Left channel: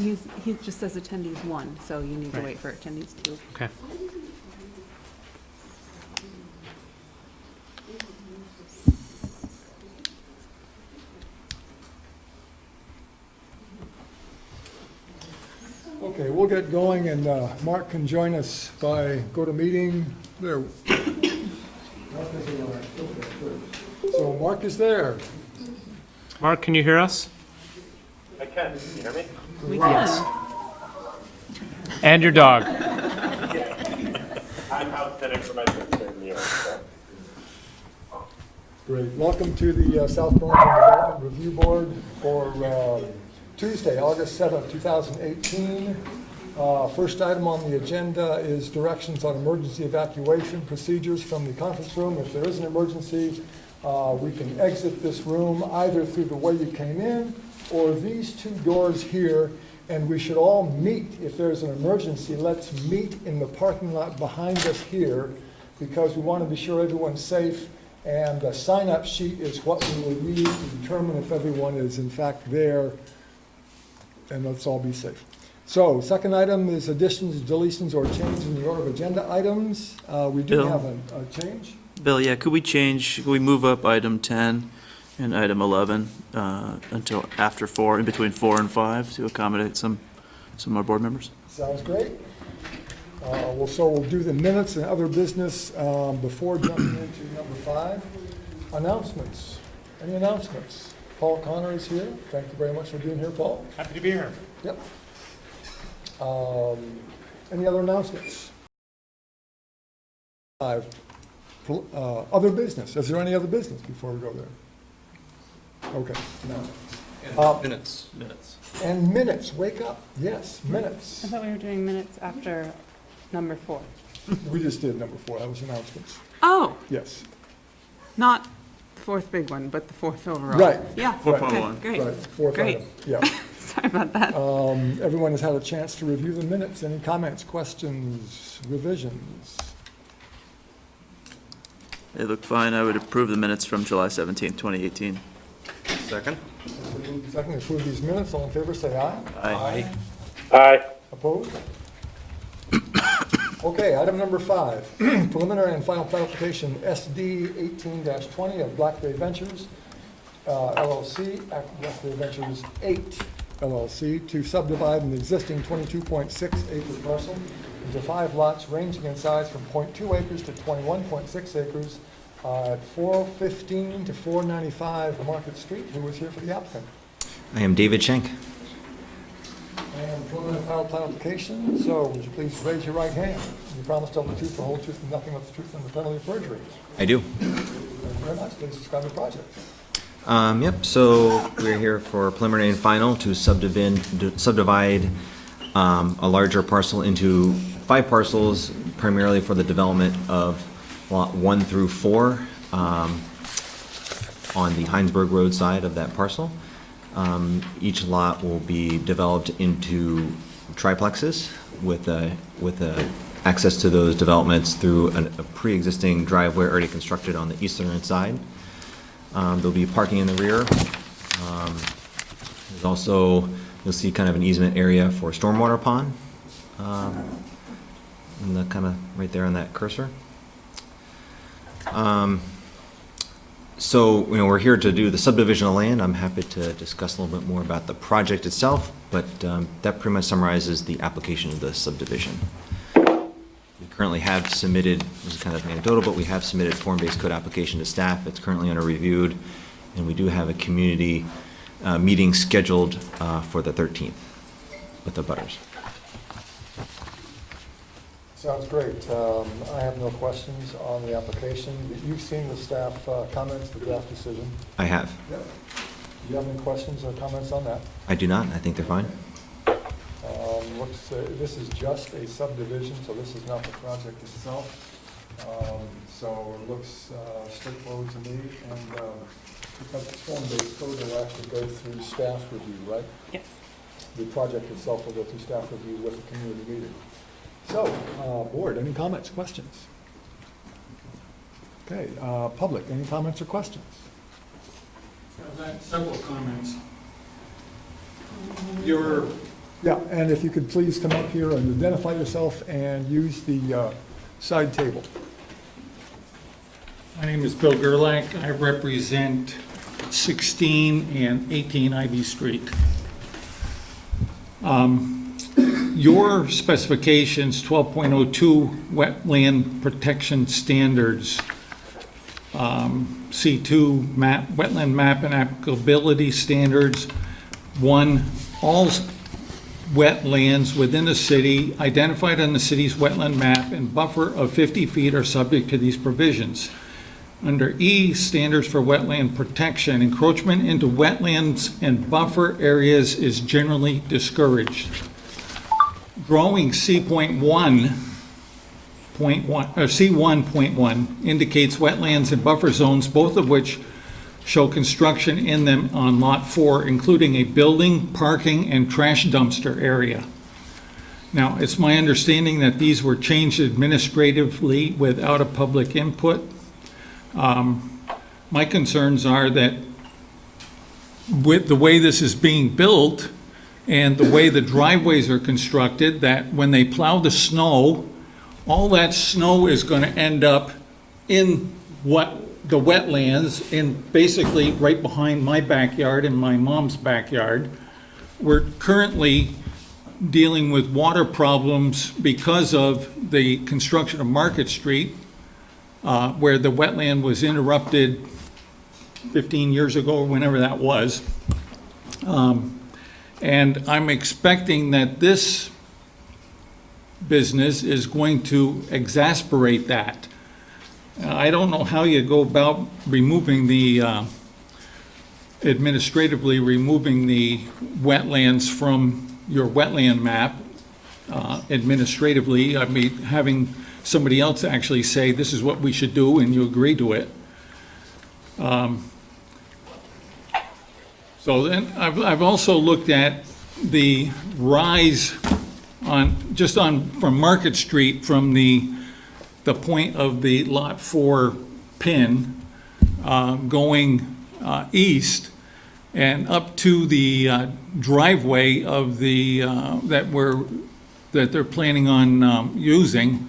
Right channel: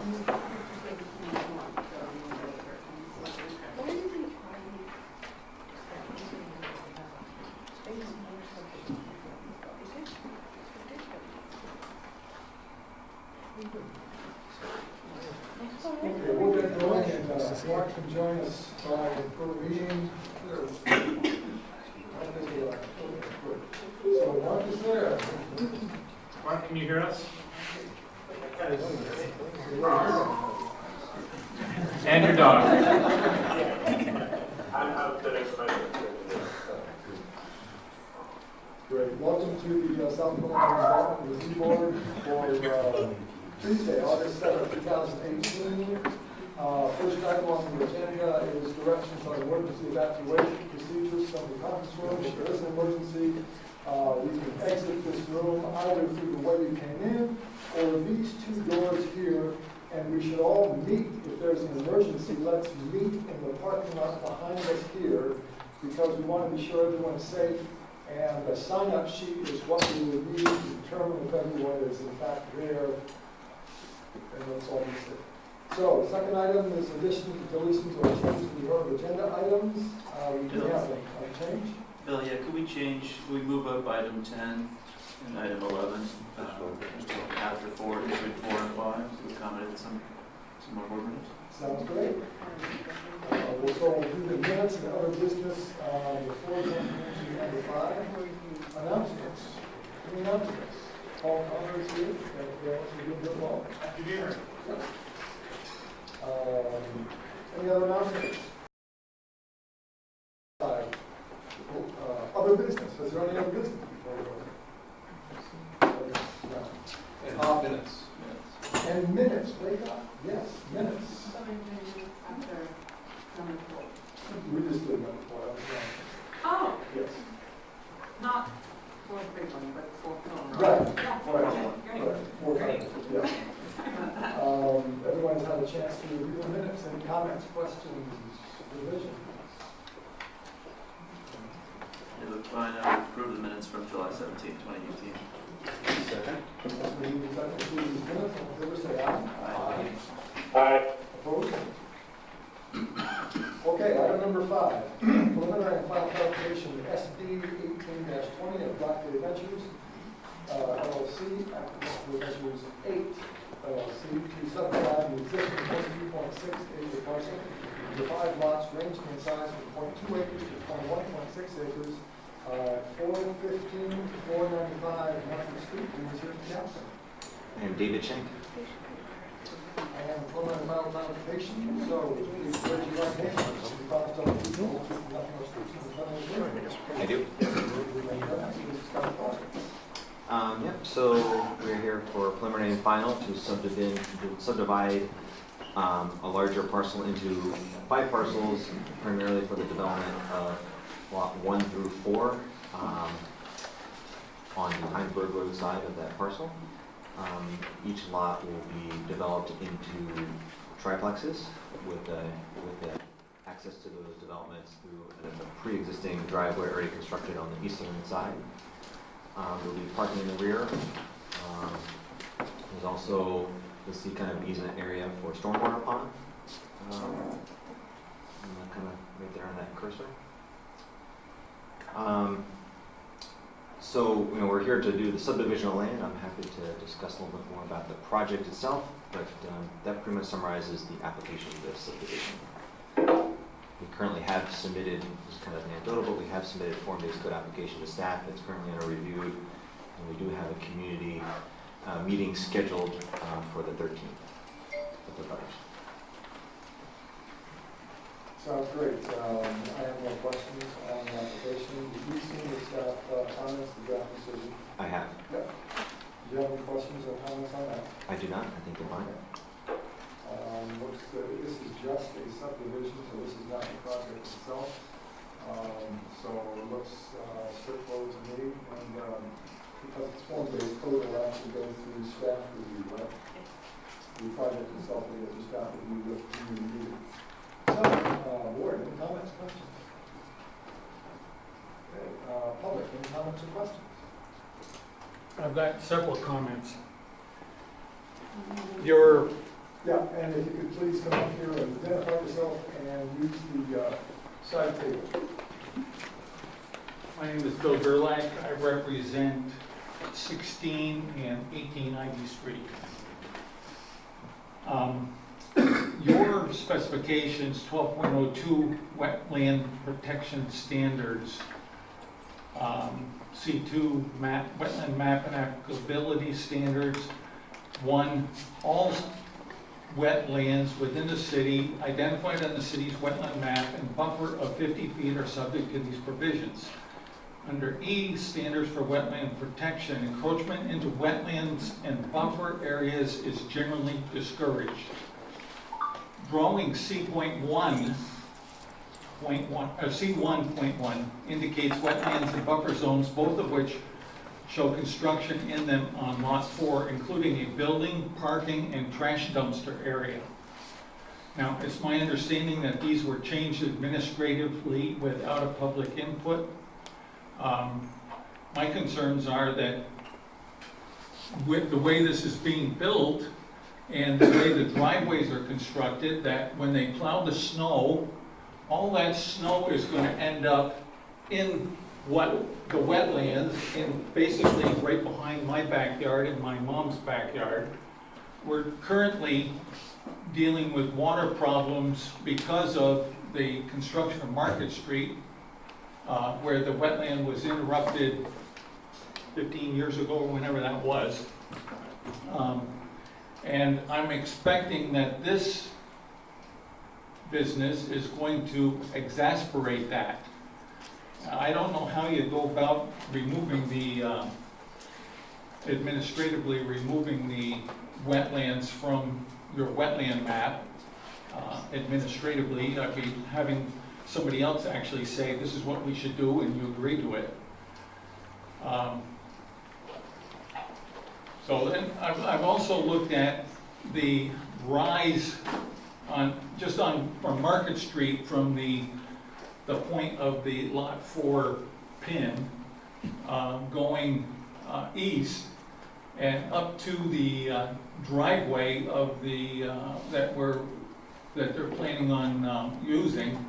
He just says attendees 1, so you need to wait for attendees 2. Okay. Okay, we'll get going, and Mark can join us by go-to-meeting. There. So Mark is there. Mark, can you hear us? I can. Can you hear me? We Yes. can. And your dog. I'm out sitting for my sister. Great. Welcome to the South Burlington Development Review Board for Tuesday, August 7th, 2018. First item on the agenda is directions on emergency evacuation procedures from the conference room. If there is an emergency, we can exit this room either through the way you came in or these two doors here, and we should all meet. If there's an emergency, let's meet in the parking lot behind us here, because we want to be sure everyone's safe, and the sign-up sheet is what we will need to determine if everyone is in fact there, and let's all be safe. So, second item is additions, deletions, or changes in the order of agenda items. We do Bill? have a change. Bill, yeah, could we move up item 10 and item 11 until after 4, in between 4 and 5, to accommodate some of our board members? Sounds great. We'll do the minutes and other business before jumping into number 5. Announcements. Any announcements? Paul Connor is here. Thank you very much for being here, Paul. Happy to be here. Yep. Any other announcements? 5. Other business. Is there any other business before we go there? Okay. No. Minutes. And minutes. Wake up. Yes, minutes. I thought we were doing minutes after number 4. We just did number 4. That was announcements. Oh, Yes. not the 4th big one, but the 4th overall. Right. Yeah, 4.1. okay, great. Right. 4, 5. Great. Yeah. Sorry about that. Everyone has had a chance to review the minutes. Any comments, questions, revisions? They look fine. I would approve the minutes from July 17th, 2018. Second. Second, approve these minutes. All in favor, say aye. Aye. Aye. Opposed? Okay, item number 5, preliminary and final application SD 18-20 of Blackberry Ventures LLC, Blackberry Ventures 8 LLC, to subdivide an existing 22.6 acre parcel into 5 lots ranging in size from 0.2 acres to 21.6 acres at 415 to 495 Market Street. Who was here for the applicant? I am David Schenk. And preliminary final application, so would you please raise your right hand? You promise to tell the truth, the whole truth, and nothing but the truth, and the penalty of perjury. I do. Thank you very much. Please describe the project. Yep, so we're here for preliminary and final to subdivide a larger parcel into 5 parcels, primarily for the development of lot 1 through 4 on the Heinsberg Road side of that parcel. Each lot will be developed into triplexes with access to those developments through a pre-existing driveway already constructed on the eastern side. There'll be parking in the rear. There's also, you'll see kind of an easement area for stormwater pond, and the kind of right there on that cursor. So, we're here to do the subdivision of land. I'm happy to discuss a little bit more about the project itself, but that pretty much summarizes the application of the subdivision. We currently have submitted, this is kind of anecdotal, but we have submitted form-based code application to staff. It's currently under reviewed, and we do have a community meeting scheduled for the 13th with the butters. Sounds great. I have no questions on the application. You've seen the staff comments, the draft decision. I have. Yep. Do you have any questions or comments on that? I do not. I think they're fine. This is just a subdivision, so this is not the project itself. So it looks straightforward to me, and because it's form-based code, it will actually go through staff review, right? Yes. The project itself will go through staff review with the community meeting. So, board, any comments, questions? Okay, public, any comments or questions? I've got several comments. Your Yeah, and if you could please come up here and identify yourself and use the side table. My name is Bill Gerlach. I represent 16 and 18 Ivy Street. Your specifications, 12.02 Wetland Protection Standards, C2 map, Wetland Map and Applicability Standards. 1, all wetlands within the city identified on the city's wetland map and buffer of 50 feet are subject to these provisions. Under E, standards for wetland protection, encroachment into wetlands and buffer areas is generally discouraged. Drawing C1.1 indicates wetlands and buffer zones, both of which show construction in them on Lot 4, including a building, parking, and trash dumpster area. Now, it's my understanding that these were changed administratively without a public input. My concerns are that with the way this is being built and the way the driveways are constructed, that when they plow the snow, all that snow is going to end up in the wetlands, and basically right behind my backyard and my mom's backyard. We're currently dealing with water problems because of the construction of Market Street, where the wetland was interrupted 15 years ago, or whenever that was. And I'm expecting that this business is going to exacerbate that. I don't know how you go about removing administratively removing the wetlands from your wetland map administratively. I mean, having somebody else actually say, this is what we should do, and you agree to it. So then I've also looked at the rise from Market Street, from the point of the Lot 4 pin going east and up to the driveway of the that they're planning on using.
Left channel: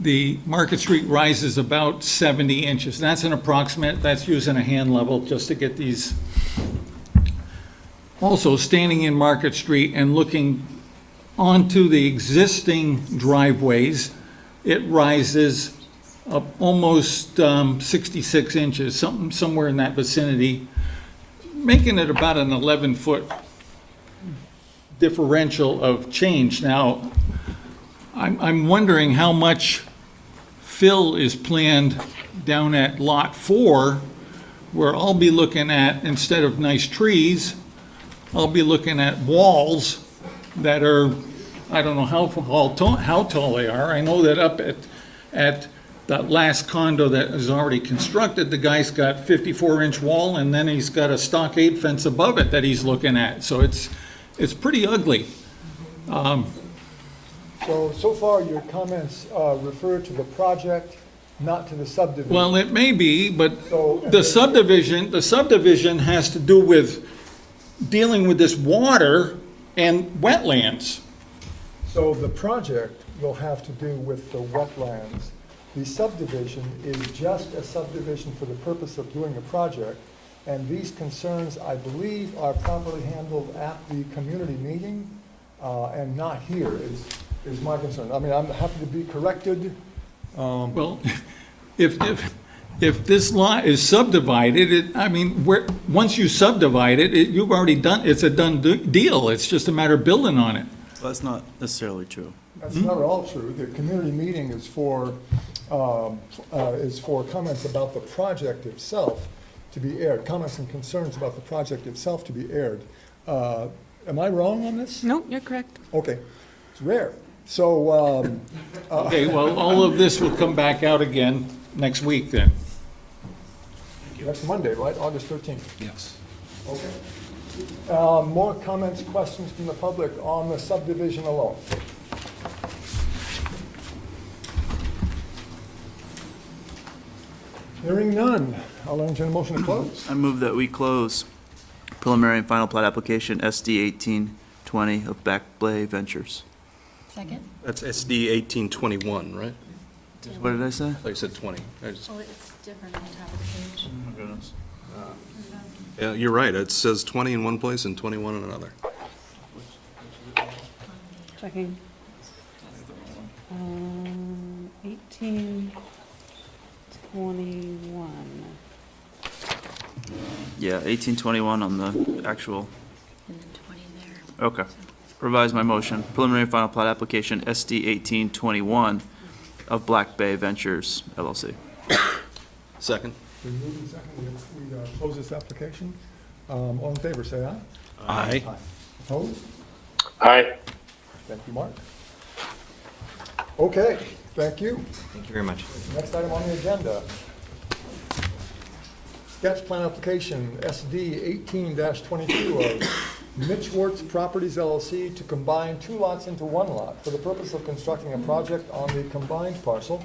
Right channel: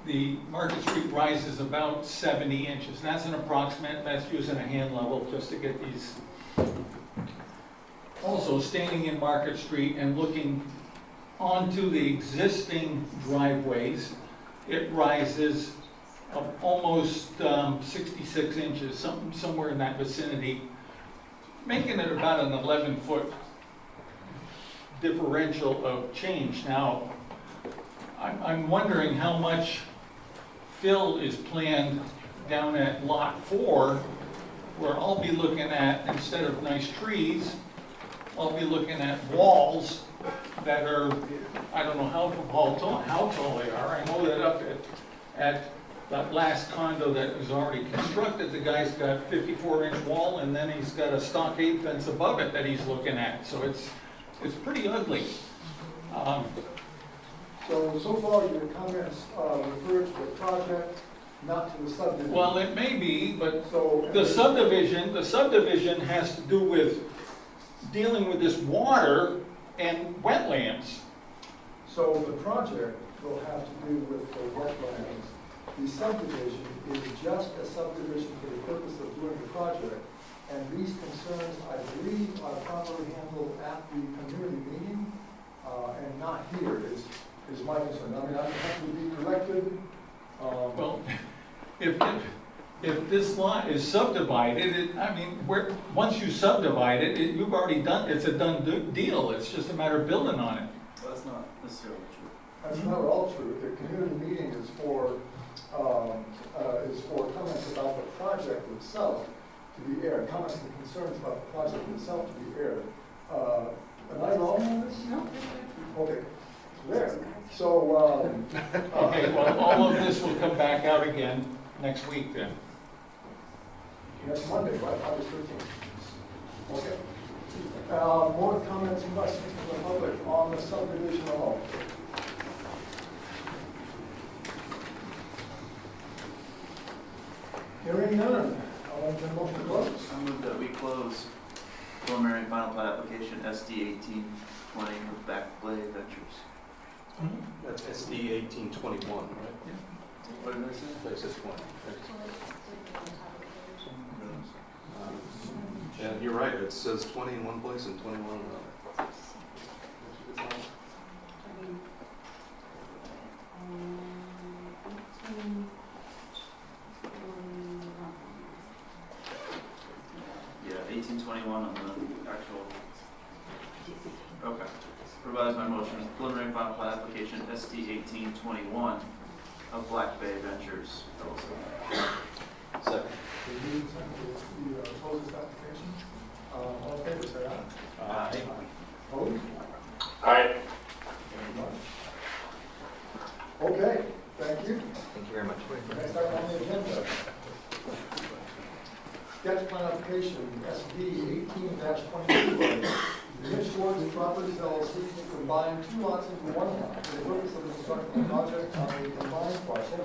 The Market Street rises about 70 inches. That's an approximate. That's using a hand level just to get these. Also, standing in Market Street and looking onto the existing driveways, it rises up almost 66 inches, somewhere in that vicinity, making it about an 11-foot differential of change. Now, I'm wondering how much fill is planned down at Lot 4, where I'll be looking at, instead of nice trees, I'll be looking at walls that are, I don't know how tall they are. I know that up at that last condo that is already constructed, the guy's got 54-inch wall, and then he's got a stockade fence above it that he's looking at. So it's pretty ugly. So far, your comments refer to the project, not to the subdivision. Well, it may be, but So- the subdivision has to do with dealing with this water and wetlands. So the project will have to do with the wetlands. The subdivision is just a subdivision for the purpose of doing the project. And these concerns, I believe, are properly handled at the community meeting and not here is my concern. I mean, I'm happy to be corrected. Well, if this lot is subdivided, once you subdivide it, you've already done, it's a done deal. It's just a matter of building on it. Well, that's not necessarily true. That's not at all true. The community meeting is for comments about the project itself to be aired, comments and concerns about the project itself to be aired. Am I wrong on this? Nope, you're correct. Okay, it's rare. So, Okay, well, all of this will come back out again next week then. next Monday, right, August 13th? Yes. Okay. More comments, questions from the public on the subdivision alone? Hearing none, I'll entertain a motion to close. I move that we close preliminary and final plat application SD 18-20 of Back Bay Ventures. Second? That's SD 1821, right? What did I say? Like I said 20. Oh, it's different on the top of the page. Yeah, you're right. It says 20 in one place and 21 in another. Checking. 18, 21. Yeah, 18-21 on the actual. Okay. Revise my motion. Preliminary final plat application SD 18-21 of Black Bay Ventures LLC. Second. We move and second, we close this application. All in favor, say aye. Aye. Opposed? Aye. Thank you, Mark. Okay, thank you. Thank you very much. Next item on the agenda. Sketch plan application SD 18-22 of Mitch Wertz Properties LLC to combine two lots into one lot for the purpose of constructing a project on the combined parcel,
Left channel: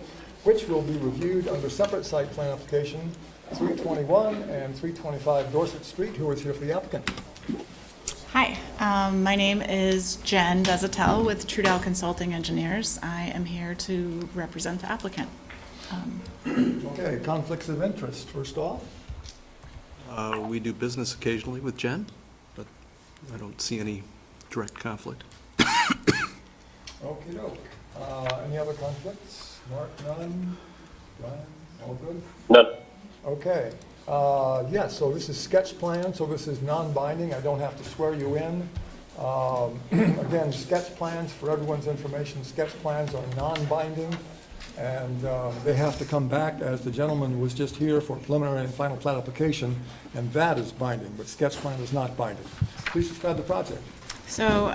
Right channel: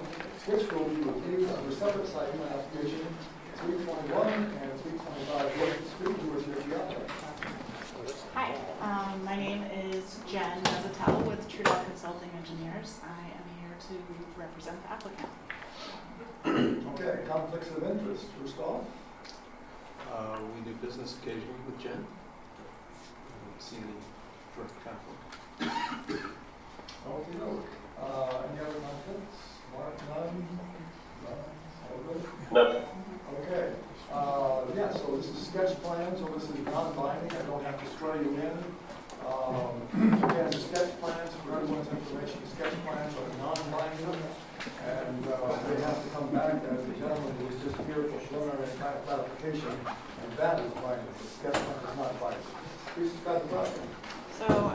which will be reviewed under separate site plan application 321 and 325 Dorset Street. Who is here for the applicant? Hi, my name is Jen Desatel with Trudell Consulting Engineers. I am here to represent the applicant. Okay, conflicts of interest, first off. We do business occasionally with Jen, but I don't see any direct conflict. Okay, any other conflicts? Mark, none? None? All good? None. Okay, yeah, so this is sketch plan, so this is non-binding, I don't have to swear you in. Again, sketch plans, for everyone's information, sketch plans are non-binding, and they have to come back, as the gentleman was just here, for preliminary and final plat application, and that is binding, but sketch plan is not binding. Please describe the project. So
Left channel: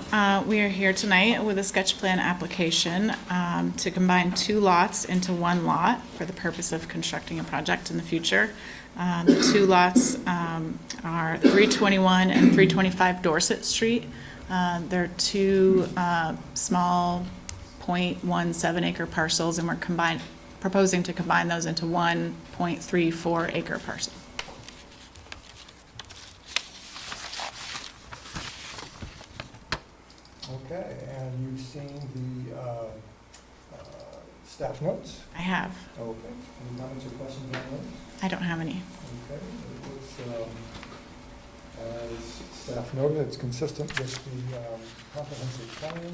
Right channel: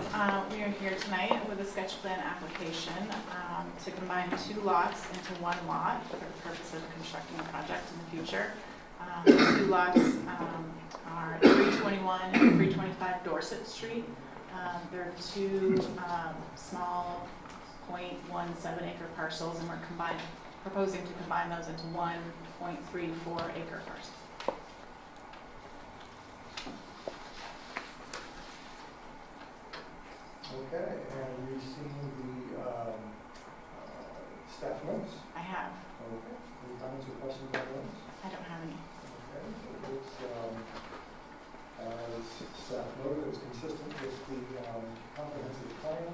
we are here tonight with a sketch plan application to combine two lots into one lot for the purpose of constructing a project in the future. The two lots are 321 and 325 Dorset Street. They're two small 0.17 acre parcels, and we're proposing to combine those into one 0.34 acre parcel. Okay, and you've seen the staff notes? I have. Okay. Any comments or questions on those? I don't have any. Okay, as staff noted, it's consistent with the comprehensive plan.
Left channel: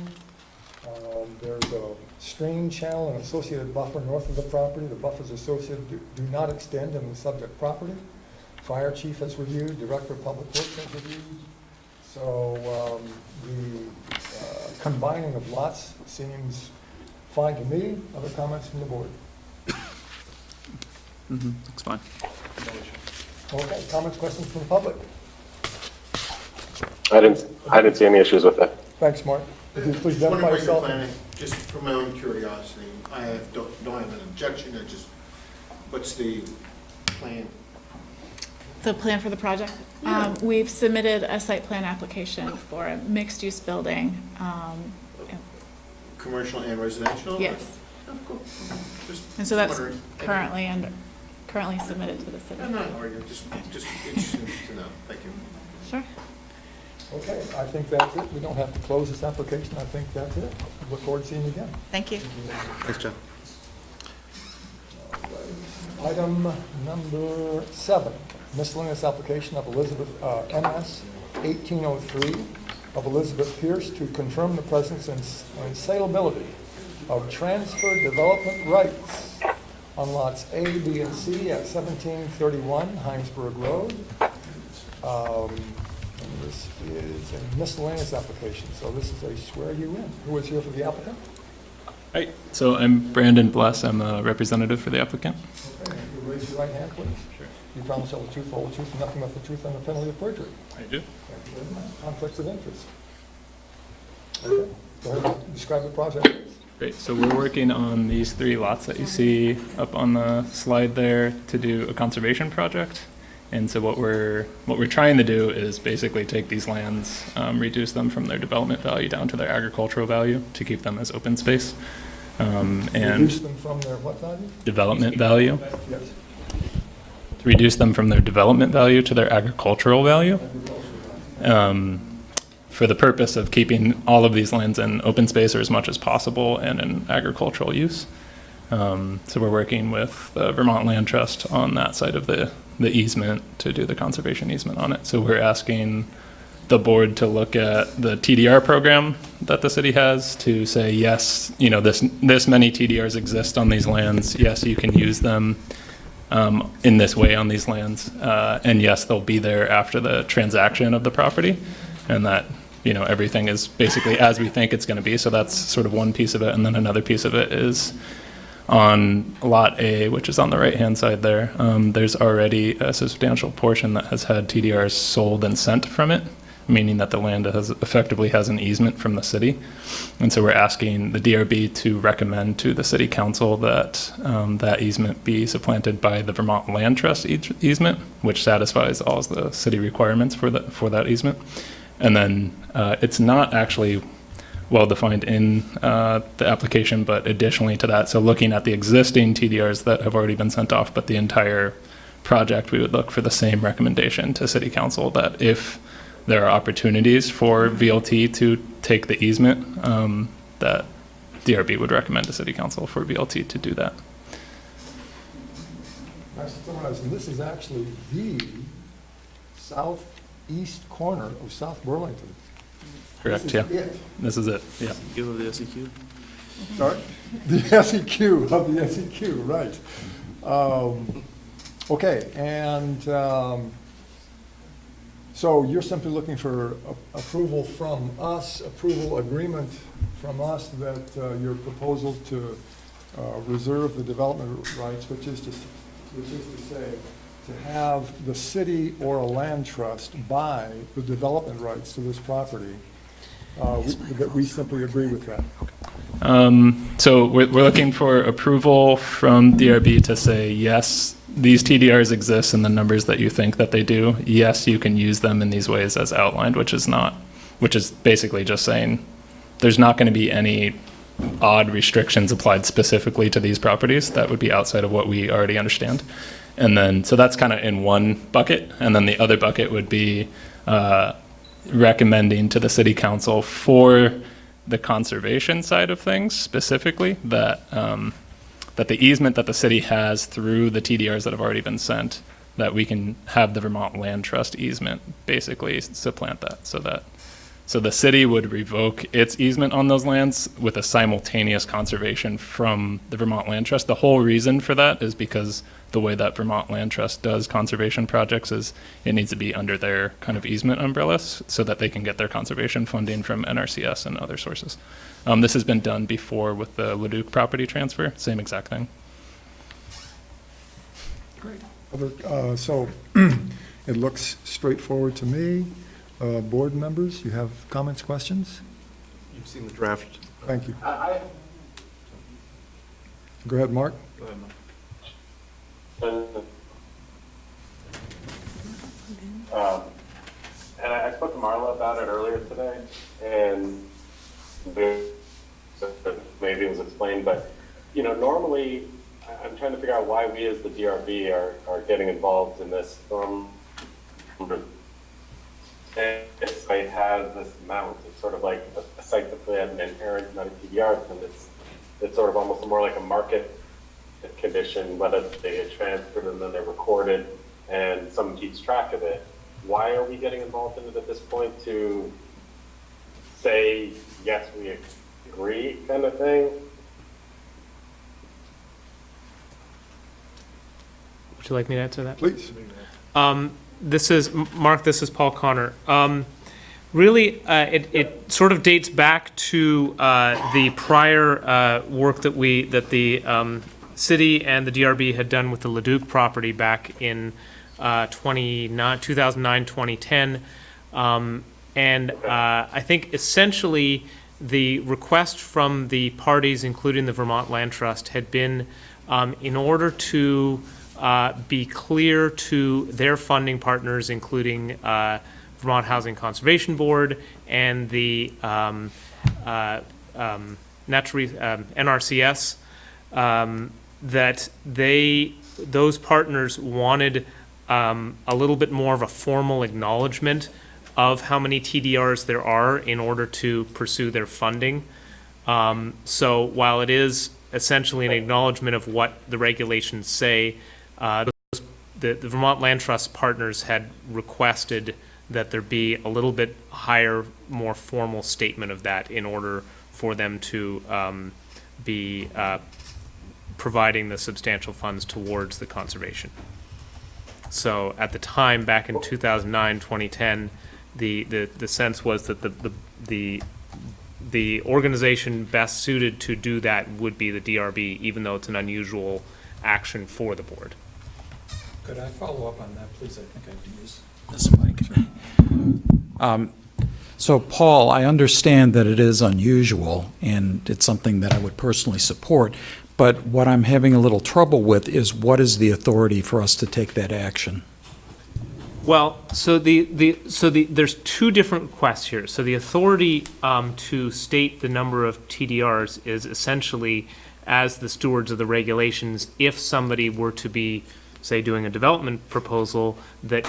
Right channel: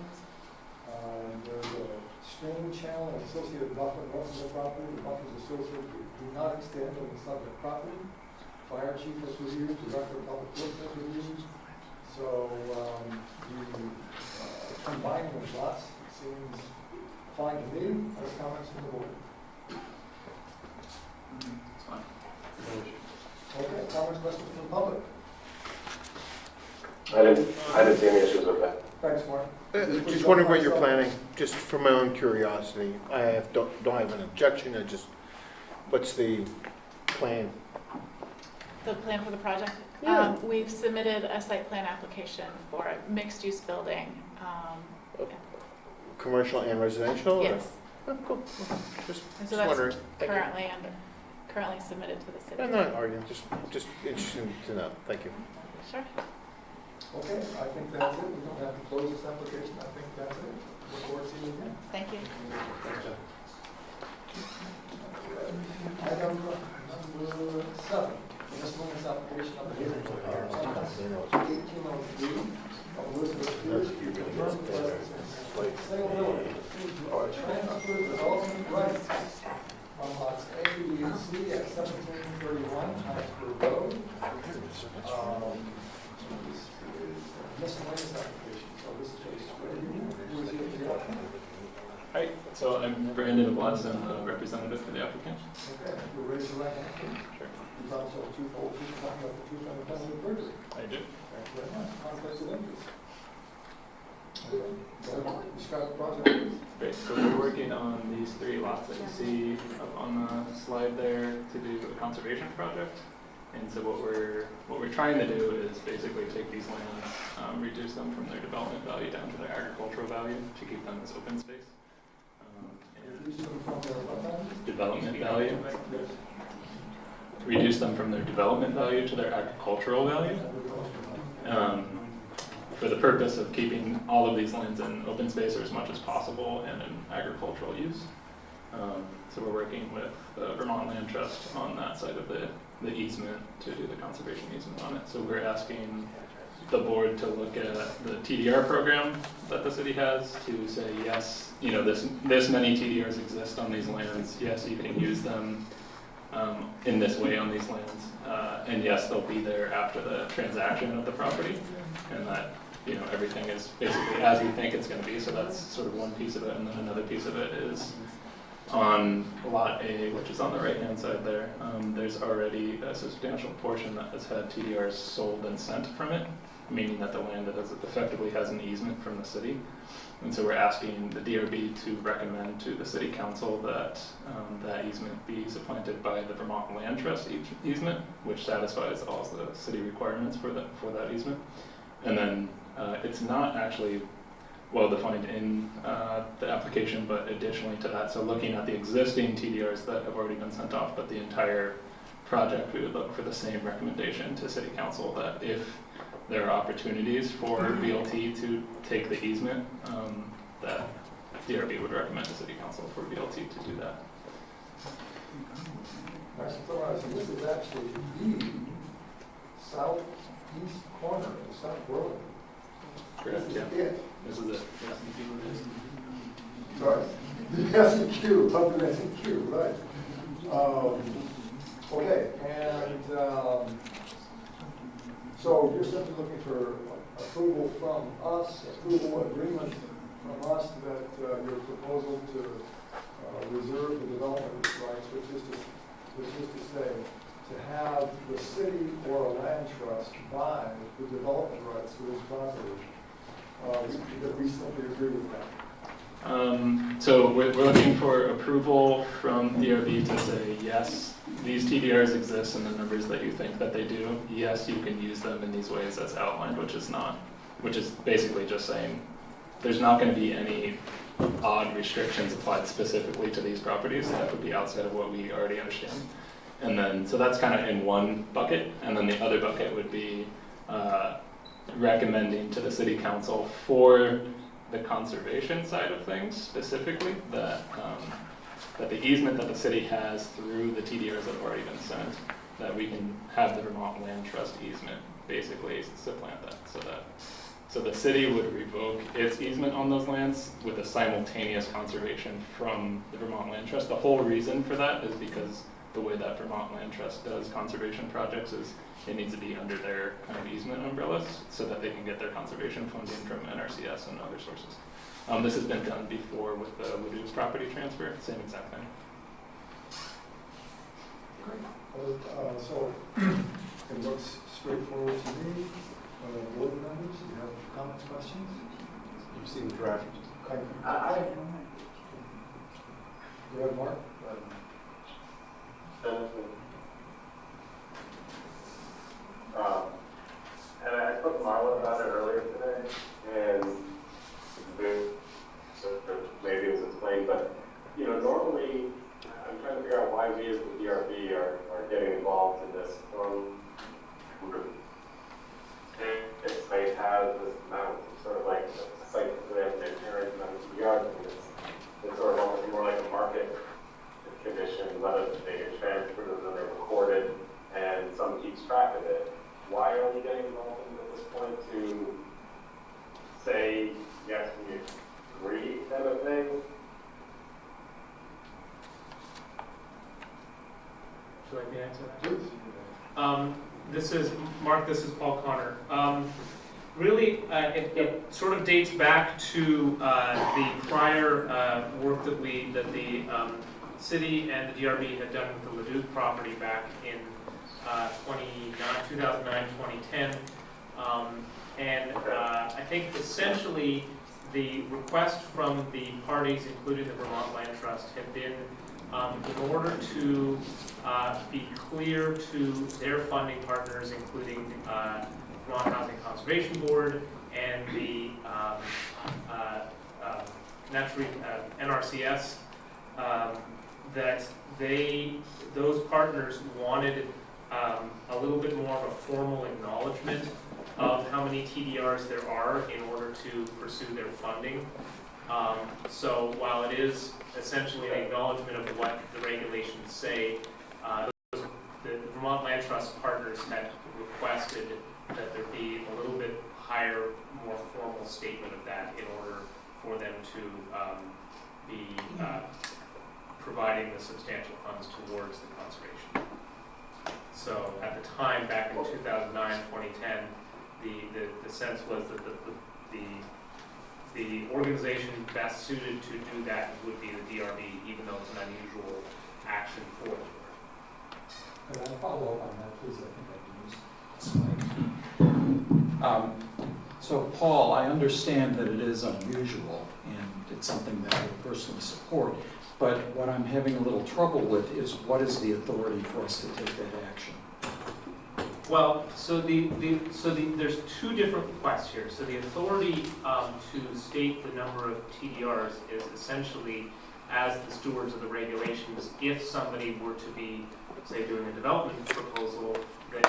There's a stream channel and associated buffer north of the property. The buffers associated do not extend on the subject property. Fire chief has reviewed, director of public works has reviewed. So the combining of lots seems fine to me. Other comments from the board? It's fine. Okay, comments, questions from the public? I didn't see any issues with that. Thanks, Mark. Please Just wondering what you're identify yourself. planning, just for my own curiosity. Don't have an objection, what's the plan? The plan for the project? Yeah. We've submitted a site plan application for a mixed-use building. Commercial and residential? or- Yes, Oh, cool. Just and so that's wondering. Thank you. currently submitted to the city. I'm not arguing, just interesting to know. Thank you. Sure. Okay, I think that's it. We don't have to close this application. I think that's it. Look forward to seeing you again. Thank you. Thanks, John. Item number 7, miscellaneous application of Elizabeth, MS 1803 of Elizabeth Pierce to confirm the presence and saleability of transfer development rights on lots A, B, and C at 1731 Heinsberg Road. This is a miscellaneous application, so this is a swear you in. Who is here for the applicant? Hi, so I'm Brandon Bless. I'm a representative for the applicant. Okay, you raise your right hand, please. Sure. You promise to tell the truth, all the truth, and nothing but the truth under penalty of perjury. I do. Conflicts of interest. Okay, go ahead and describe the project, please. Great. So we're working on these 3 lots that you see up on the slide there to do a conservation project. And so what we're trying to do is basically take these lands, reduce them from their development value down to their agricultural value to keep them as open space. And Reduce them from their what value? development value. Yes. To reduce them from their development value to their agricultural value. for the purpose of keeping all of these lands in open space or as much as possible and in agricultural use. So we're working with the Vermont Land Trust on that side of the easement to do the conservation easement on it. So we're asking the board to look at the TDR program that the city has to say, yes, you know, this many TDRs exist on these lands. Yes, you can use them in this way on these lands. And yes, they'll be there after the transaction of the property, and that, you know, everything is basically as we think it's going to be. So that's sort of one piece of it. And then another piece of it is on Lot A, which is on the right-hand side there. There's already a substantial portion that has had TDRs sold and sent from it, meaning that the land effectively has an easement from the city. And so we're asking the DRB to recommend to the city council that that easement be supplanted by the Vermont Land Trust easement, which satisfies all the city requirements for that easement. And then it's not actually well defined in the application, but additionally to that, so looking at the existing TDRs that have already been sent off, but the entire project, we would look for the same recommendation to city council that if there are opportunities for VLT to take the easement, that DRB would recommend to city council for VLT to do that. And this is actually the southeast corner of South Burlington. Correct, yeah. It. This is it, yeah. Give the SEQ. Sorry? The SEQ, of the SEQ, right. Okay, and so you're simply looking for approval from us, approval agreement from us that your proposal to reserve the development rights, which is to say, to have the city or a land trust buy the development rights to this property, that we simply agree with that. So we're looking for approval from DRB to say, yes, these TDRs exist in the numbers that you think that they do. Yes, you can use them in these ways as outlined, which is basically just saying there's not going to be any odd restrictions applied specifically to these properties that would be outside of what we already understand. And then, so that's kind of in one bucket. And then the other bucket would be recommending to the city council for the conservation side of things specifically that that the easement that the city has through the TDRs that have already been sent, that we can have the Vermont Land Trust easement basically supplant that, so the city would revoke its easement on those lands with a simultaneous conservation from the Vermont Land Trust. The whole reason for that is because the way that Vermont Land Trust does conservation projects is it needs to be under their kind of easement umbrellas so that they can get their conservation funding from NRCS and other sources. This has been done before with the Leduc property transfer, same exact thing. So it looks straightforward to me. Board members, you have comments, questions? You've seen the draft. Thank you. Go ahead, Mark. And I spoke to Marla about it earlier today, and maybe it was explained, but, you know, normally I'm trying to figure out why we as the DRB are getting involved in this. And this site has this amount, it's sort of like a site that they have an inherent amount of TDRs, and it's sort of almost more like a market condition, whether they get transferred and then they're recorded and someone keeps track of it. Why are we getting involved in it at this point to say, yes, we agree kind of thing? Would you like me to answer that? Please. This is Mark. This is Paul Connor. Really, it sort of dates back to the prior work that the city and the DRB had done with the Leduc property back in 2009, 2010, and I think essentially the request from the parties, including the Vermont Land Trust, had been in order to be clear to their funding partners, including Vermont Housing Conservation Board and the NRCS, that those partners wanted a little bit more of a formal acknowledgement of how many TDRs there are in order to pursue their funding. So while it is essentially an acknowledgement of what the regulations say, the Vermont Land Trust partners had requested that there be a little bit higher, more formal statement of that in order for them to be providing the substantial funds towards the conservation. So at the time, back in 2009, 2010, the sense was that the organization best suited to do that would be the DRB, even though it's an unusual action for the board. Could I follow up on that, please? I think I can use this mic. So, Paul, I understand that it is unusual, and it's something that I would personally support, but what I'm having a little trouble with is what is the authority for us to take that action? Well, so there's two different requests here. So the authority to state the number of TDRs is essentially, as the stewards of the regulations, if somebody were to be, say, doing a development proposal, that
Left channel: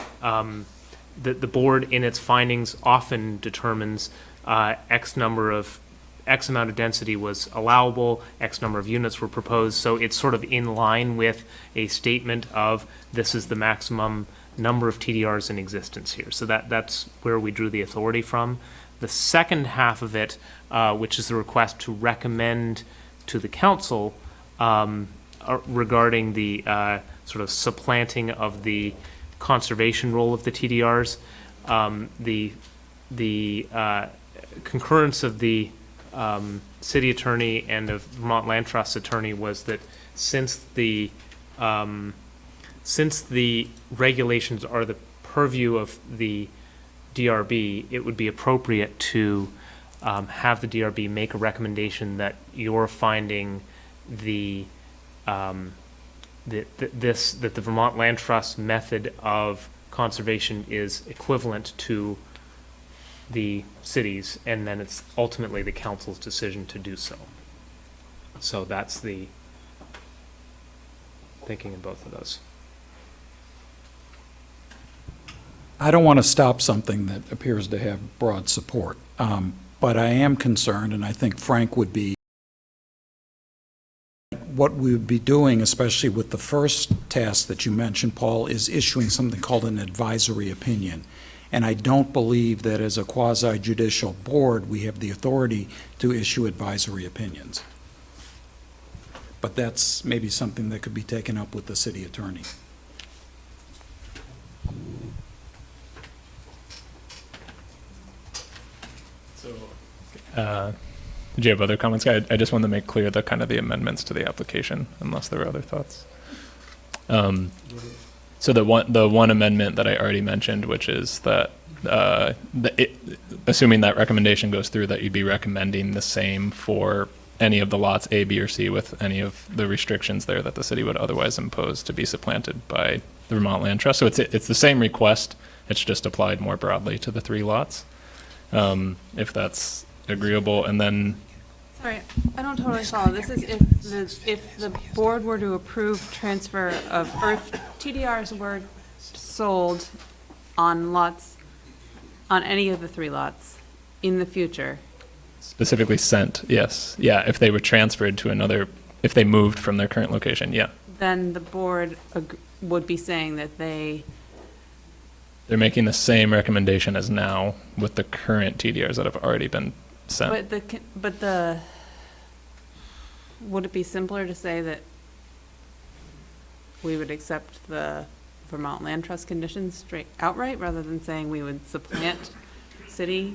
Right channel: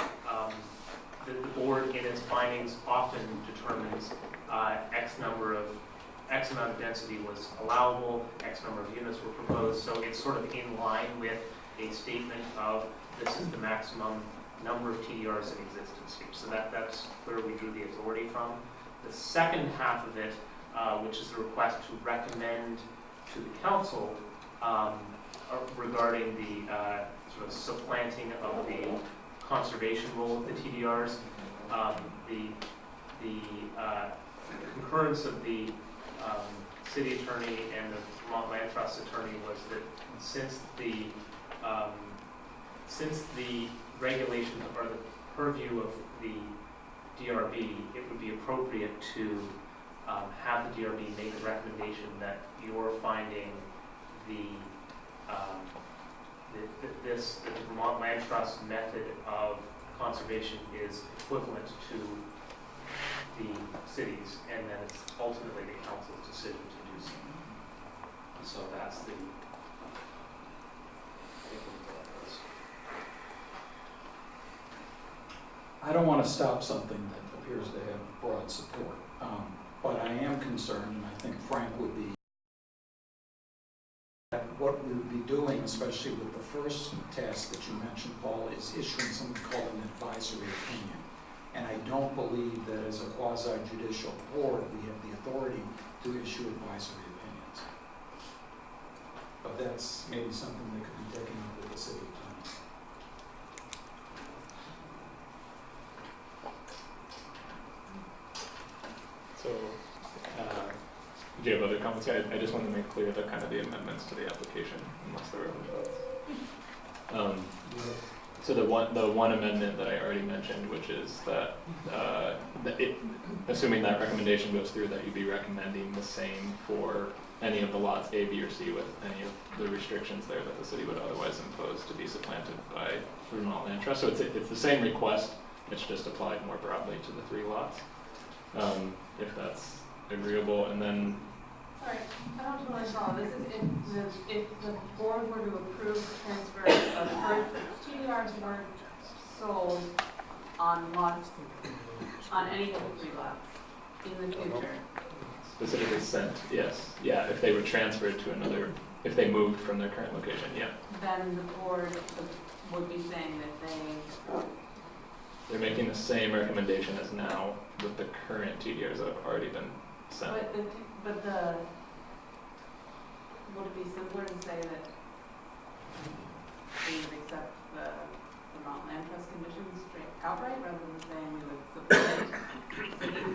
the board in its findings often determines X amount of density was allowable, X number of units were proposed. So it's sort of in line with a statement of this is the maximum number of TDRs in existence here. So that's where we drew the authority from. The second half of it, which is the request to recommend to the council regarding the sort of supplanting of the conservation role of the TDRs, the concurrence of the city attorney and of Vermont Land Trust attorney was that since the regulations are the purview of the DRB, it would be appropriate to have the DRB make a recommendation that you're finding that the Vermont Land Trust method of conservation is equivalent to the cities, and then it's ultimately the council's decision to do so. So that's the thinking of both of those. I don't want to stop something that appears to have broad support, but I am concerned, and I think Frank would be, what we would be doing, especially with the first task that you mentioned, Paul, is issuing something called an advisory opinion. And I don't believe that as a quasi-judicial board, we have the authority to issue advisory opinions. But that's maybe something that could be taken up with the city attorney. Did you have other comments? I just wanted to make clear the kind of the amendments to the application, unless there were other thoughts. So the one amendment that I already mentioned, which is that assuming that recommendation goes through, that you'd be recommending the same for any of the lots A, B, or C with any of the restrictions there that the city would otherwise impose to be supplanted by the Vermont Land Trust. So it's the same request. It's just applied more broadly to the 3 lots, if that's agreeable. And then Sorry, I don't totally follow. This is if the board were to approve transfer of, or if TDRs were sold on lots, on any of the 3 lots in the future. specifically sent, yes. Yeah, if they were transferred to another, if they moved from their current location, yeah. Then the board would be saying that they're making the same recommendation as now with the current TDRs that have already been sent. But would it be simpler to say that we would accept the Vermont Land Trust conditions straight outright rather than saying we would supplant city?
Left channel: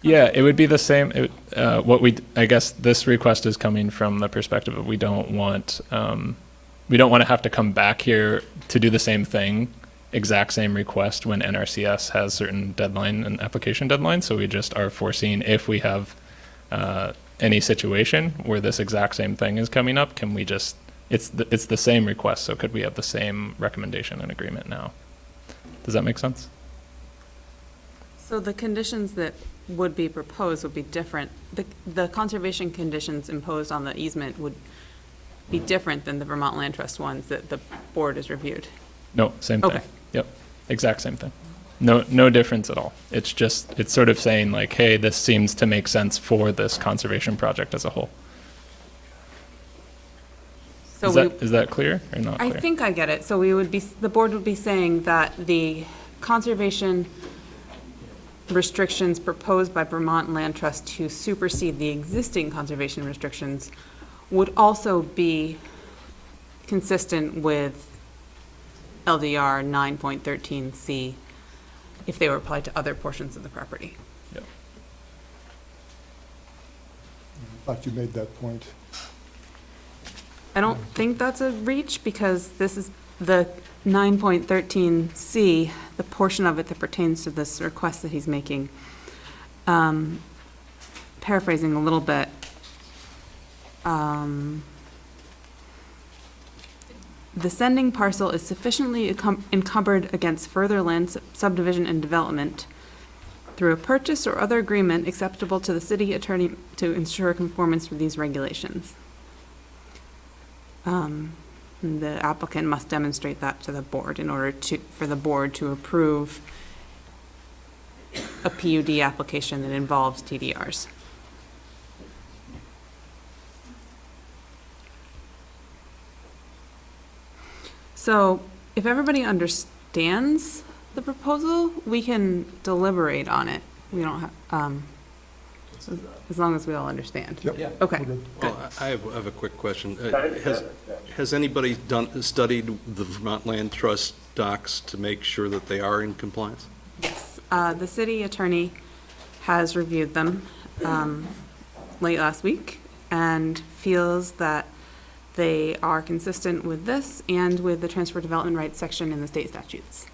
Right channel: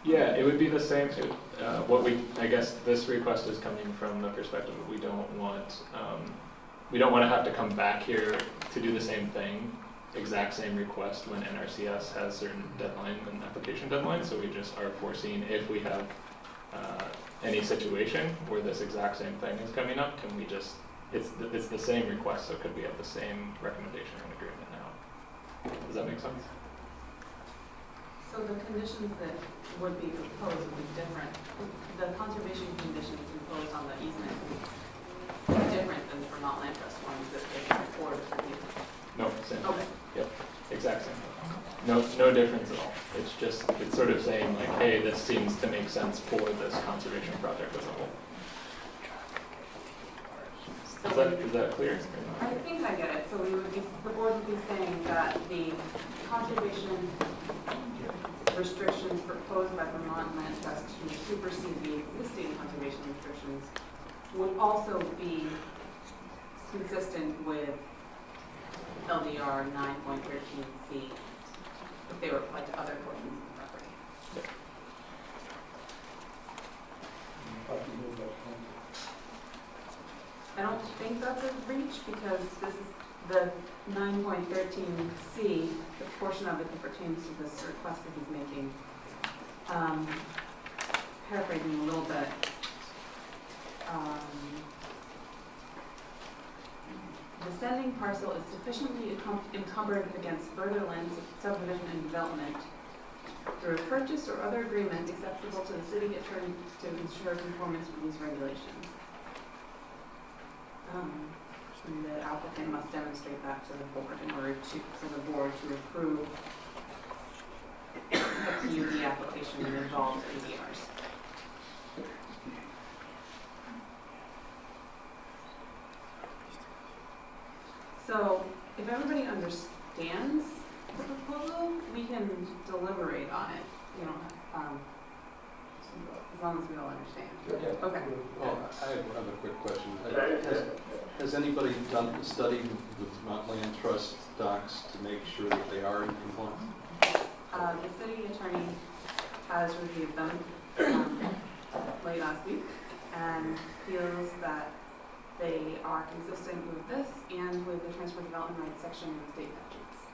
Yeah, it would be the same. I guess this request is coming from the perspective of we don't want to have to come back here to do the same thing, exact same request when NRCS has certain deadline and application deadlines. So we just are foreseeing if we have any situation where this exact same thing is coming up, can we just, it's the same request, so could we have the same recommendation and agreement now? Does that make sense? So the conditions that would be proposed would be different. The conservation conditions imposed on the easement would be different than the Vermont Land Trust ones that the board has reviewed. No, same thing. Okay. Yep, exact same thing. No difference at all. It's just, it's sort of saying like, hey, this seems to make sense for this conservation project as a whole. So Is that clear or not I clear? think I get it. So the board would be saying that the conservation restrictions proposed by Vermont Land Trust to supersede the existing conservation restrictions would also be consistent with LDR 9.13C if they were applied to other portions of the property. Thought you made that point. I don't think that's a reach because this is the 9.13C, the portion of it that pertains to this request that he's making. Paraphrasing a little bit. The sending parcel is sufficiently encumbered against further land subdivision and development through a purchase or other agreement acceptable to the city attorney to ensure conformance with these regulations. The applicant must demonstrate that to the board in order for the board to approve a PUD application that involves TDRs. So if everybody understands the proposal, we can deliberate on it. We don't have, as long as we all understand. Yep. Okay. Well, I have a quick question. Has anybody studied the Vermont Land Trust docs to make sure that they are in compliance? The city attorney has reviewed them late last week and feels that they are consistent with this and with the transfer development rights section in the state statutes.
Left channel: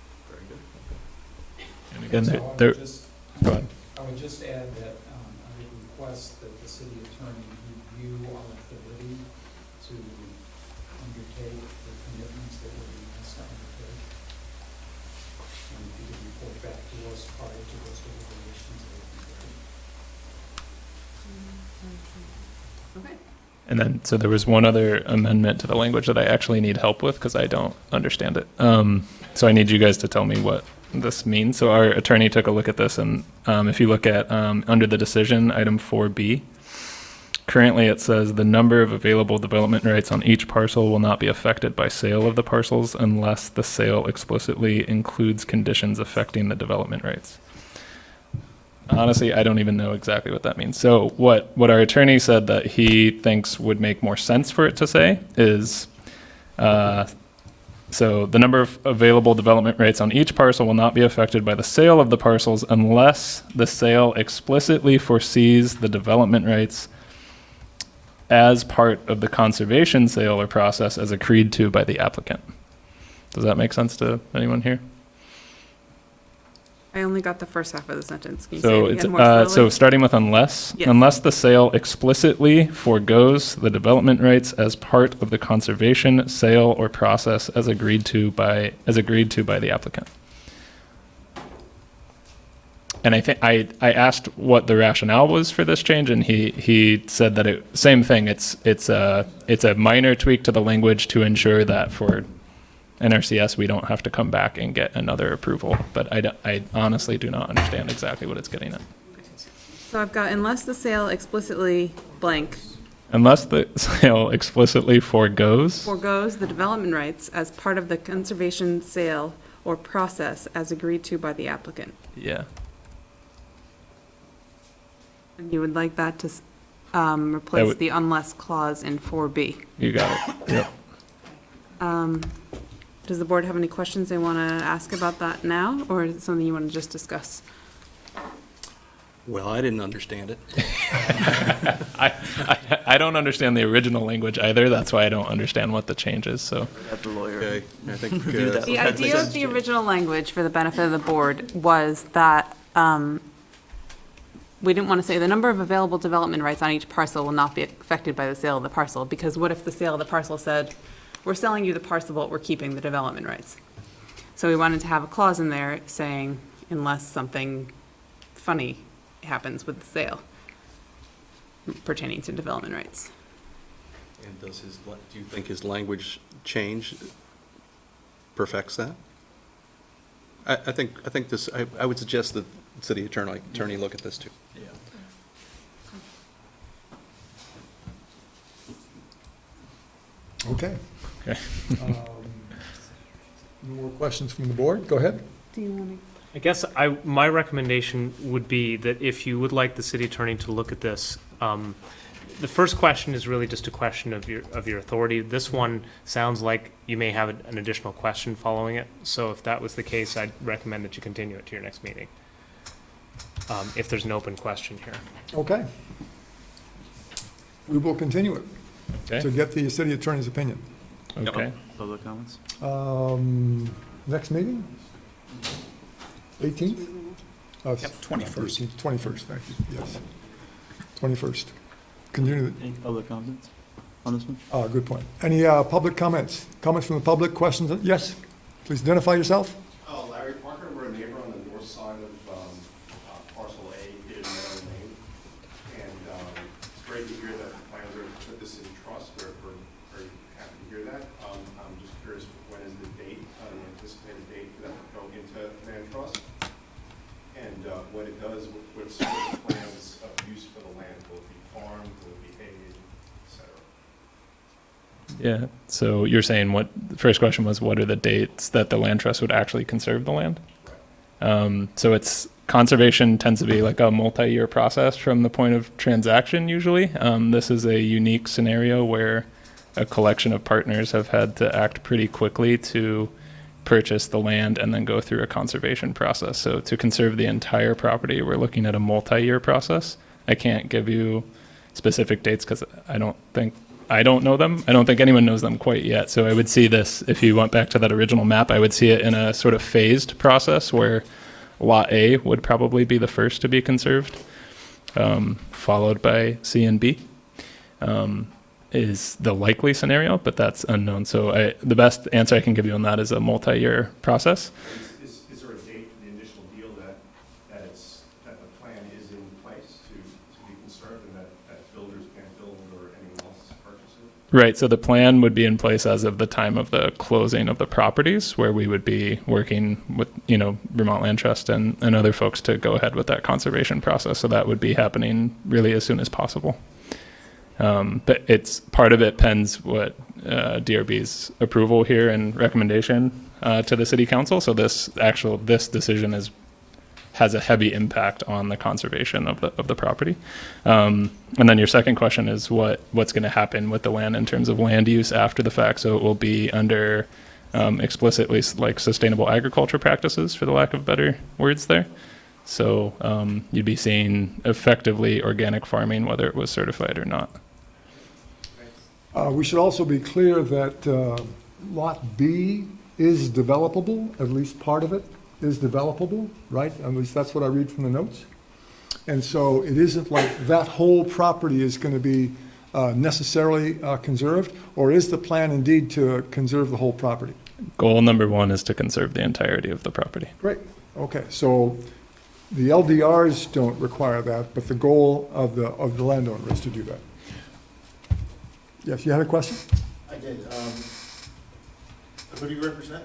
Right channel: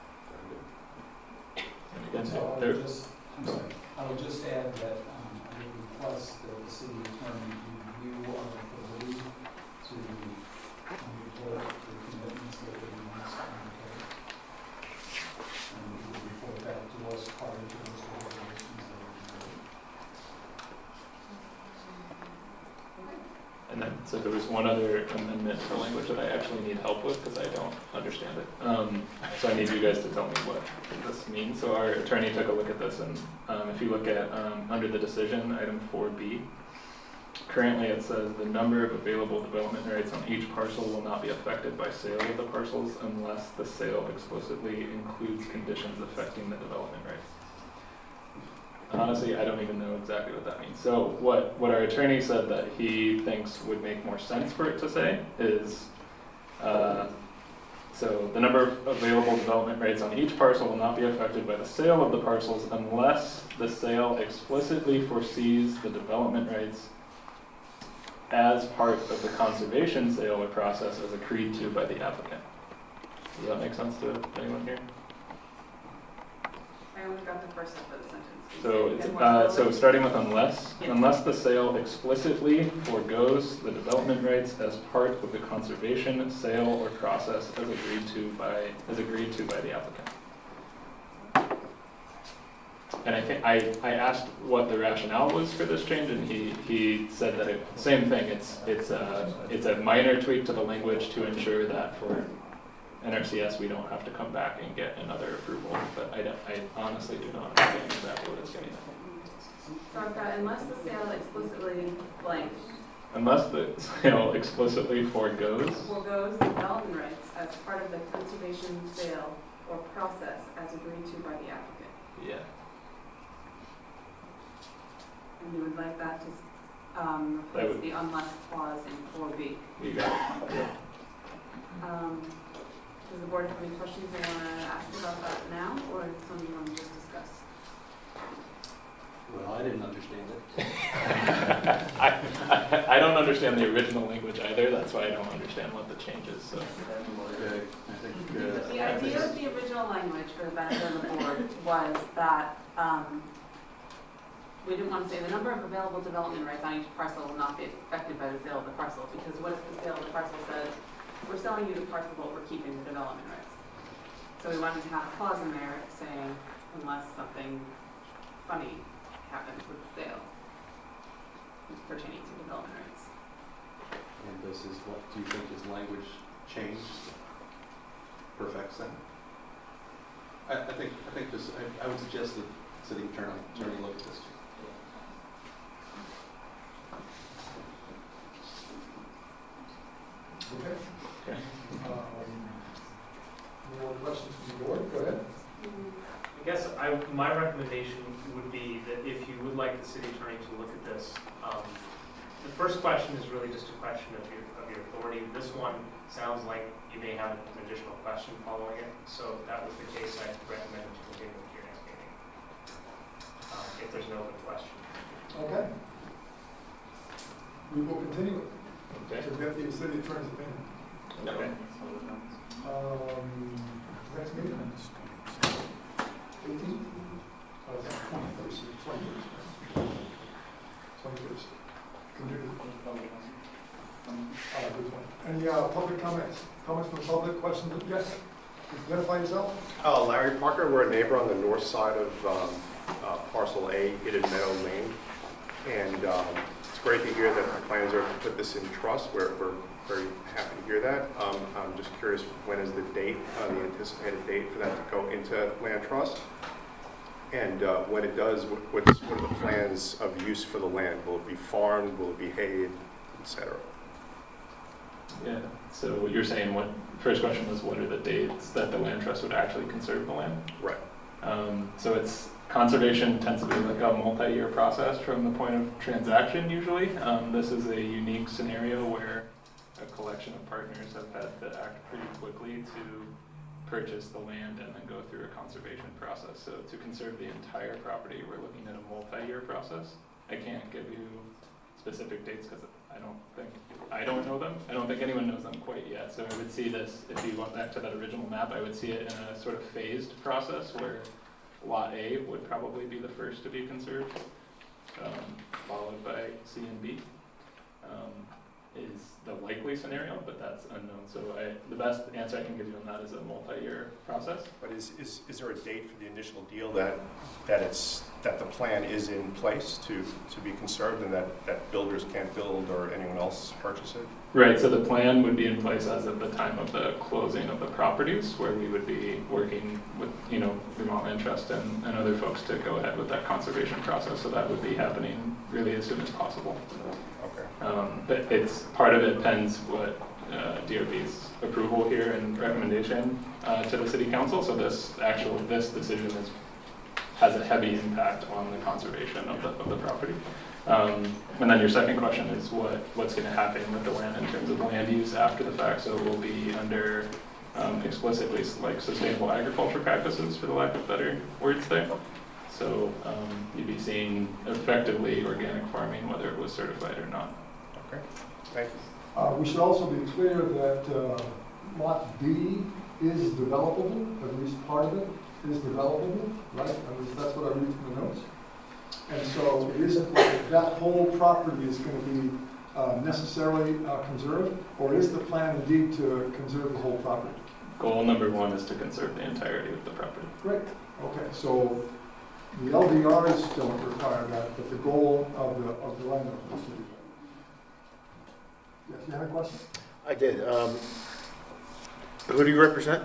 And So there- I would just add that I would request that the city attorney review our ability to undertake the commitments that we must undertake. And he would report back to us prior to those deliberations. And then, so there was one other amendment to the language that I actually need help with because I don't understand it. So I need you guys to tell me what this means. So our attorney took a look at this, and if you look at under the decision, item 4B, currently it says the number of available development rights on each parcel will not be affected by sale of the parcels unless the sale explicitly includes conditions affecting the development rights. Honestly, I don't even know exactly what that means. So what our attorney said that he thinks would make more sense for it to say is, so the number of available development rights on each parcel will not be affected by the sale of the parcels unless the sale explicitly foresees the development rights as part of the conservation sale or process as agreed to by the applicant. Does that make sense to anyone here? I only got the first half of the sentence. Can you So say it it's again more so slowly? starting with unless, Yes. unless the sale explicitly forgoes the development rights as part of the conservation sale or process as agreed to by the applicant. And I think I asked what the rationale was for this change, and he said that same thing. It's a minor tweak to the language to ensure that for NRCS, we don't have to come back and get another approval, but I honestly do not understand exactly what it's getting at. So I've got unless the sale explicitly blank Unless the sale explicitly forgoes, forgoes the development rights as part of the conservation sale or process as agreed to by the applicant. yeah, You would like that to replace would- the unless clause in 4B. you got it, yep. Does the board have any questions they want to ask about that now, or is it something you want to just discuss? Well, I didn't understand it. I don't understand the original language either, that's why I don't understand what the change is, so. Let the lawyer. Okay, I think, Do that. The idea of the original language, for the benefit of the board, was that we didn't want to say the number of available development rights on each parcel will not be affected by the sale of the parcel, because what if the sale of the parcel said, we're selling you the parcel, but we're keeping the development rights? So we wanted to have a clause in there saying, unless something funny happens with the sale pertaining to development rights. and do you think his language change perfects that? I think this, I would suggest that the city attorney look at this too. Okay. Okay. More questions from the board? Go ahead. I guess my recommendation would be that if you would like the city attorney to look at this, the first question is really just a question of your authority. This one sounds like you may have an additional question following it. So if that was the case, I'd recommend that you continue it to your next meeting. If there's an open question here. Okay. We will continue it Okay. to get the city attorney's opinion. Okay. Public comments? Next meeting? 18th? 21st. 21st, thank you, yes. 21st. Continue, Any public comments on this one? good point. Any public comments? Comments from the public, questions? Yes? Please identify yourself. Larry Parker, we're a neighbor on the north side of parcel A, Hidden Meadow Lane. And it's great to hear that the plans are to put this in trust. We're very happy to hear that. I'm just curious, when is the date, the anticipated date for that to go into land trust? And when it does, what's the plans of use for the land? Will it be farmed, will it be hayed, et cetera? Yeah. So you're saying the first question was, what are the dates that the land trust would actually conserve the land? Right. So conservation tends to be like a multi-year process from the point of transaction usually. This is a unique scenario where a collection of partners have had to act pretty quickly to purchase the land and then go through a conservation process. So to conserve the entire property, we're looking at a multi-year process. I can't give you specific dates because I don't know them. I don't think anyone knows them quite yet. So I would see this, if you went back to that original map, I would see it in a sort of phased process where Lot A would probably be the first to be conserved, followed by C and B. Is the likely scenario, but that's unknown. So the best answer I can give you on that is a multi-year process. Is there a date for the initial deal that the plan is in place to be conserved and that builders can't build or anyone else purchase it? Right, so the plan would be in place as of the time of the closing of the properties, where we would be working with, Vermont Land Trust and other folks to go ahead with that conservation process. So that would be happening really as soon as possible. But part of it depends what DRB's approval here and recommendation to the city council. So this decision has a heavy impact on the conservation of the property. And then your second question is what's going to happen with the land in terms of land use after the fact. So it will be under explicitly like sustainable agriculture practices, for the lack of better words there. So you'd be seeing effectively organic farming, whether it was certified or not. We should also be clear that Lot B is developable, at least part of it is developable, right? At least that's what I read from the notes. And so it isn't like that whole property is going to be necessarily conserved, or is the plan indeed to conserve the whole property? Goal number one is to conserve the entirety of the property. Great, okay, so the LDRs don't require that, but the goal of the landowner is to do that. Yes, you had a question? I did. Who do you represent?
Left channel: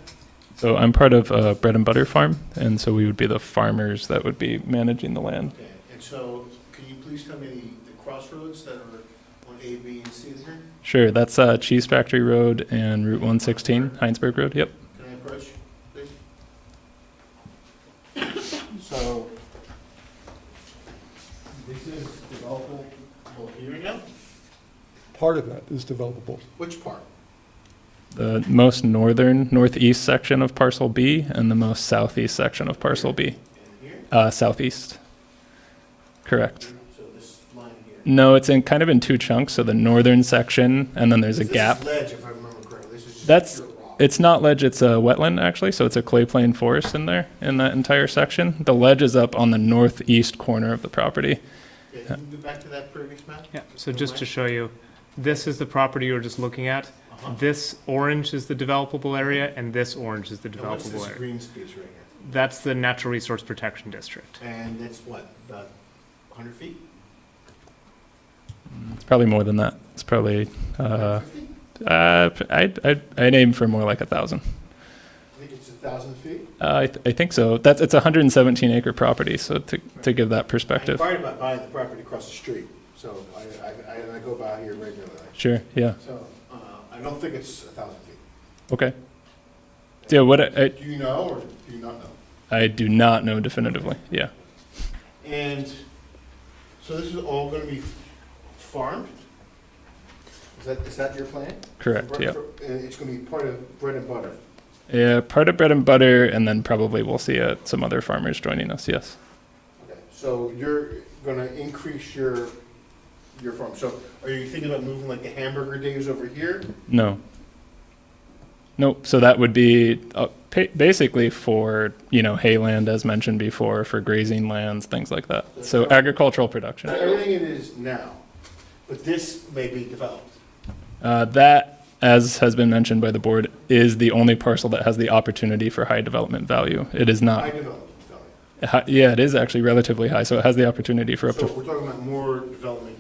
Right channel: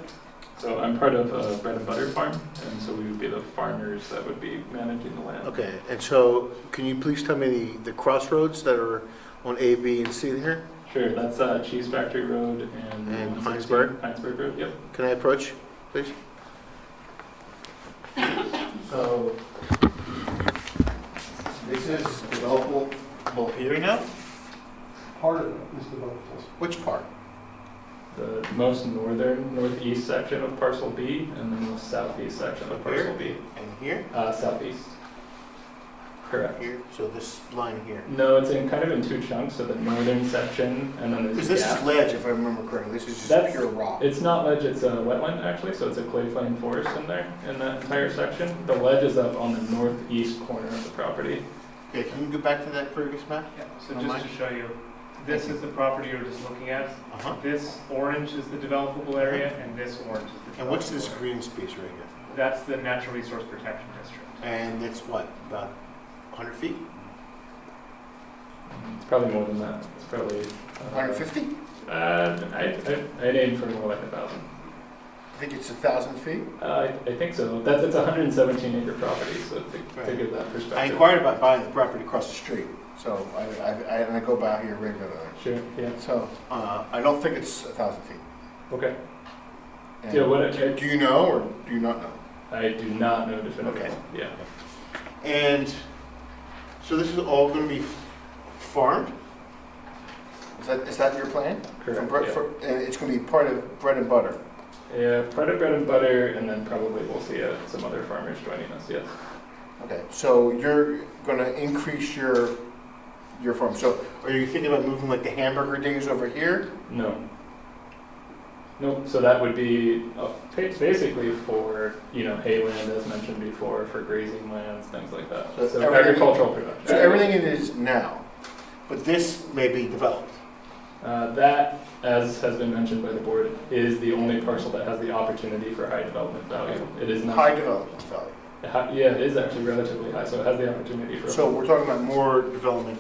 So I'm part of a bread and butter farm, and so we would be the farmers that would be managing the land. Okay, and so can you please tell me the crossroads that are on A, B, and C here? Sure, that's Cheese Factory Road and Route 116, Heinsberg Road, yep. Can I approach, please? So, this is developable here now? Part of that is developable. Which part? The most northeast section of parcel B and the most southeast section of parcel B. And here? Southeast. Correct. Here? So this line here? No, it's kind of in two chunks. So the northern section, and then there's a gap. This is ledge, if I remember correctly. This is just pure rock. It's not ledge, it's a wetland actually, so it's a clay plain forest in there, in that entire section. The ledge is up on the northeast corner of the property. Okay, can you go back to that previous map? Yeah, so just to show you, this is the property you're just looking at. This orange is the developable area, and this orange is the developable area. And what's this green space right here? That's the Natural Resource Protection District. And it's what, about 100 feet? It's probably more than that. It's probably 150? I'd aim for more like 1,000. think it's 1,000 feet? I think so. It's a 117 acre property, so to Right. give that I perspective. inquired about buying the property across the street, so I go by here regularly. Sure, yeah, So, I don't think it's 1,000 feet. okay. And Yeah, do you know, or do you not know? I do not know definitively, Okay. yeah. And so this is all gonna be farmed? Is that your plan? Correct, yeah. And it's gonna be part of bread and butter? Yeah, part of bread and butter, and then probably we'll see some other farmers joining us, yes. Okay, so you're gonna increase your farm. So are you thinking about moving like the hamburger days over here? No. Nope, so that would be basically for, hayland, as mentioned before, for grazing lands, things like that. So So everything- agricultural production. So everything it is now, but this may be developed. That, as has been mentioned by the board, is the only parcel that has the opportunity for high development value. It is not. High development value. Yeah, it is actually relatively high, so it has the opportunity for up So to, we're talking about more development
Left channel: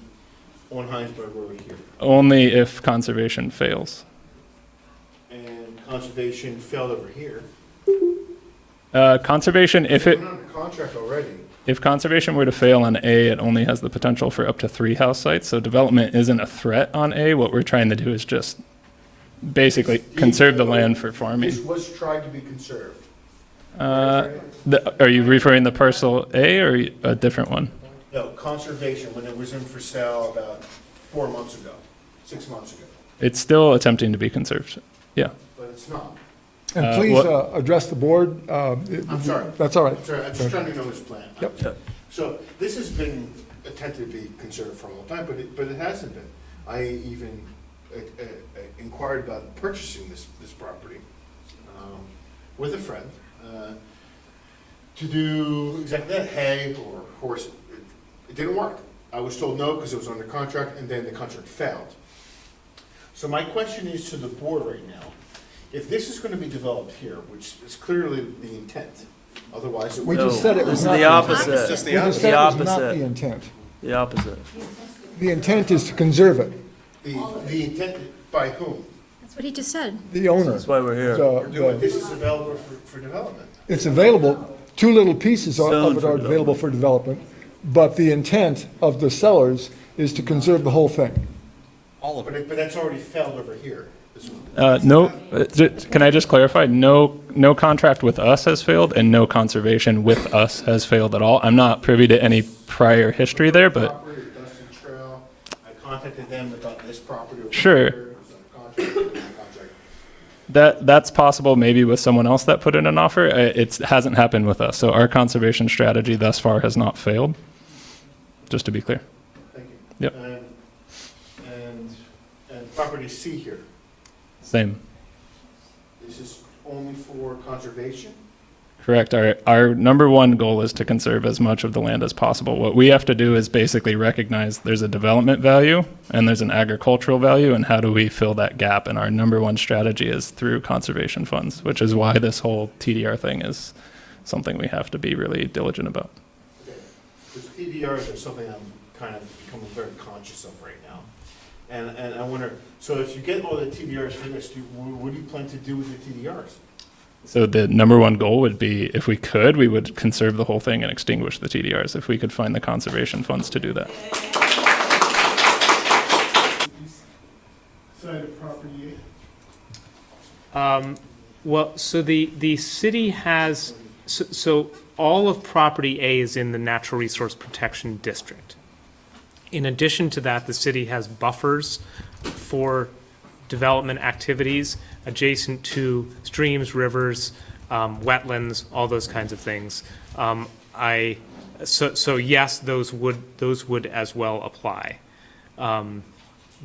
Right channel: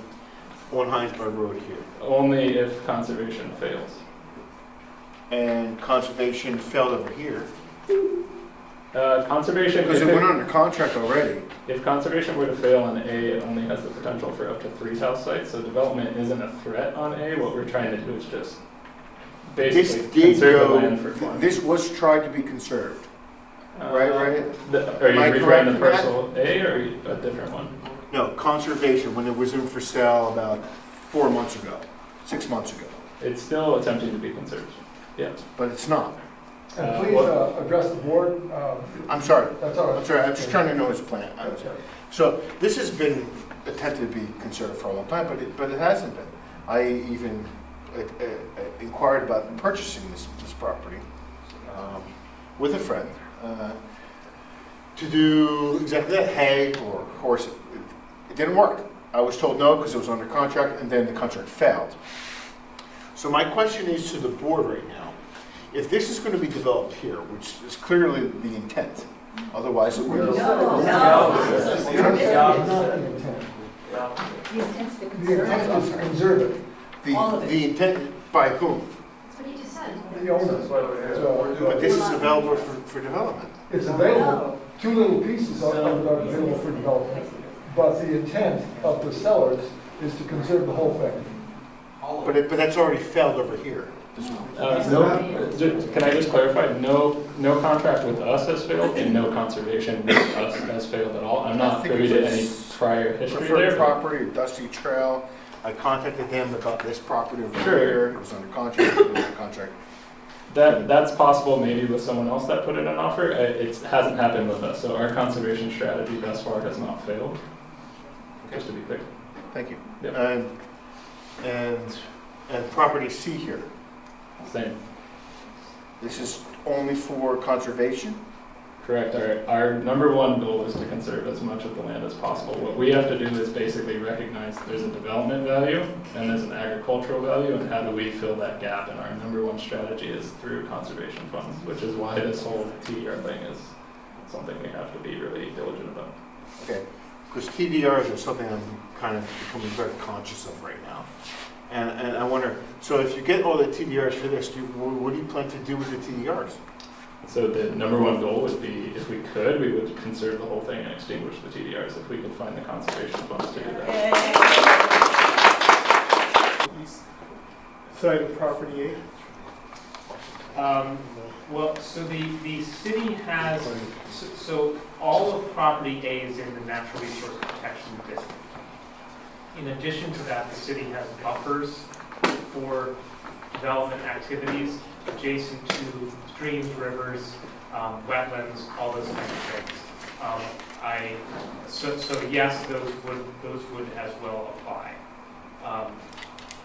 on Heinsberg Road here. only if conservation fails. And conservation failed over here. Conservation, Because if it it, went under contract already. if conservation were to fail on A, it only has the potential for up to 3 house sites, so development isn't a threat on A. What we're trying to do is just basically This did conserve the go- land for farming. This was tried to be conserved, right? Are you Am I referring to correct in parcel A or a different one? No, conservation, when it was in for sale about 4 months ago, 6 months ago, It's still attempting to be conserved. but it's not. And Uh, please what- address the board. I'm sorry. That's all right. I'm sorry, I'm just trying to know his plan. Yep. So this has been attempted to be conserved for a long time, but it hasn't been. I even inquired about purchasing this property with a friend to do exactly that, hay or horse. It didn't work. I was told no because it was under contract, and then the contract failed. So my question is to the board right now, if this is going to be developed here, which is clearly the intent, otherwise it We would. just said it was The not. opposite. We just said The it was not opposite. the intent. The opposite. The intent is to conserve it, The intent by whom? That's what he just said. the owner. That's why we're here. So But this is available for development. it's available, 2 little pieces of it are available for development, but the intent of the sellers is to conserve the whole thing. But that's already failed over here. Can I just clarify? No contract with us has failed, and no conservation with us has failed at all. I'm not privy to any prior history there, but Property or Dusty Trail, I contacted them about this property over Sure. here. It was under contract, it was under contract. that's possible maybe with someone else that put in an offer. It hasn't happened with us, so our conservation strategy thus far has not failed, just to be clear. Thank you. Yep. And property C here, Same. this is only for conservation? Correct. Our number one goal is to conserve as much of the land as possible. What we have to do is basically recognize there's a development value and there's an agricultural value, and how do we fill that gap? And our number one strategy is through conservation funds, which is why this whole TDR thing is something we have to be really diligent about. Okay, because TDRs are something I'm kind of becoming very conscious of right now. And I wonder, so if you get all the TDRs for this, what do you plan to do with the TDRs? So the number one goal would be, if we could, we would conserve the whole thing and extinguish the TDRs if we could find the conservation funds to do that. Side of property Well, so the city has, so all of property A is in the Natural Resource Protection District. In addition to that, the city has buffers for development activities adjacent to streams, rivers, wetlands, all those kinds of things. So yes, those would as well apply.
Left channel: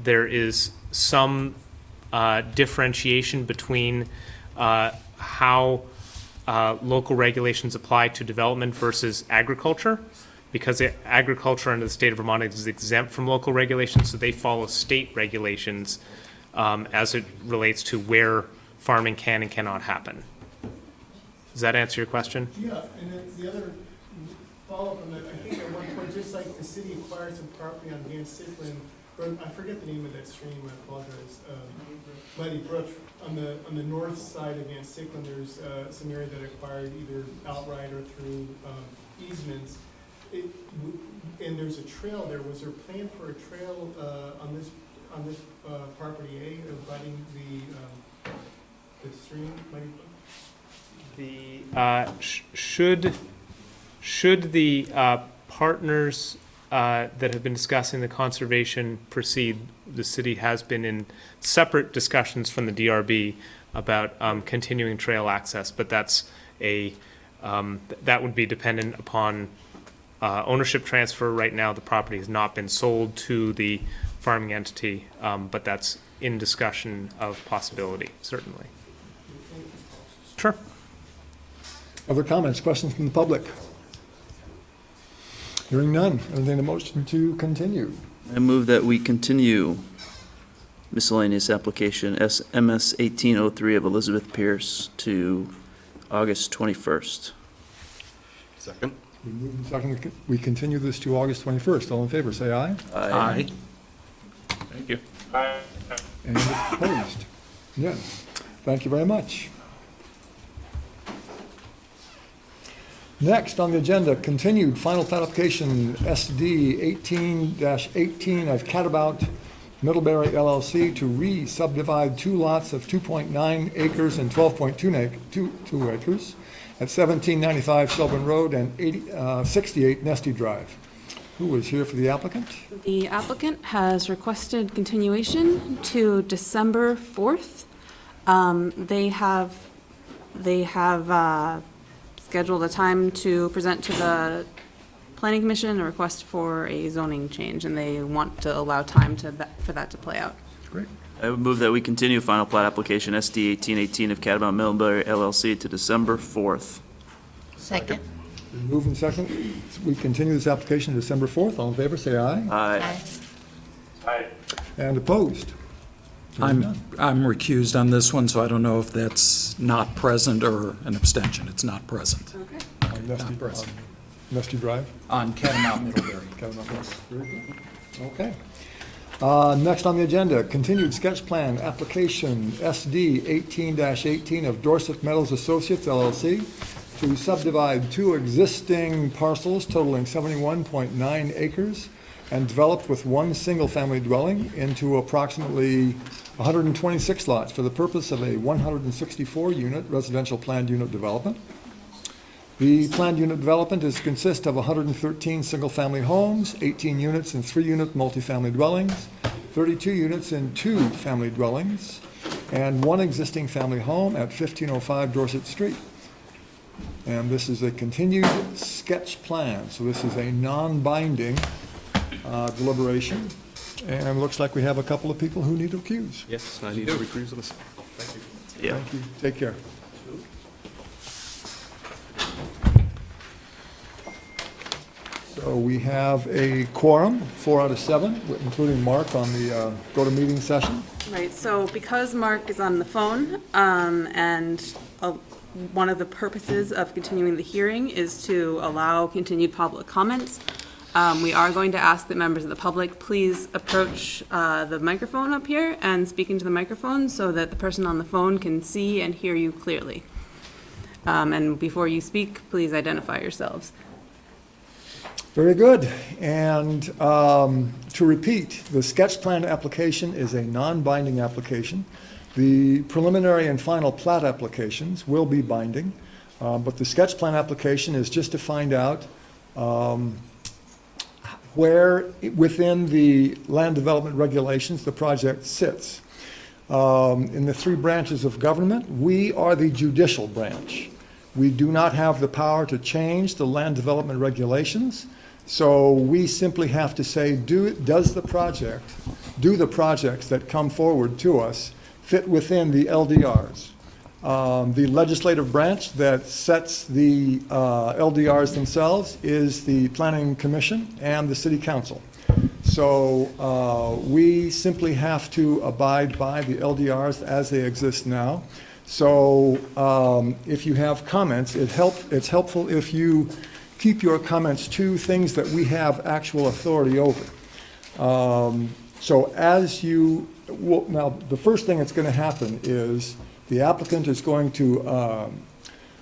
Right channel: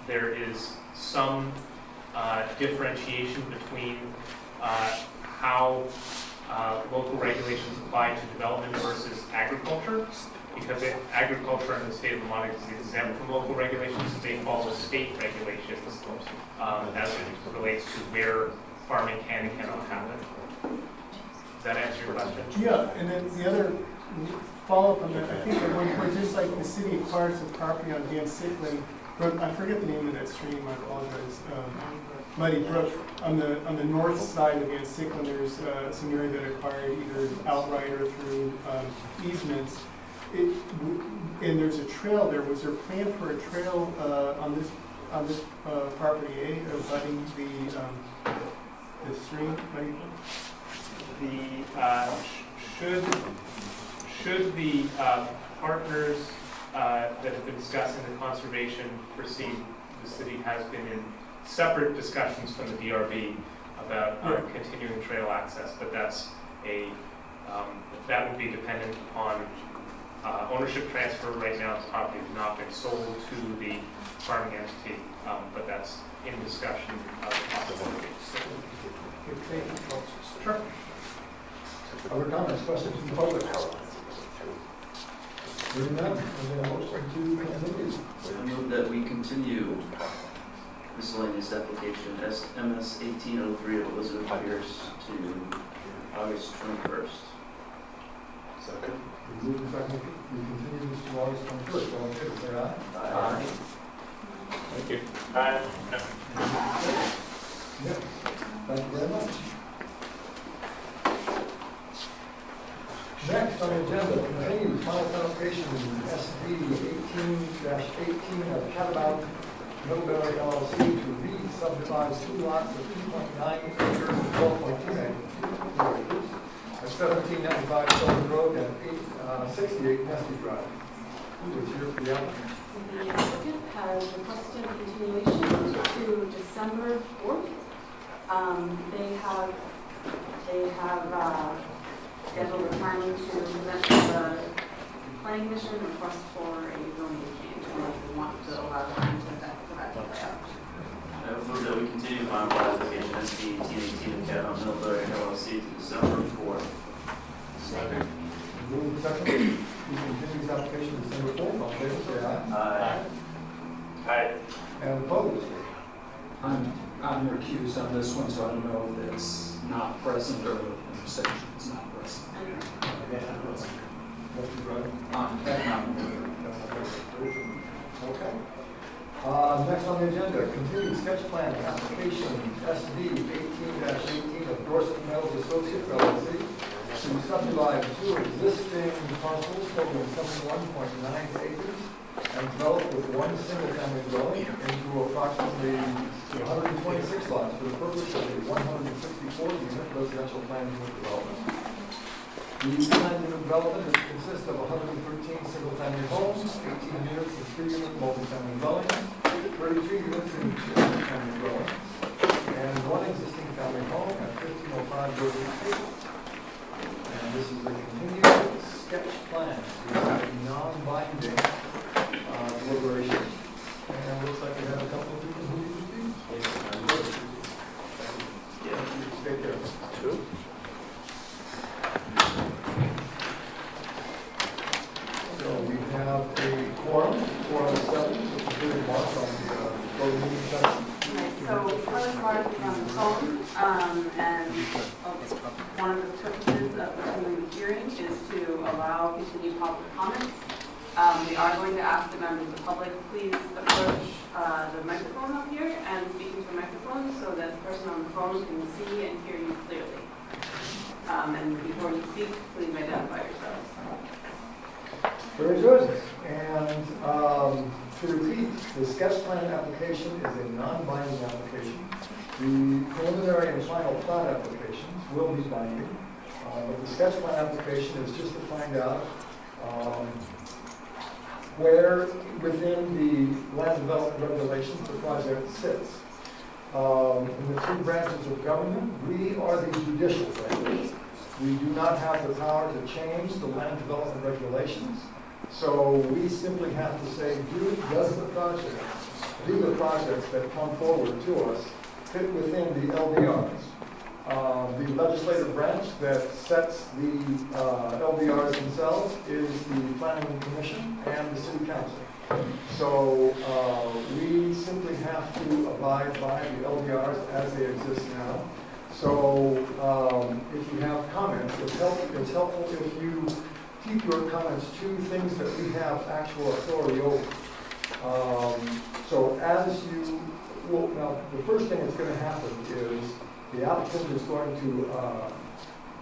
There is some differentiation between how local regulations apply to development versus agriculture, because agriculture under the state of Vermont is exempt from local regulations, so they follow state regulations as it relates to where farming can and cannot happen. Does that answer your question? Yeah, and then the other follow-up on that, I think at one point, just like the city acquired some property on Dan Sigley I forget the name of that stream, I apologize. Muddy Brook, on the north side of Van Sicklen, there's some area that acquired either outright or through easements. And there's a trail there. Was there a plan for a trail on this property A, abutting the stream? Should the partners that have been discussing the conservation proceed, the city has been in separate discussions from the DRB about continuing trail access, but that's that would be dependent upon ownership transfer. Right now, the property has not been sold to the farming entity, but that's in discussion of possibility, certainly. Sure. Other comments, questions from the public? Hearing none, entertain a motion to continue. I move that we continue miscellaneous application MS 1803 of Elizabeth Pierce to August 21st. Second. Second, we continue this to August 21st. All in favor, say aye. Aye. Thank you. Bye. Any opposed? Yeah, thank you very much. Next on the agenda, continued final plat application SD 18-18 of Catabout Middlebury LLC to re-subdivide two lots of 2.9 acres and 12.2 acres at 1795 Shelburne Road and 68 Nesty Drive. Who is here for the applicant? The applicant has requested continuation to December 4th. They have scheduled a time to present to the planning commission a request for a zoning change, and they want to allow time for that to play out. I would move that we continue final plat application SD 1818 of Catabout Middlebury LLC to December 4th. Second. Moving second, we continue this application to December 4th. All in favor, say aye. Aye. Aye. And opposed? I'm recused on this one, so I don't know if that's not present or an abstention. It's not present. Nesty Drive. Nesty Drive? On Catamount Middlebury. Okay. Next on the agenda, continued sketch plan application SD 18-18 of Dorset Metals Associates LLC to subdivide two existing parcels totaling 71.9 acres and develop with one single-family dwelling into approximately 126 lots for the purpose of a 164-unit residential planned unit development. The planned unit development is consist of 113 single-family homes, 18 units in 3-unit multifamily dwellings, 32 units in 2-family dwellings, and one existing family home at 1505 Dorset Street. And this is a continued sketch plan, so this is a non-binding deliberation. And it looks like we have a couple of people who need to recuse. Yes, I need to recuse this. Yeah. Take care. So we have a quorum, 4 out of 7, including Mark on the go-to-meeting session. Right, so because Mark is on the phone, and one of the purposes of continuing the hearing is to allow continued public comments, we are going to ask that members of the public please approach the microphone up here and speak into the microphone so that the person on the phone can see and hear you clearly. And before you speak, please identify yourselves. Very good. And to repeat, the sketch plan application is a non-binding application. The preliminary and final plat applications will be binding, but the sketch plan application is just to find out where within the land development regulations the project sits. In the 3 branches of government, we are the judicial branch. We do not have the power to change the land development regulations, so we simply have to say, do the projects that come forward to us fit within the LDRs? The legislative branch that sets the LDRs themselves is the Planning Commission and the City Council. So we simply have to abide by the LDRs as they exist now. So if you have comments, it's helpful if you keep your comments to things that we have actual authority over. So as you, well, now, the first thing that's going to happen is the applicant is going to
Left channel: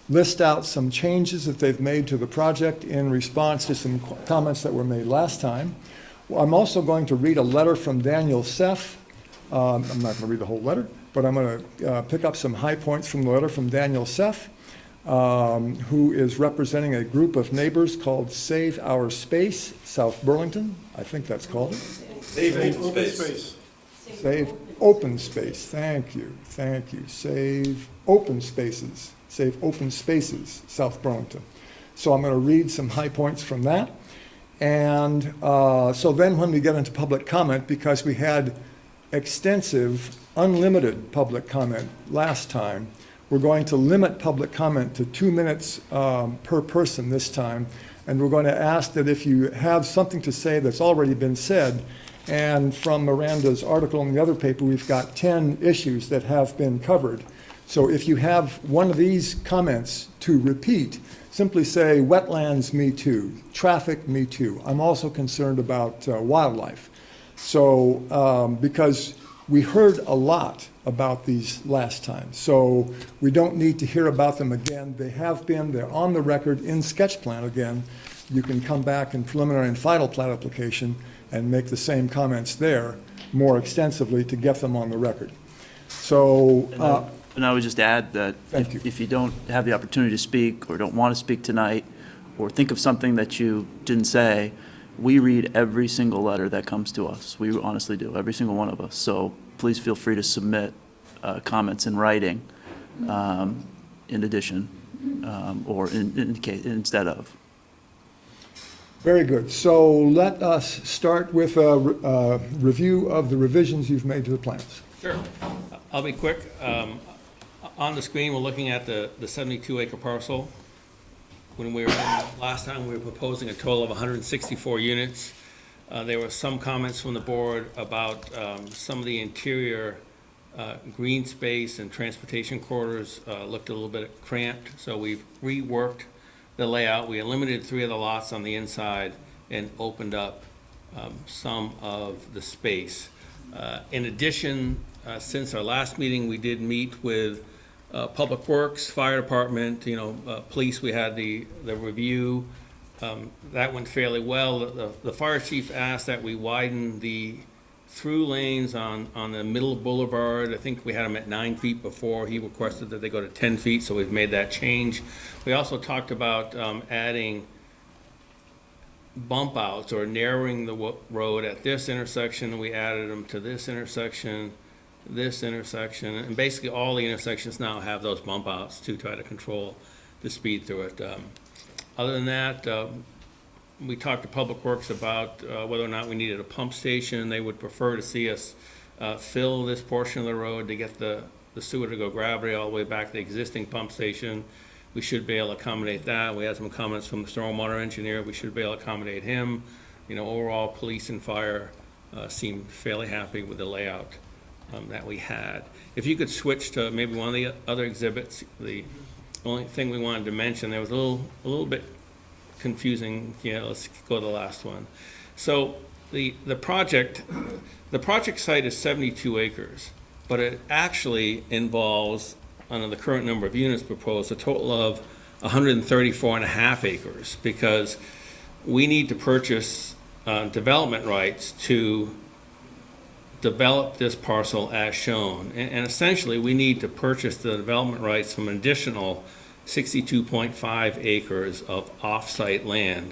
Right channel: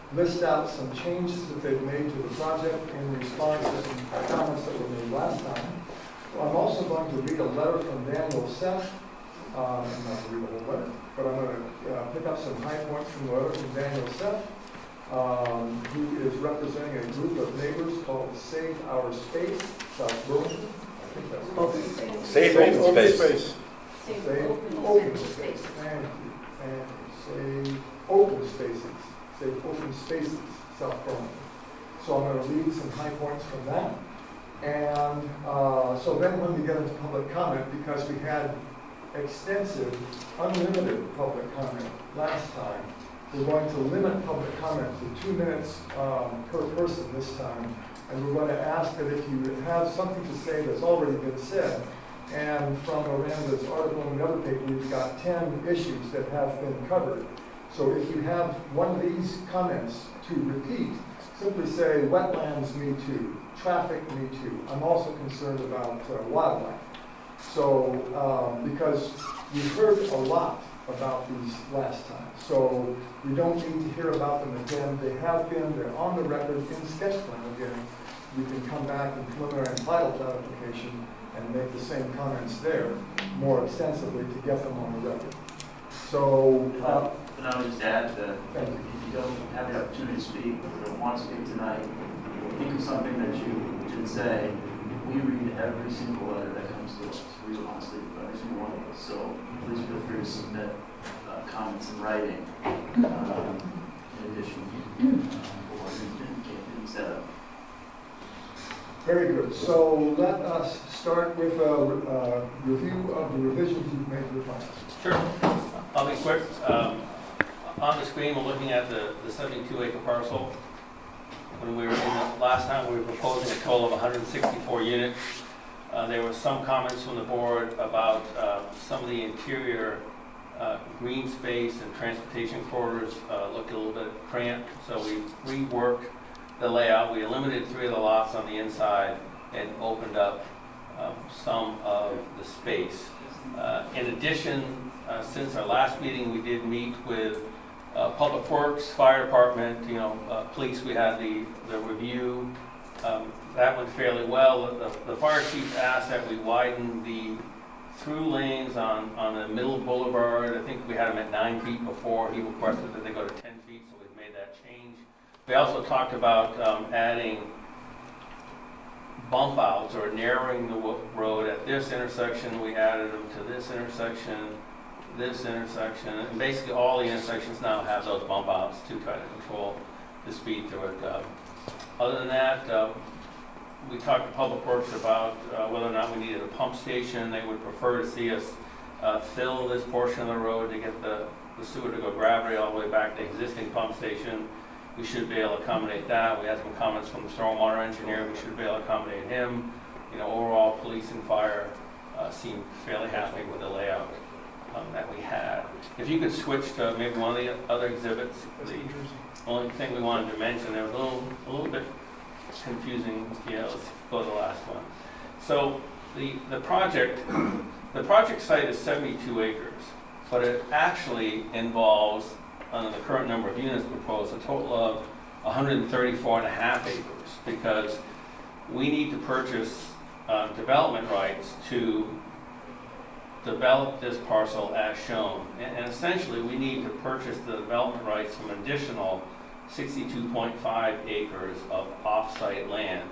list out some changes that they've made to the project in response to some comments that were made last time. I'm also going to read a letter from Daniel Seff. I'm not going to read the whole letter, but I'm going to pick up some high points from the letter from Daniel Seff, who is representing a group of neighbors called Save Our Space, South Burlington, I think that's called. Save open space. Save Open Space, thank you. Save Open Spaces, Save Open Spaces, South Burlington. So I'm going to read some high points from that. And so then when we get into public comment, because we had extensive, unlimited public comment last time, we're going to limit public comment to 2 minutes per person this time. And we're going to ask that if you have something to say that's already been said, and from Miranda's article in the other paper, we've got 10 issues that have been covered. So if you have one of these comments to repeat, simply say, wetlands, me too. Traffic, me too. I'm also concerned about wildlife. So, because we heard a lot about these last time, so we don't need to hear about them again. They have been, they're on the record in sketch plan again. You can come back in preliminary and final plat application and make the same comments there more extensively to get them on the record. So, And I would just add that Thank you. if you don't have the opportunity to speak or don't want to speak tonight, or think of something that you didn't say, we read every single letter that comes to us. We honestly do, every single one of us. So please feel free to submit comments in writing in addition or indicate instead of. very good. So let us start with a review of the revisions you've made to the plans. Sure. I'll be quick. On the screen, we're looking at the 72-acre parcel. When we were in last time, we were proposing a total of 164 units. There were some comments from the board about some of the interior green space and transportation corridors looked a little bit cramped, so we reworked the layout. We eliminated 3 of the lots on the inside and opened up some of the space. In addition, since our last meeting, we did meet with Public Works, Fire Department, police. We had the review. That went fairly well. The fire chief asked that we widen the through lanes on the middle boulevard. I think we had them at 9 feet before. He requested that they go to 10 feet, so we've made that change. We also talked about adding bump outs or narrowing the road at this intersection. We added them to this intersection, and basically all the intersections now have those bump outs to try to control the speed through it. Other than that, we talked to Public Works about whether or not we needed a pump station. They would prefer to see us fill this portion of the road to get the sewer to go gravity all the way back to the existing pump station. We should be able to accommodate that. We had some comments from the stormwater engineer. We should be able to accommodate him. Overall, police and fire seemed fairly happy with the layout that we had. If you could switch to maybe one of the other exhibits, the only thing we wanted to mention, there was a little bit confusing. Let's go to the last one. So the project site is 72 acres, but it actually involves, under the current number of units proposed, a total of 134 and a half acres, because we need to purchase development rights to develop this parcel as shown. And essentially, we need to purchase the development rights from an additional 62.5 acres of off-site land.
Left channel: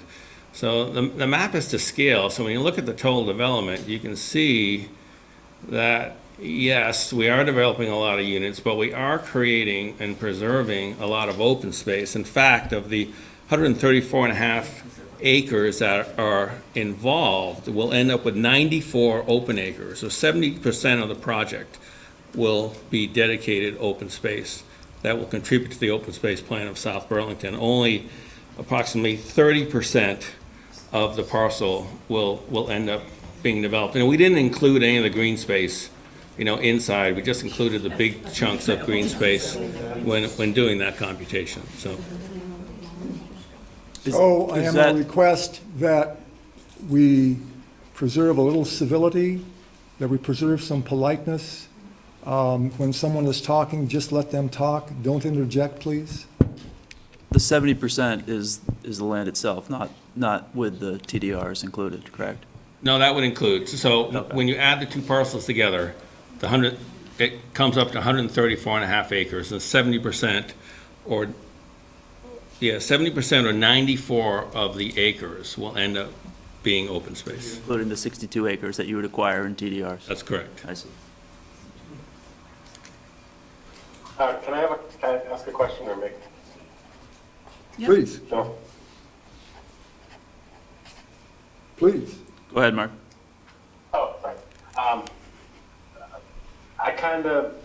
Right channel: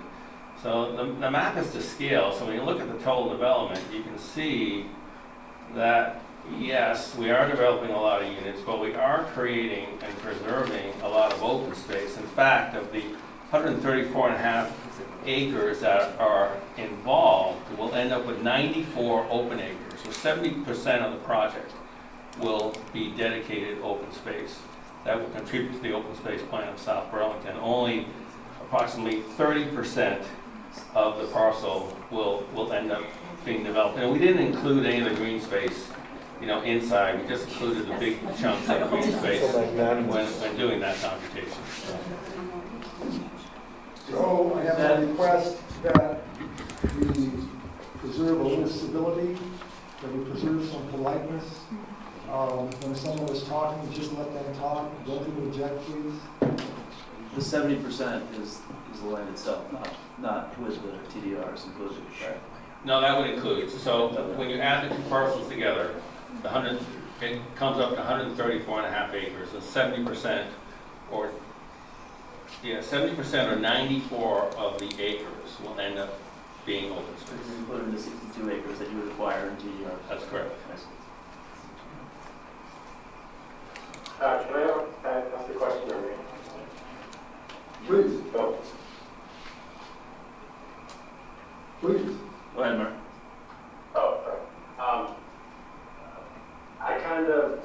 So the map is to scale. So when you look at the total development, you can see that, yes, we are developing a lot of units, but we are creating and preserving a lot of open space. In fact, of the 134 and a half acres that are involved, we'll end up with 94 open acres. So 70% of the project will be dedicated open space. That will contribute to the open space plan of South Burlington. Only approximately 30% of the parcel will end up being developed. And we didn't include any of the green space, inside. We just included the big chunks of green space when doing that computation. So I am going to request that we preserve a little civility, that we preserve some politeness. When someone is talking, just let them talk. Don't interject, please. The 70% is the land itself, not with the TDRs included, correct? No, that would include, so Okay. when you add the two parcels together, it comes up to 134.5 acres, and 70% or 94 of the acres will end up being open space. Including the 62 acres that you would acquire in TDRs. That's correct. I see. Can I ask a question or make? Yep. Please, So, please. Go ahead, Mark. oh, sorry. I kind of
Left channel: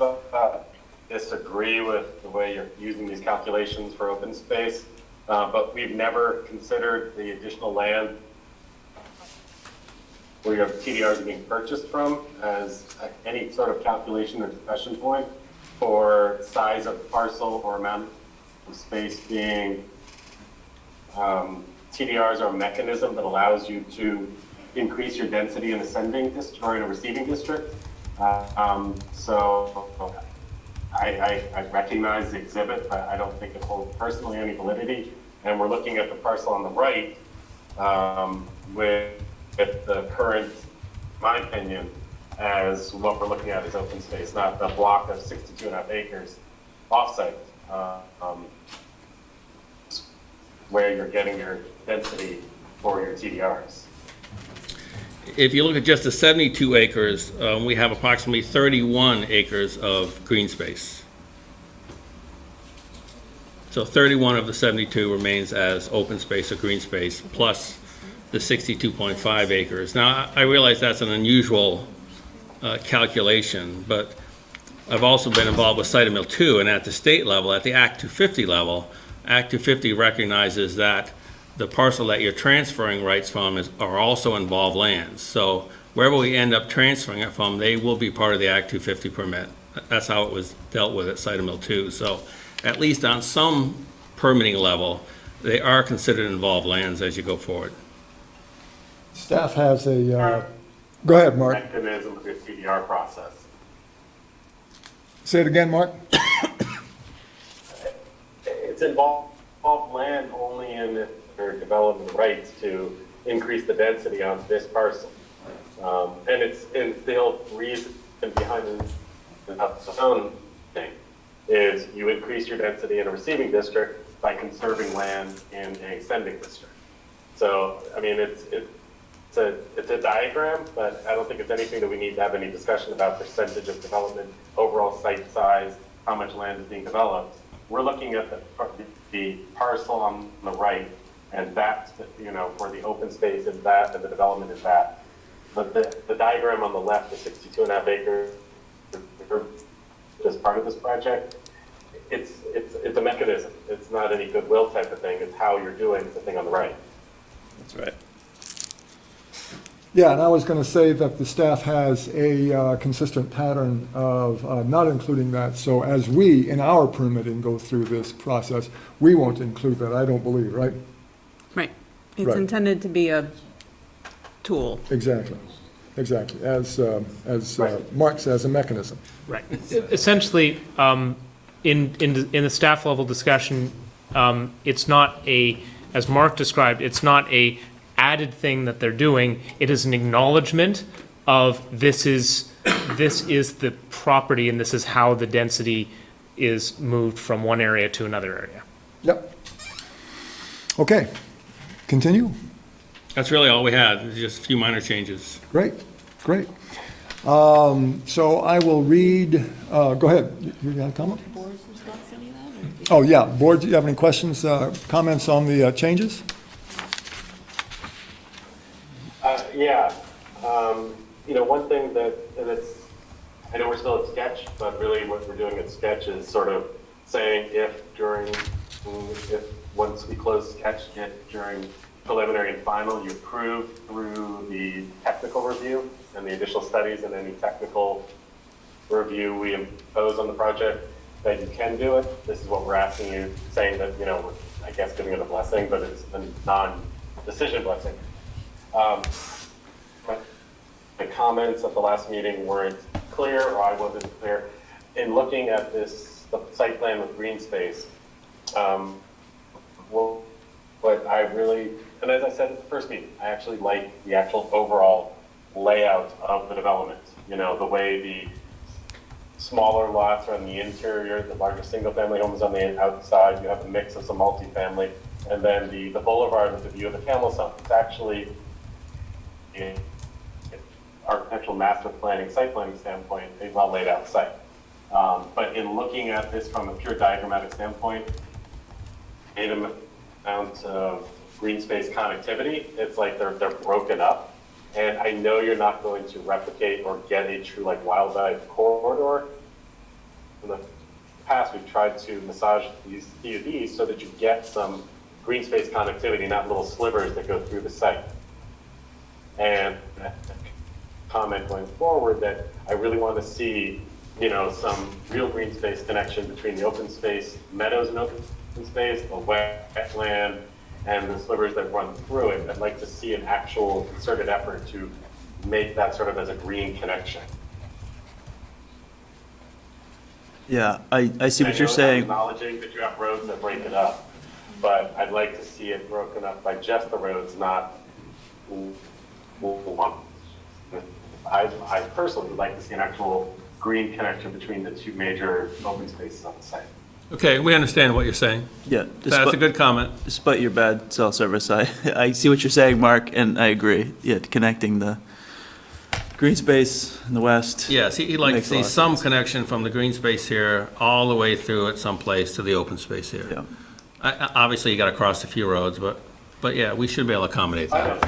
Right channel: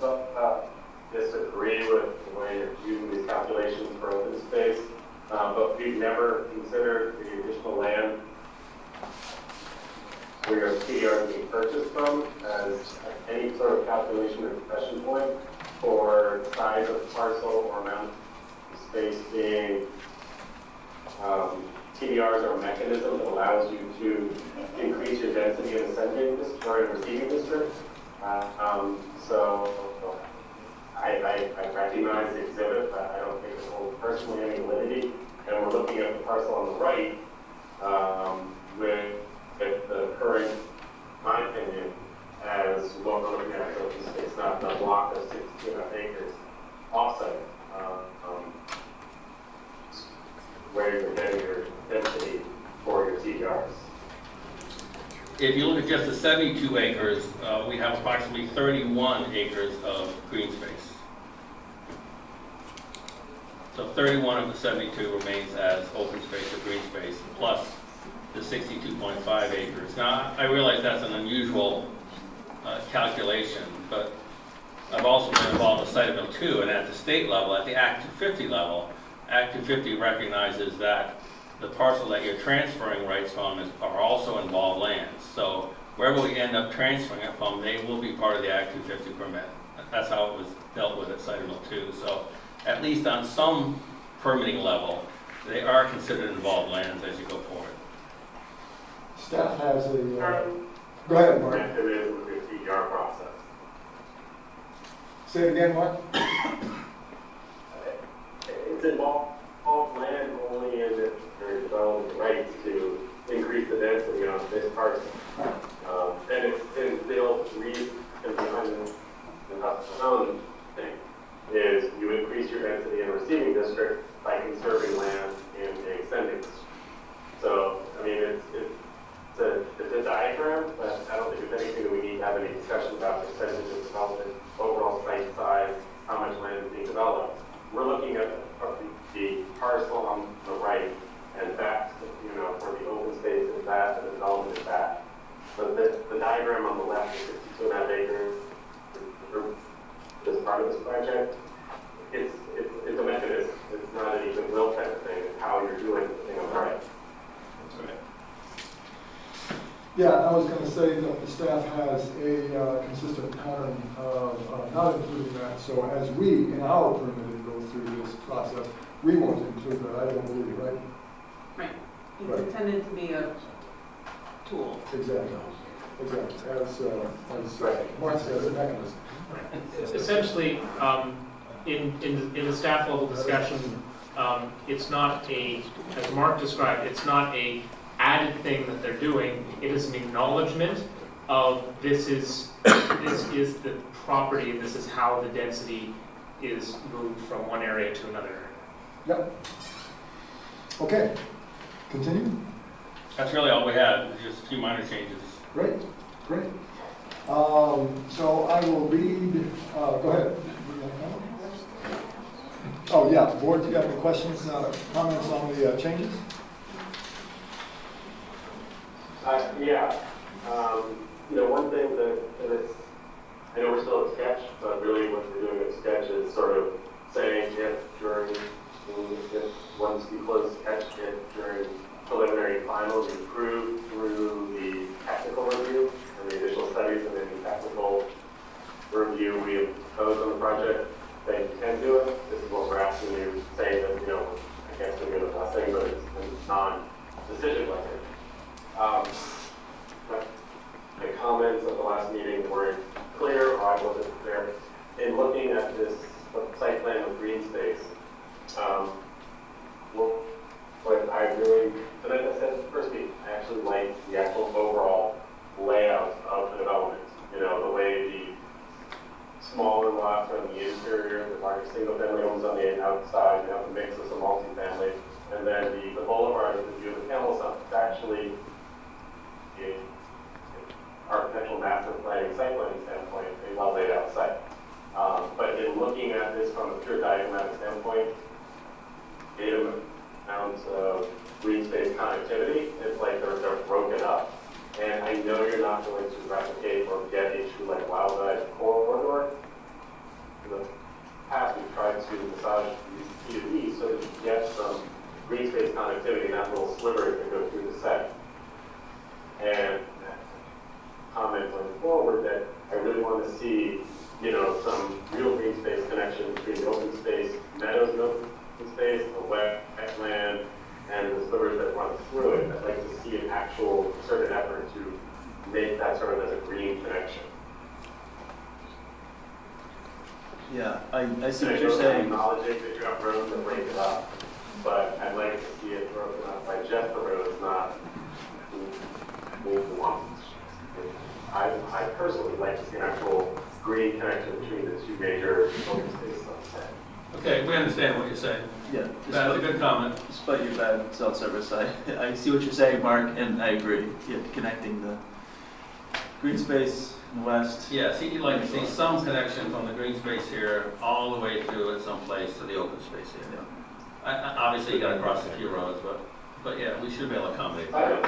disagree with the way you're using these calculations for open space, but we've never considered the additional land where your TDRs are being purchased from as any sort of calculation or discussion point for size of parcel or amount of space being. TDRs are a mechanism that allows you to increase your density in ascending district or in a receiving district. So I recognize the exhibit, but I don't think it holds personally any validity. And we're looking at the parcel on the right with the current, in my opinion, as what we're looking at as open space, not the block of 62.5 acres offsite, where you're getting your density for your TDRs. If you look at just the 72 acres, we have approximately 31 acres of green space. So 31 of the 72 remains as open space or green space, plus the 62.5 acres. Now, I realize that's an unusual calculation, but I've also been involved with Site Mill 2, and at the state level, at the Act 250 level, Act 250 recognizes that the parcel that you're transferring rights from are also involved lands. So wherever we end up transferring it from, they will be part of the Act 250 permit. That's how it was dealt with at Site Mill 2. So at least on some permitting level, they are considered involved lands as you go forward. Staff has a, go ahead, Mark. Mechanism with the TDR process. Say it again, Mark. It's involved land only in it for developing the rights to increase the density on this parcel. And it's the reason behind the own thing is you increase your density in a receiving district by conserving land in an extending district. So, I mean, it's a diagram, but I don't think it's anything that we need to have any discussion about percentage of development, overall site size, how much land is being developed. We're looking at the parcel on the right, and that's, where the open space is that, and the development is that. But the diagram on the left, the 62.5 acres, just part of this project, it's a mechanism. It's not any goodwill type of thing. It's how you're doing the thing on the right. That's right. Yeah, and I was going to say that the staff has a consistent pattern of not including that. So as we, in our permitting, go through this process, we won't include that, I don't believe, right? Right. It's Right. intended to be a tool. Exactly, exactly. As Mark says, a mechanism. Right. Essentially, in the staff level discussion, it's not as Mark described, it's not a added thing that they're doing. It is an acknowledgement of this is the property and this is how the density is moved from one area to another area. Yep. Okay, continue. That's really all we had, just a few minor changes. Great, great. So I will read, go ahead. You got a comment? Oh, yeah. Board, do you have any questions, comments on the changes? Yeah. One thing I know we're still at sketch, but really what we're doing at sketch is sort of saying once we close sketch, during preliminary and final, you approve through the technical review and the additional studies and any technical review we impose on the project, that you can do it. This is what we're asking you, saying that, I guess giving it a blessing, but it's a non-decision blessing. my comments at the last meeting weren't clear, or I wasn't clear. In looking at this the site plan with green space, what I really, and as I said at the first meeting, I actually like the actual overall layout of the development. You know, the way the smaller lots are on the interior, the larger single-family homes on the outside, we have a mix of some multifamily, and then the boulevard with the view of the Camel Summit. It's actually, in architectural master planning, site planning standpoint, a well laid out site. But in looking at this from a pure diagrammatic standpoint, an amount of green space connectivity, it's like they're broken up. And I know you're not going to replicate or get a true like wildlife corridor. In the past, we've tried to massage these PUDs so that you get some green space connectivity, not little slivers that go through the site. And comment going forward that I really want to see, you know, some real green space connection between the open space, meadows and open space, the wetland, and the slivers that run through it. I'd like to see an actual concerted effort to make that sort of as a green connection. Yeah, I see what you're I'm saying. acknowledging that you have roads that break it up, but I'd like to see it broken up by just the roads, not one. I personally would like to see an actual green connection between the two major open spaces on the site. Okay, we understand what you're saying. Yeah, That's a good comment. Despite your bad cell service, I see what you're saying, Mark, and I agree. Yeah, connecting the green space in the west. Yes, he'd like to Makes a see lot of some sense. connection from the green space here all the way through at some place to the open space here. Yeah. Obviously, you got to cross a few roads, but yeah, we should be able to accommodate that.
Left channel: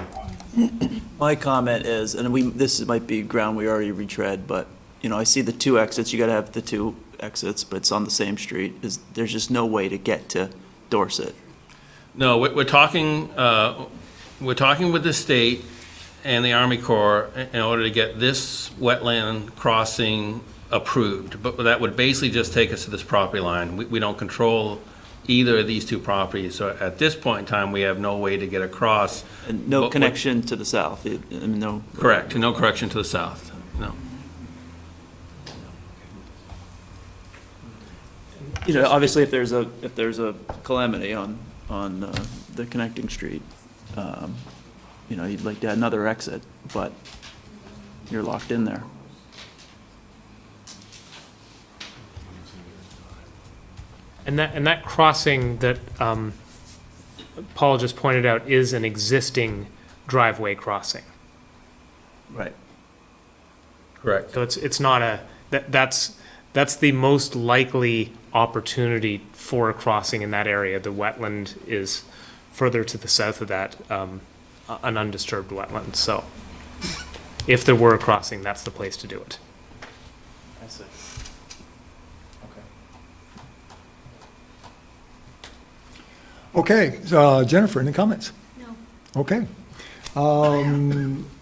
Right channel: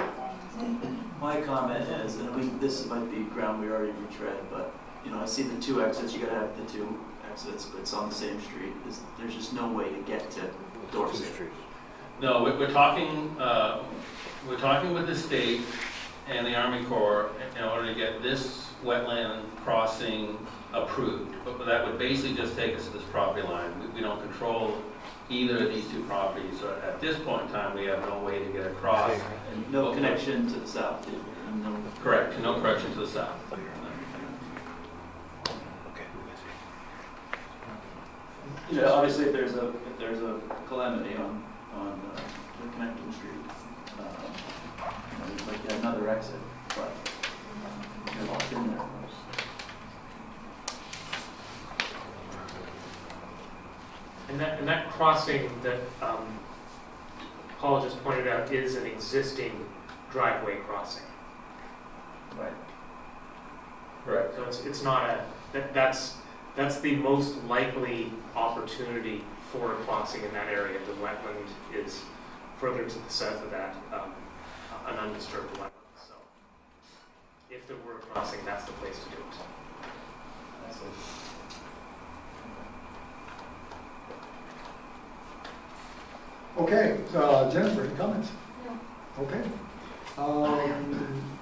My comment is, and this might be ground we already retread, but you know, I see the two exits. You got to have the two exits, but it's on the same street. There's just no way to get to Dorset. No, we're talking with the state and the Army Corps in order to get this wetland crossing approved. But that would basically just take us to this property line. We don't control either of these two properties. So at this point in time, we have no way to get across. And no connection to the south. No. Correct. No correction to the south. No. You know, obviously, if there's a calamity on the connecting street, you know, you'd like to have another exit, but you're locked in there. And that crossing that Paul just pointed out is an existing driveway crossing. Right. Correct. So it's not that's the most likely opportunity for a crossing in that area. The wetland is further to the south of that, an undisturbed wetland. So if there were a crossing, that's the place to do it. Okay, Jennifer, any comments? No. Okay.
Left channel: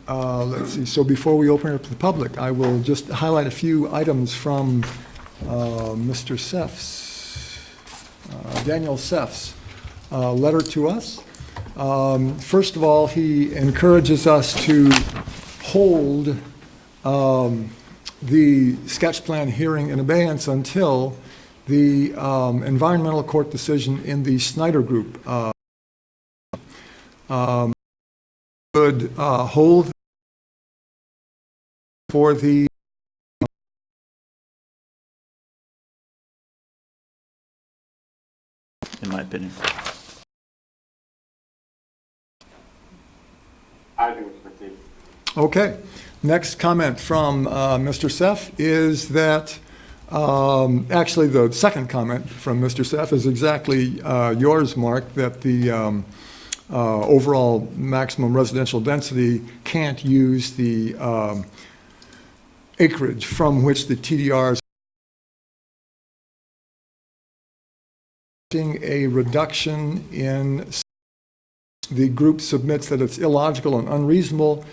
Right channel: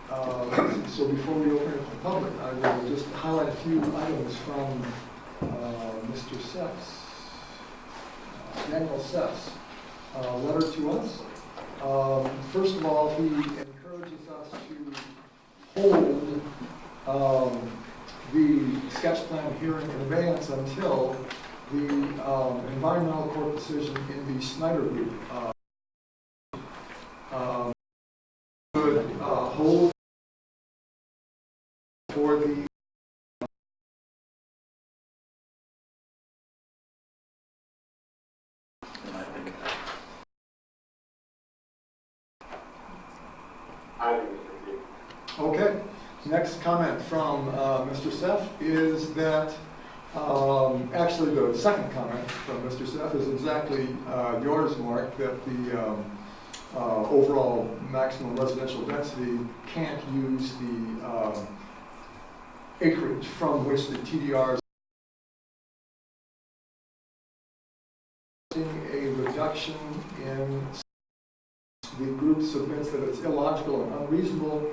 Let's see, so before we open it up to the public, I will just highlight a few items from Mr. Seff's, Daniel Seff's letter to us. First of all, he encourages us to hold the sketch plan hearing in abeyance until the environmental court decision in the Snyder Group would hold for the In my opinion. Okay. Next comment from Mr. Seff is that, actually the second comment from Mr. Seff is exactly yours, Mark, that the overall maximum residential density can't use the acreage from which the TDRs a reduction in. The group submits that it's illogical and unreasonable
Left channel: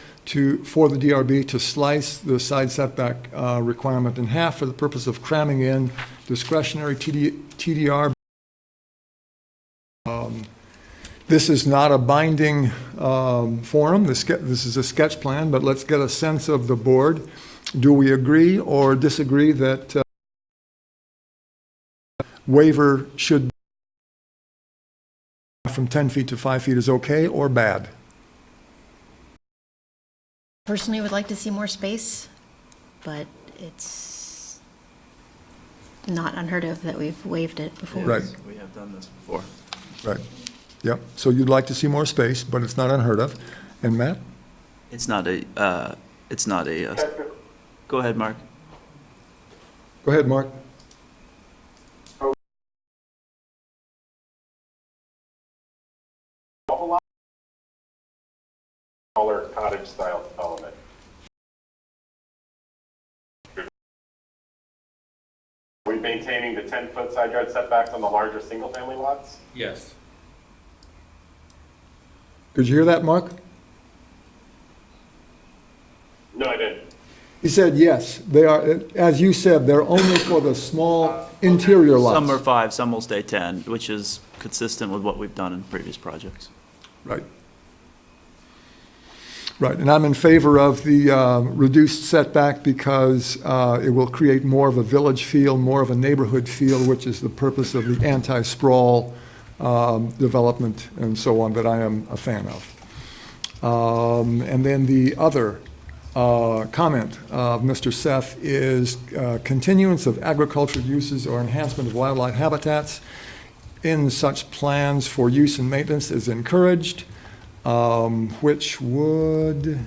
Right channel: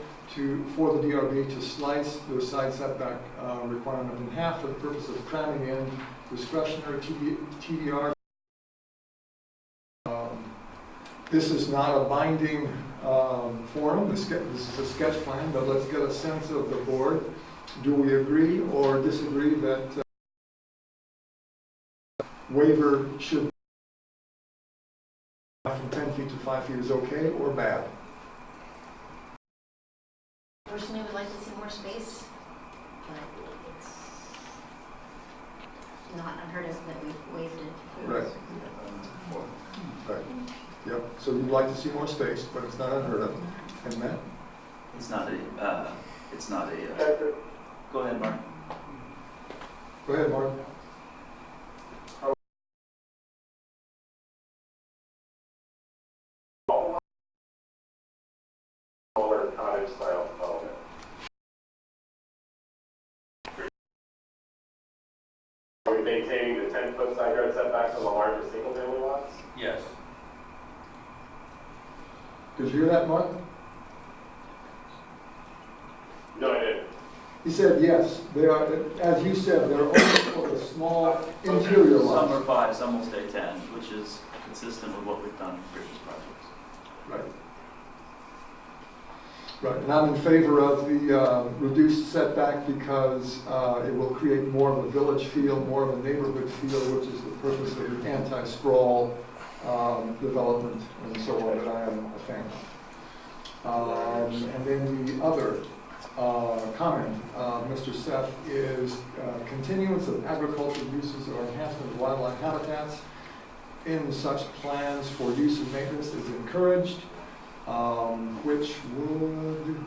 for the DRB to slice the side setback requirement in half for the purpose of cramming in discretionary TDR. This is not a binding forum. This is a sketch plan, but let's get a sense of the board. Do we agree or disagree that waiver should from 10 feet to 5 feet is okay or bad? Personally, would like to see more space, but it's not unheard of that we've waived it before. Right. We have done this before. Right. Yep. So you'd like to see more space, but it's not unheard of. And Matt? It's not a, go ahead, Mark. Go ahead, Mark. Smaller cottage style development. Are we maintaining the 10-foot side yard setbacks on the larger single family lots? Yes. Did you hear that, Mark? No, I didn't. He said yes. They are, as you said, they're only for the small interior lots. Some are 5, some will stay 10, which is consistent with what we've done in previous projects. Right. Right, and I'm in favor of the reduced setback because it will create more of a village feel, more of a neighborhood feel, which is the purpose of the anti-sprawl development and so on that I am a fan of. And then the other comment of Mr. Seth is continuance of agricultural uses or enhancement of wildlife habitats in such plans for use and maintenance is encouraged. Which would,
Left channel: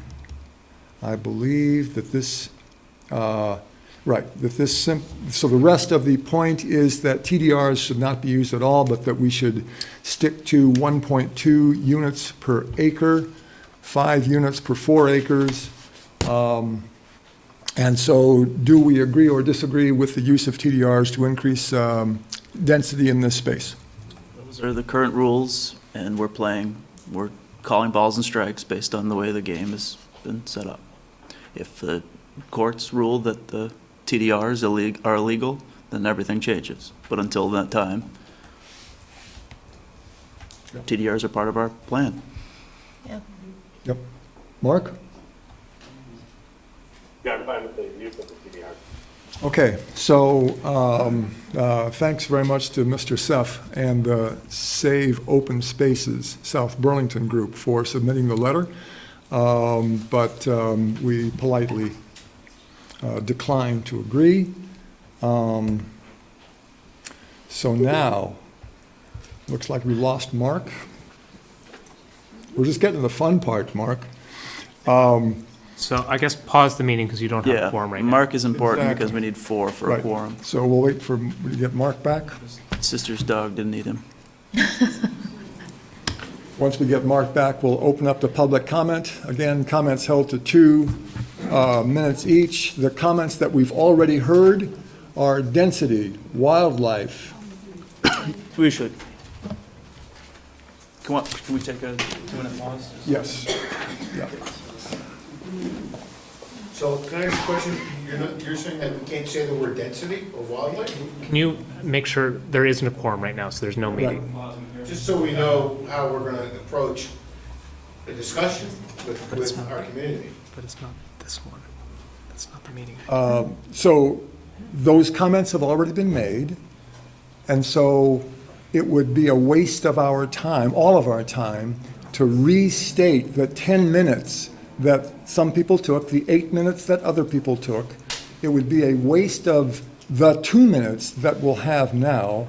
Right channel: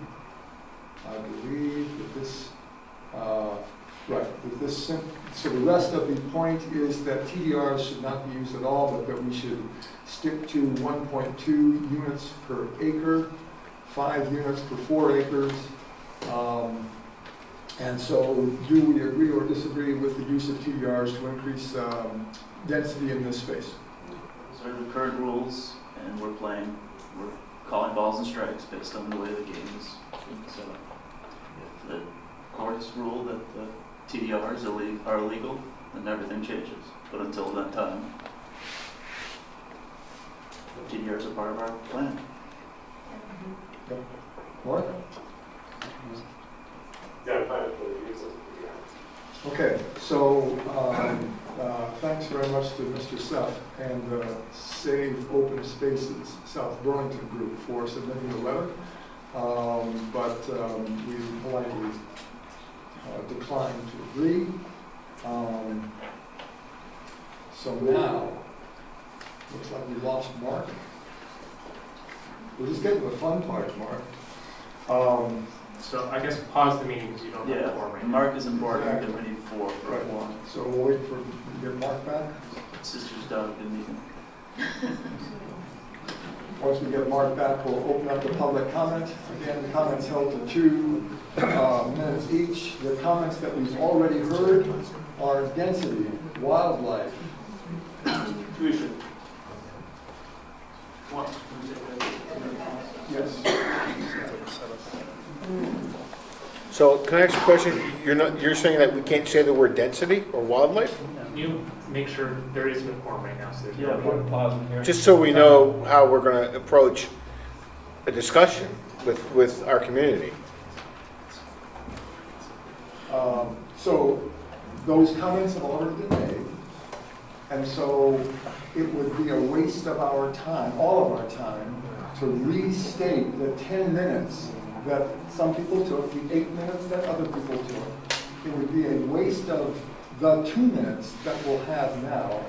I believe that this, so the rest of the point is that TDRs should not be used at all, but that we should stick to 1.2 units per acre, 5 units per 4 acres. And so do we agree or disagree with the use of TDRs to increase density in this space? Those are the current rules, and we're calling balls and strikes based on the way the game has been set up. If the courts rule that the TDRs are illegal, then everything changes. But until that time, TDRs are part of our plan. Yep. Mark? Yeah, I'm fine with the use of the TDR. Okay, so thanks very much to Mr. Seth and the Save Open Spaces South Burlington group for submitting the letter, but we politely declined to agree. So now, looks like we lost Mark. We're just getting to the fun part, Mark. So I guess pause the meeting because you don't have a quorum right now. Mark is important Exactly. because we need 4 for Right. a quorum. So we'll wait for, get Mark back. Sister's dog didn't need him. Once we get Mark back, we'll open up the public comment. Again, comments held to 2 minutes each. The comments that we've already heard are density, wildlife. We should. Come on, can we take a 2-minute pause? Yes. Yeah. So can I ask you a question? You're saying that we can't say the word density or wildlife? Can you make sure there isn't a quorum right now, so there's no meeting? Just so we know how we're gonna approach a discussion with our community. But it's not this one. It's not the meeting. So those comments have already been made, and so it would be a waste of our time, all of our time, to restate the 10 minutes that some people took, the 8 minutes that other people took. It would be a waste of the 2 minutes that we'll have now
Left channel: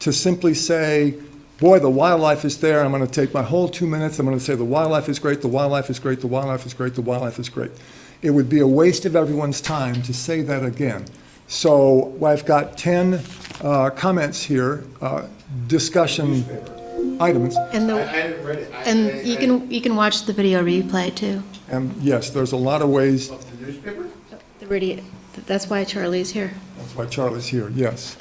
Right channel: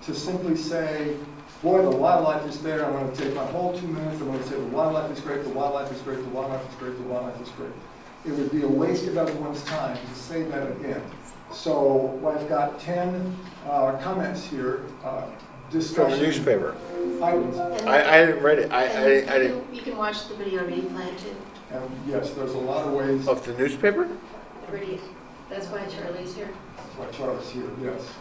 to simply say, boy, the wildlife is there. I'm going to take my whole 2 minutes. I'm going to say the wildlife is great, the wildlife is great, the wildlife is great, the wildlife is great. It would be a waste of everyone's time to say that again. So I've got 10 comments here, discussion Newspaper. items. And, I didn't read it. and you can watch the video replay too. And yes, there's a lot of ways. Of the newspaper? The video, that's why Charlie's here. That's why Charlie's here, yes.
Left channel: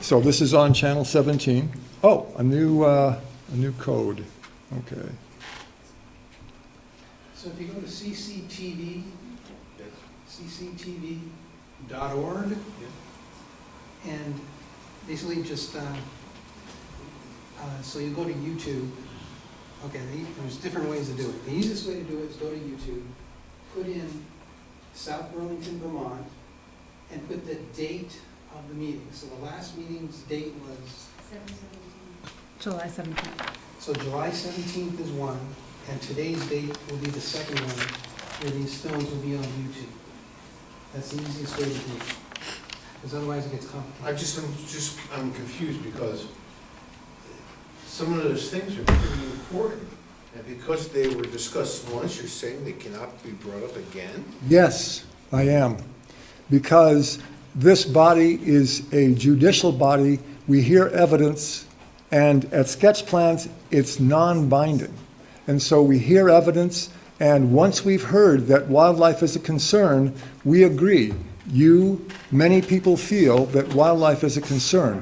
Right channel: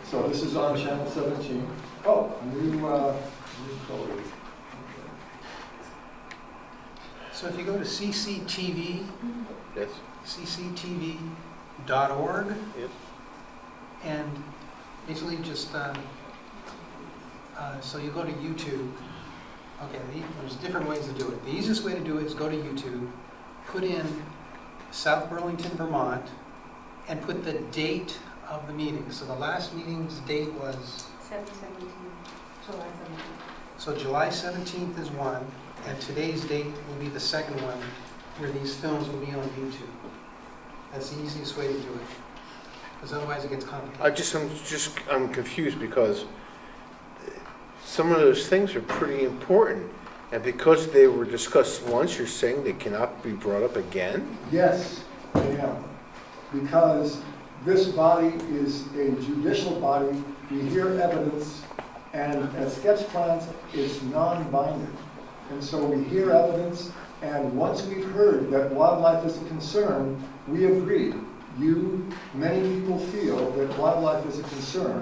So this is on channel 17. Oh, a new code. Okay. So if you go to CCTV, Yes. cctv.org, Yes. and basically just, so you go to YouTube, Okay, there's different ways to do it. The easiest way to do it is go to YouTube, put in South Burlington, Vermont, and put the date of the meeting. So the last meeting's date was, July 17th. so July 17th is one, and today's date will be the second one, where these films will be on YouTube. That's the easiest way to do it, because otherwise it gets complicated. I'm confused because some of those things are pretty important. And because they were discussed once, you're saying they cannot be brought up again? Yes, I am. Because this body is a judicial body, we hear evidence, and at sketch plans, it's non-binding. And so we hear evidence, and once we've heard that wildlife is a concern, we agree. Many people feel that wildlife is a concern.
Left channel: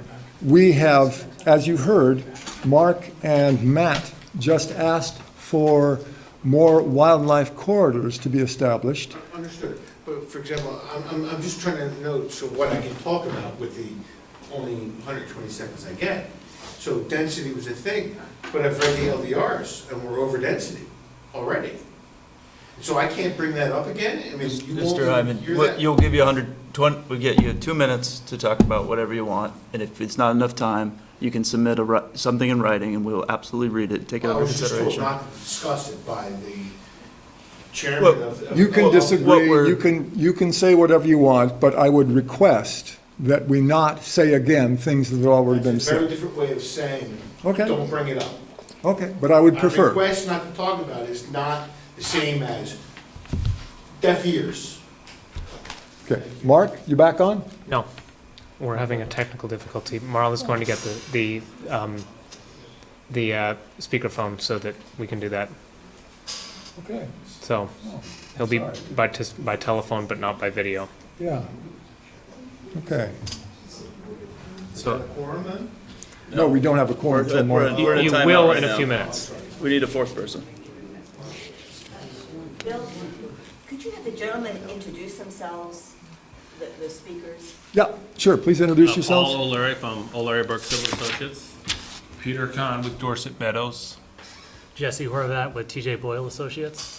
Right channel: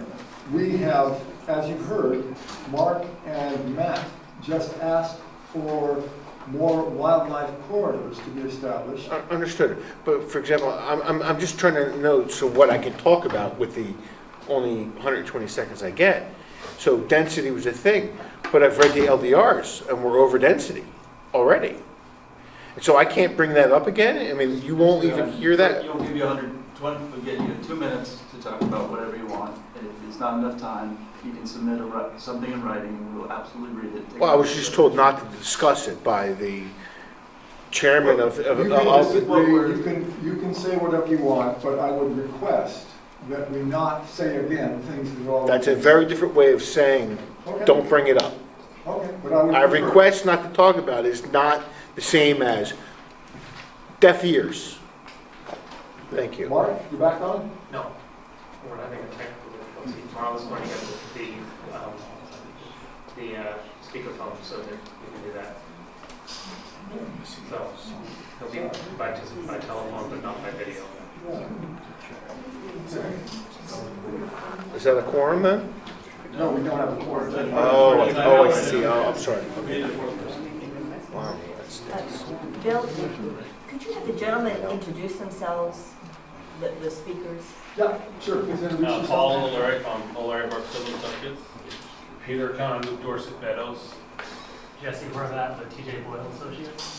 We have, as you heard, Mark and Matt just asked for more wildlife corridors to be established. Understood. But for example, I'm just trying to note so what I can talk about with the only 120 seconds I get. So density was a thing, but I've read the LDRs and we're over density already. And so I can't bring that up again? I mean, you won't even hear that? You'll give you 120, we'll get you 2 minutes to talk about whatever you want, and if it's not enough time, you can submit something in writing, and we'll absolutely read it, take it Well, I under was just told consideration. not to discuss it by the chairman of. You can disagree, we're- you can say whatever you want, but I would request that we not say again things that have already That's a been said. very different way of saying, Okay. don't bring it up. Okay, but I would Our prefer. request not to talk about is not the same as deaf ears. Okay. Thank you. Mark, you back on? No, we're having a technical difficulty. Marla's going to get the speakerphone so that we can do that. Okay. So he'll be by telephone, but not by video. Yeah. Okay. Is that a quorum then? No, we don't have a quorum. We're at- Mark. we're at You time will right in a now. few minutes. Sorry. We need a fourth person. Wow, that stinks. Bill, could you have the gentlemen introduce themselves, the speakers? Yeah, sure, please introduce yourselves. Paul O'Leary from O'Leary Burke Civil Associates. Peter Kahn with Dorset Meadows. Jesse Horvath with TJ Boyle Associates.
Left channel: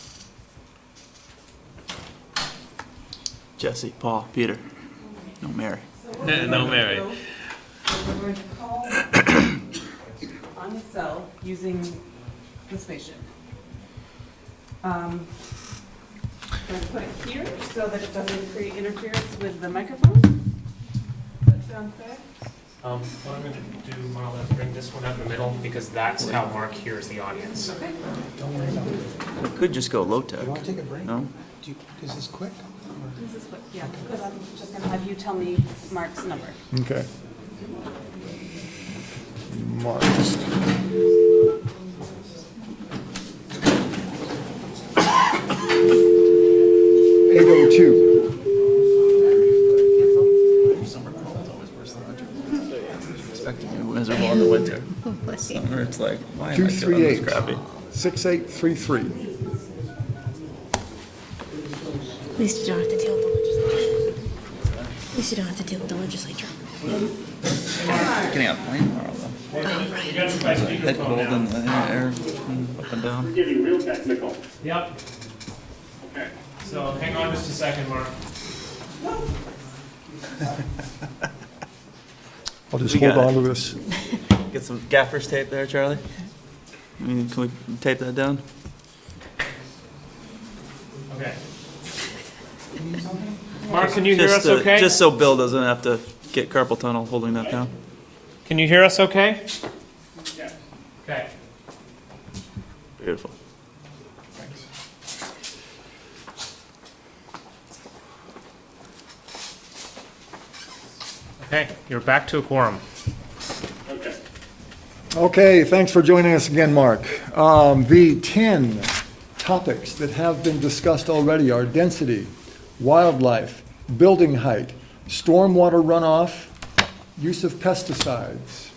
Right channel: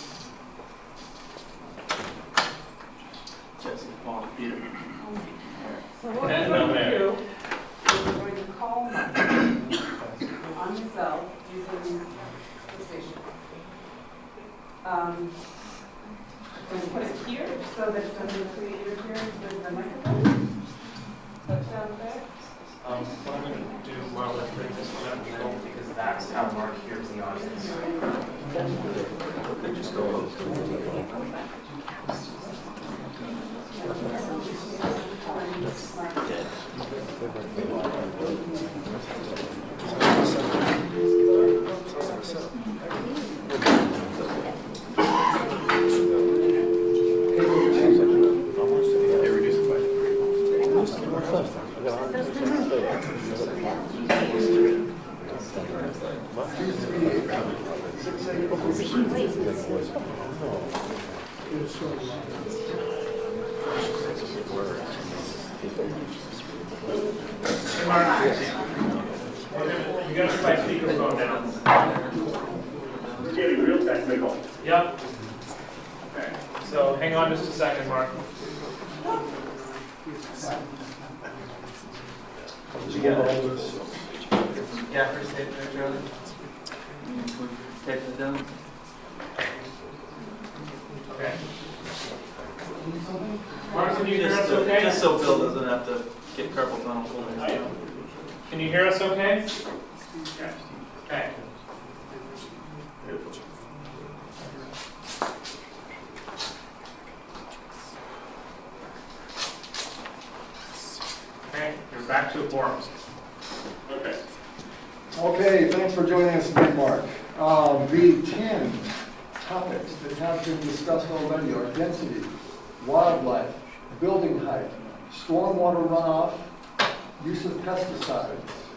Jesse, Paul, Peter, and Mary. So what No, we're no, going to Mary. do is we're going to call on the cell using the spaceship. Going to put it here so that it doesn't create interference with the microphone. That sound fair? What I'm going to do, Marla, is bring this one out in the middle because that's how Mark hears the audience. You could just go low tech, no? Is this quick? Yeah. Have you tell me Mark's number. Okay. Mark. 802. Miserable in the winter. Summer, it's like, why am I doing this 238 crappy? 6833. At least you don't have to deal with the legislature. At least you don't have to deal with the legislature. You got to try speakerphone now. Up and down. Giving real technical. Yep. Okay. So hang on just a second, Mark. I'll just We hold got on it. to this. Get some gaffer's tape there, Charlie. Can we tape that down? Okay. Mark, can you hear us okay? Just so Bill doesn't have to get carpal tunnel holding that down. Can you hear us okay? Okay. Beautiful. Okay, you're back to a quorum. Okay. Okay, thanks for joining us again, Mark. The 10 topics that have been discussed already are density, wildlife, building height, stormwater runoff, use of pesticides,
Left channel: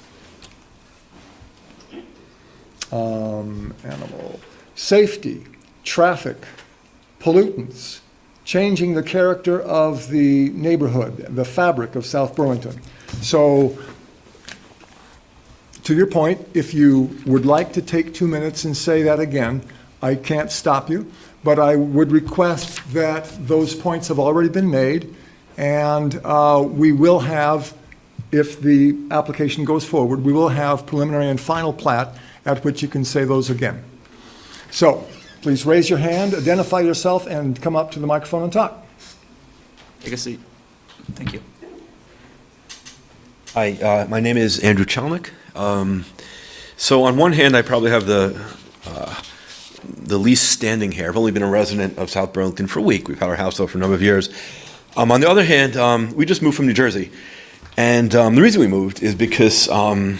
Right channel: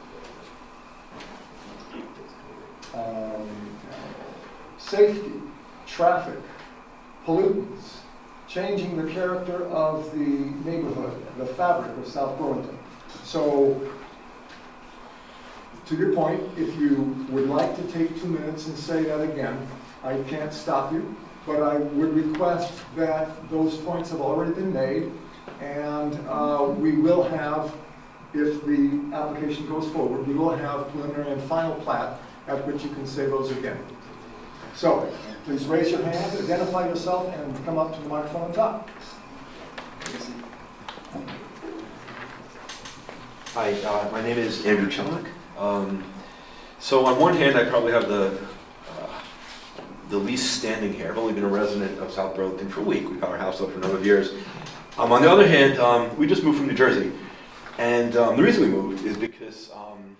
animal safety, traffic, pollutants, changing the character of the neighborhood, the fabric of South Burlington. So to your point, if you would like to take 2 minutes and say that again, I can't stop you, but I would request that those points have already been made, and we will have, if the application goes forward, we will have preliminary and final plat at which you can say those again. So, please raise your hand, identify yourself, and come up to the microphone on top. Take a seat. Thank you. Hi, my name is Andrew Chalnick. So on one hand, I probably have the least standing here. I've only been a resident of South Burlington for a week. We've had our house up for a number of years. On the other hand, we just moved from New Jersey. And the reason we moved is because the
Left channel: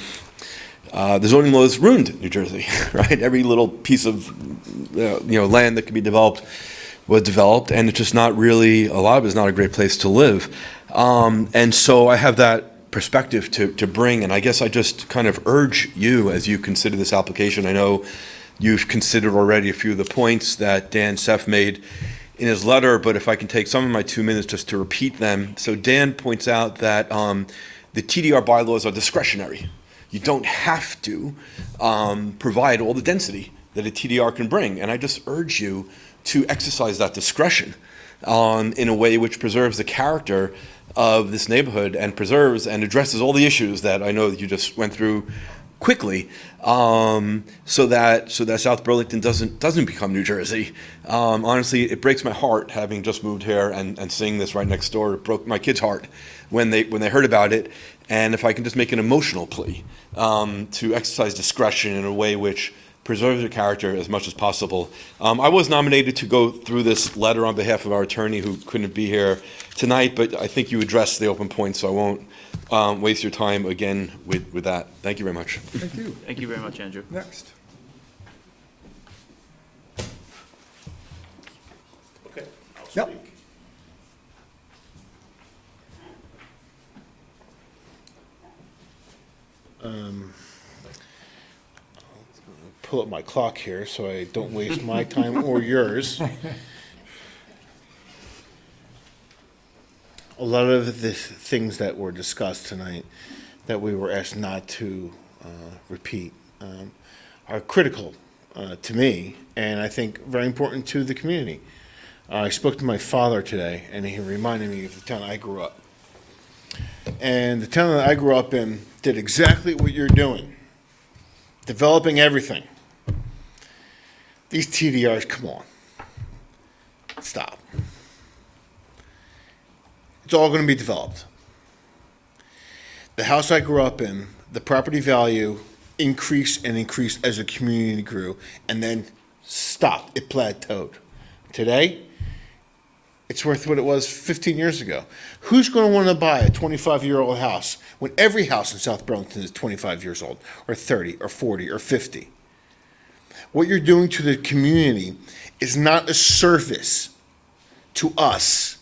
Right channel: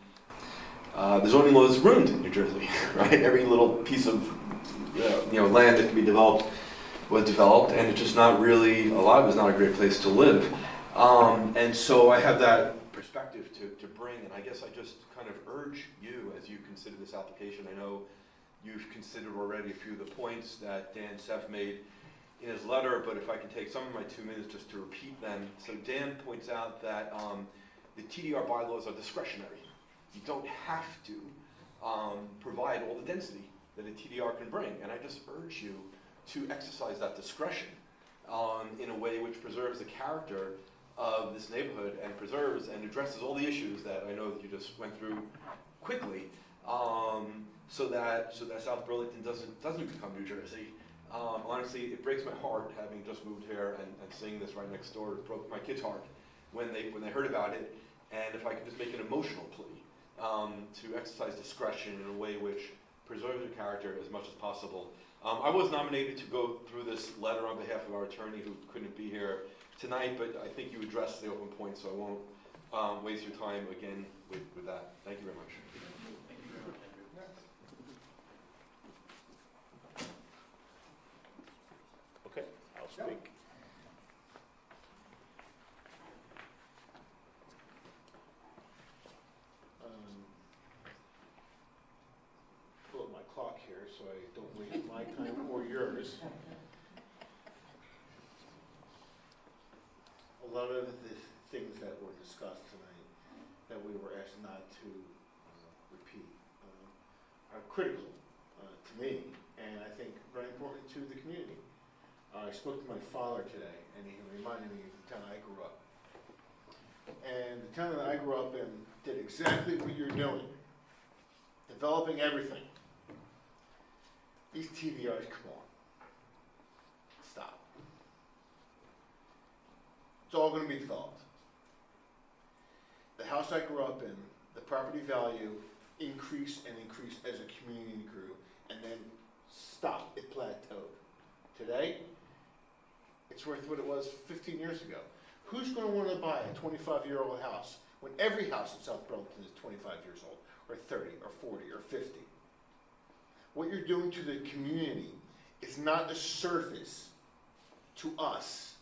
zoning laws ruined New Jersey, right? Every little piece of land that could be developed was developed, and it's just not really, a lot of it's not a great place to live. And so I have that perspective to bring, and I guess I just kind of urge you as you consider this application. I know you've considered already a few of the points that Dan Seff made in his letter, but if I can take some of my 2 minutes just to repeat them. So Dan points out that the TDR bylaws are discretionary. You don't have to provide all the density that a TDR can bring, and I just urge you to exercise that discretion in a way which preserves the character of this neighborhood and preserves and addresses all the issues that I know that you just went through quickly, so that South Burlington doesn't become New Jersey. Honestly, it breaks my heart having just moved here and seeing this right next door. It broke my kid's heart when they heard about it. And if I can just make an emotional plea to exercise discretion in a way which preserves your character as much as possible. I was nominated to go through this letter on behalf of our attorney who couldn't be here tonight, but I think you addressed the open points, so I won't waste your time again with that. Thank you very much. Thank you. Thank you very much, Andrew. Next. Okay. Yep. Pull up my clock here so I don't waste my time or yours. A lot of the things that were discussed tonight that we were asked not to repeat are critical to me, and I think very important to the community. I spoke to my father today, and he reminded me of the town I grew up. And the town that I grew up in did exactly what you're doing, developing everything. These TDRs, come on. Stop. It's all going to be developed. The house I grew up in, the property value increased and increased as the community grew, and then stopped. It plateaued. Today, it's worth what it was 15 years ago. Who's going to want to buy a 25-year-old house when every house in South Burlington is 25 years old, or 30, or 40, or 50? What you're doing to the community is not a service to us.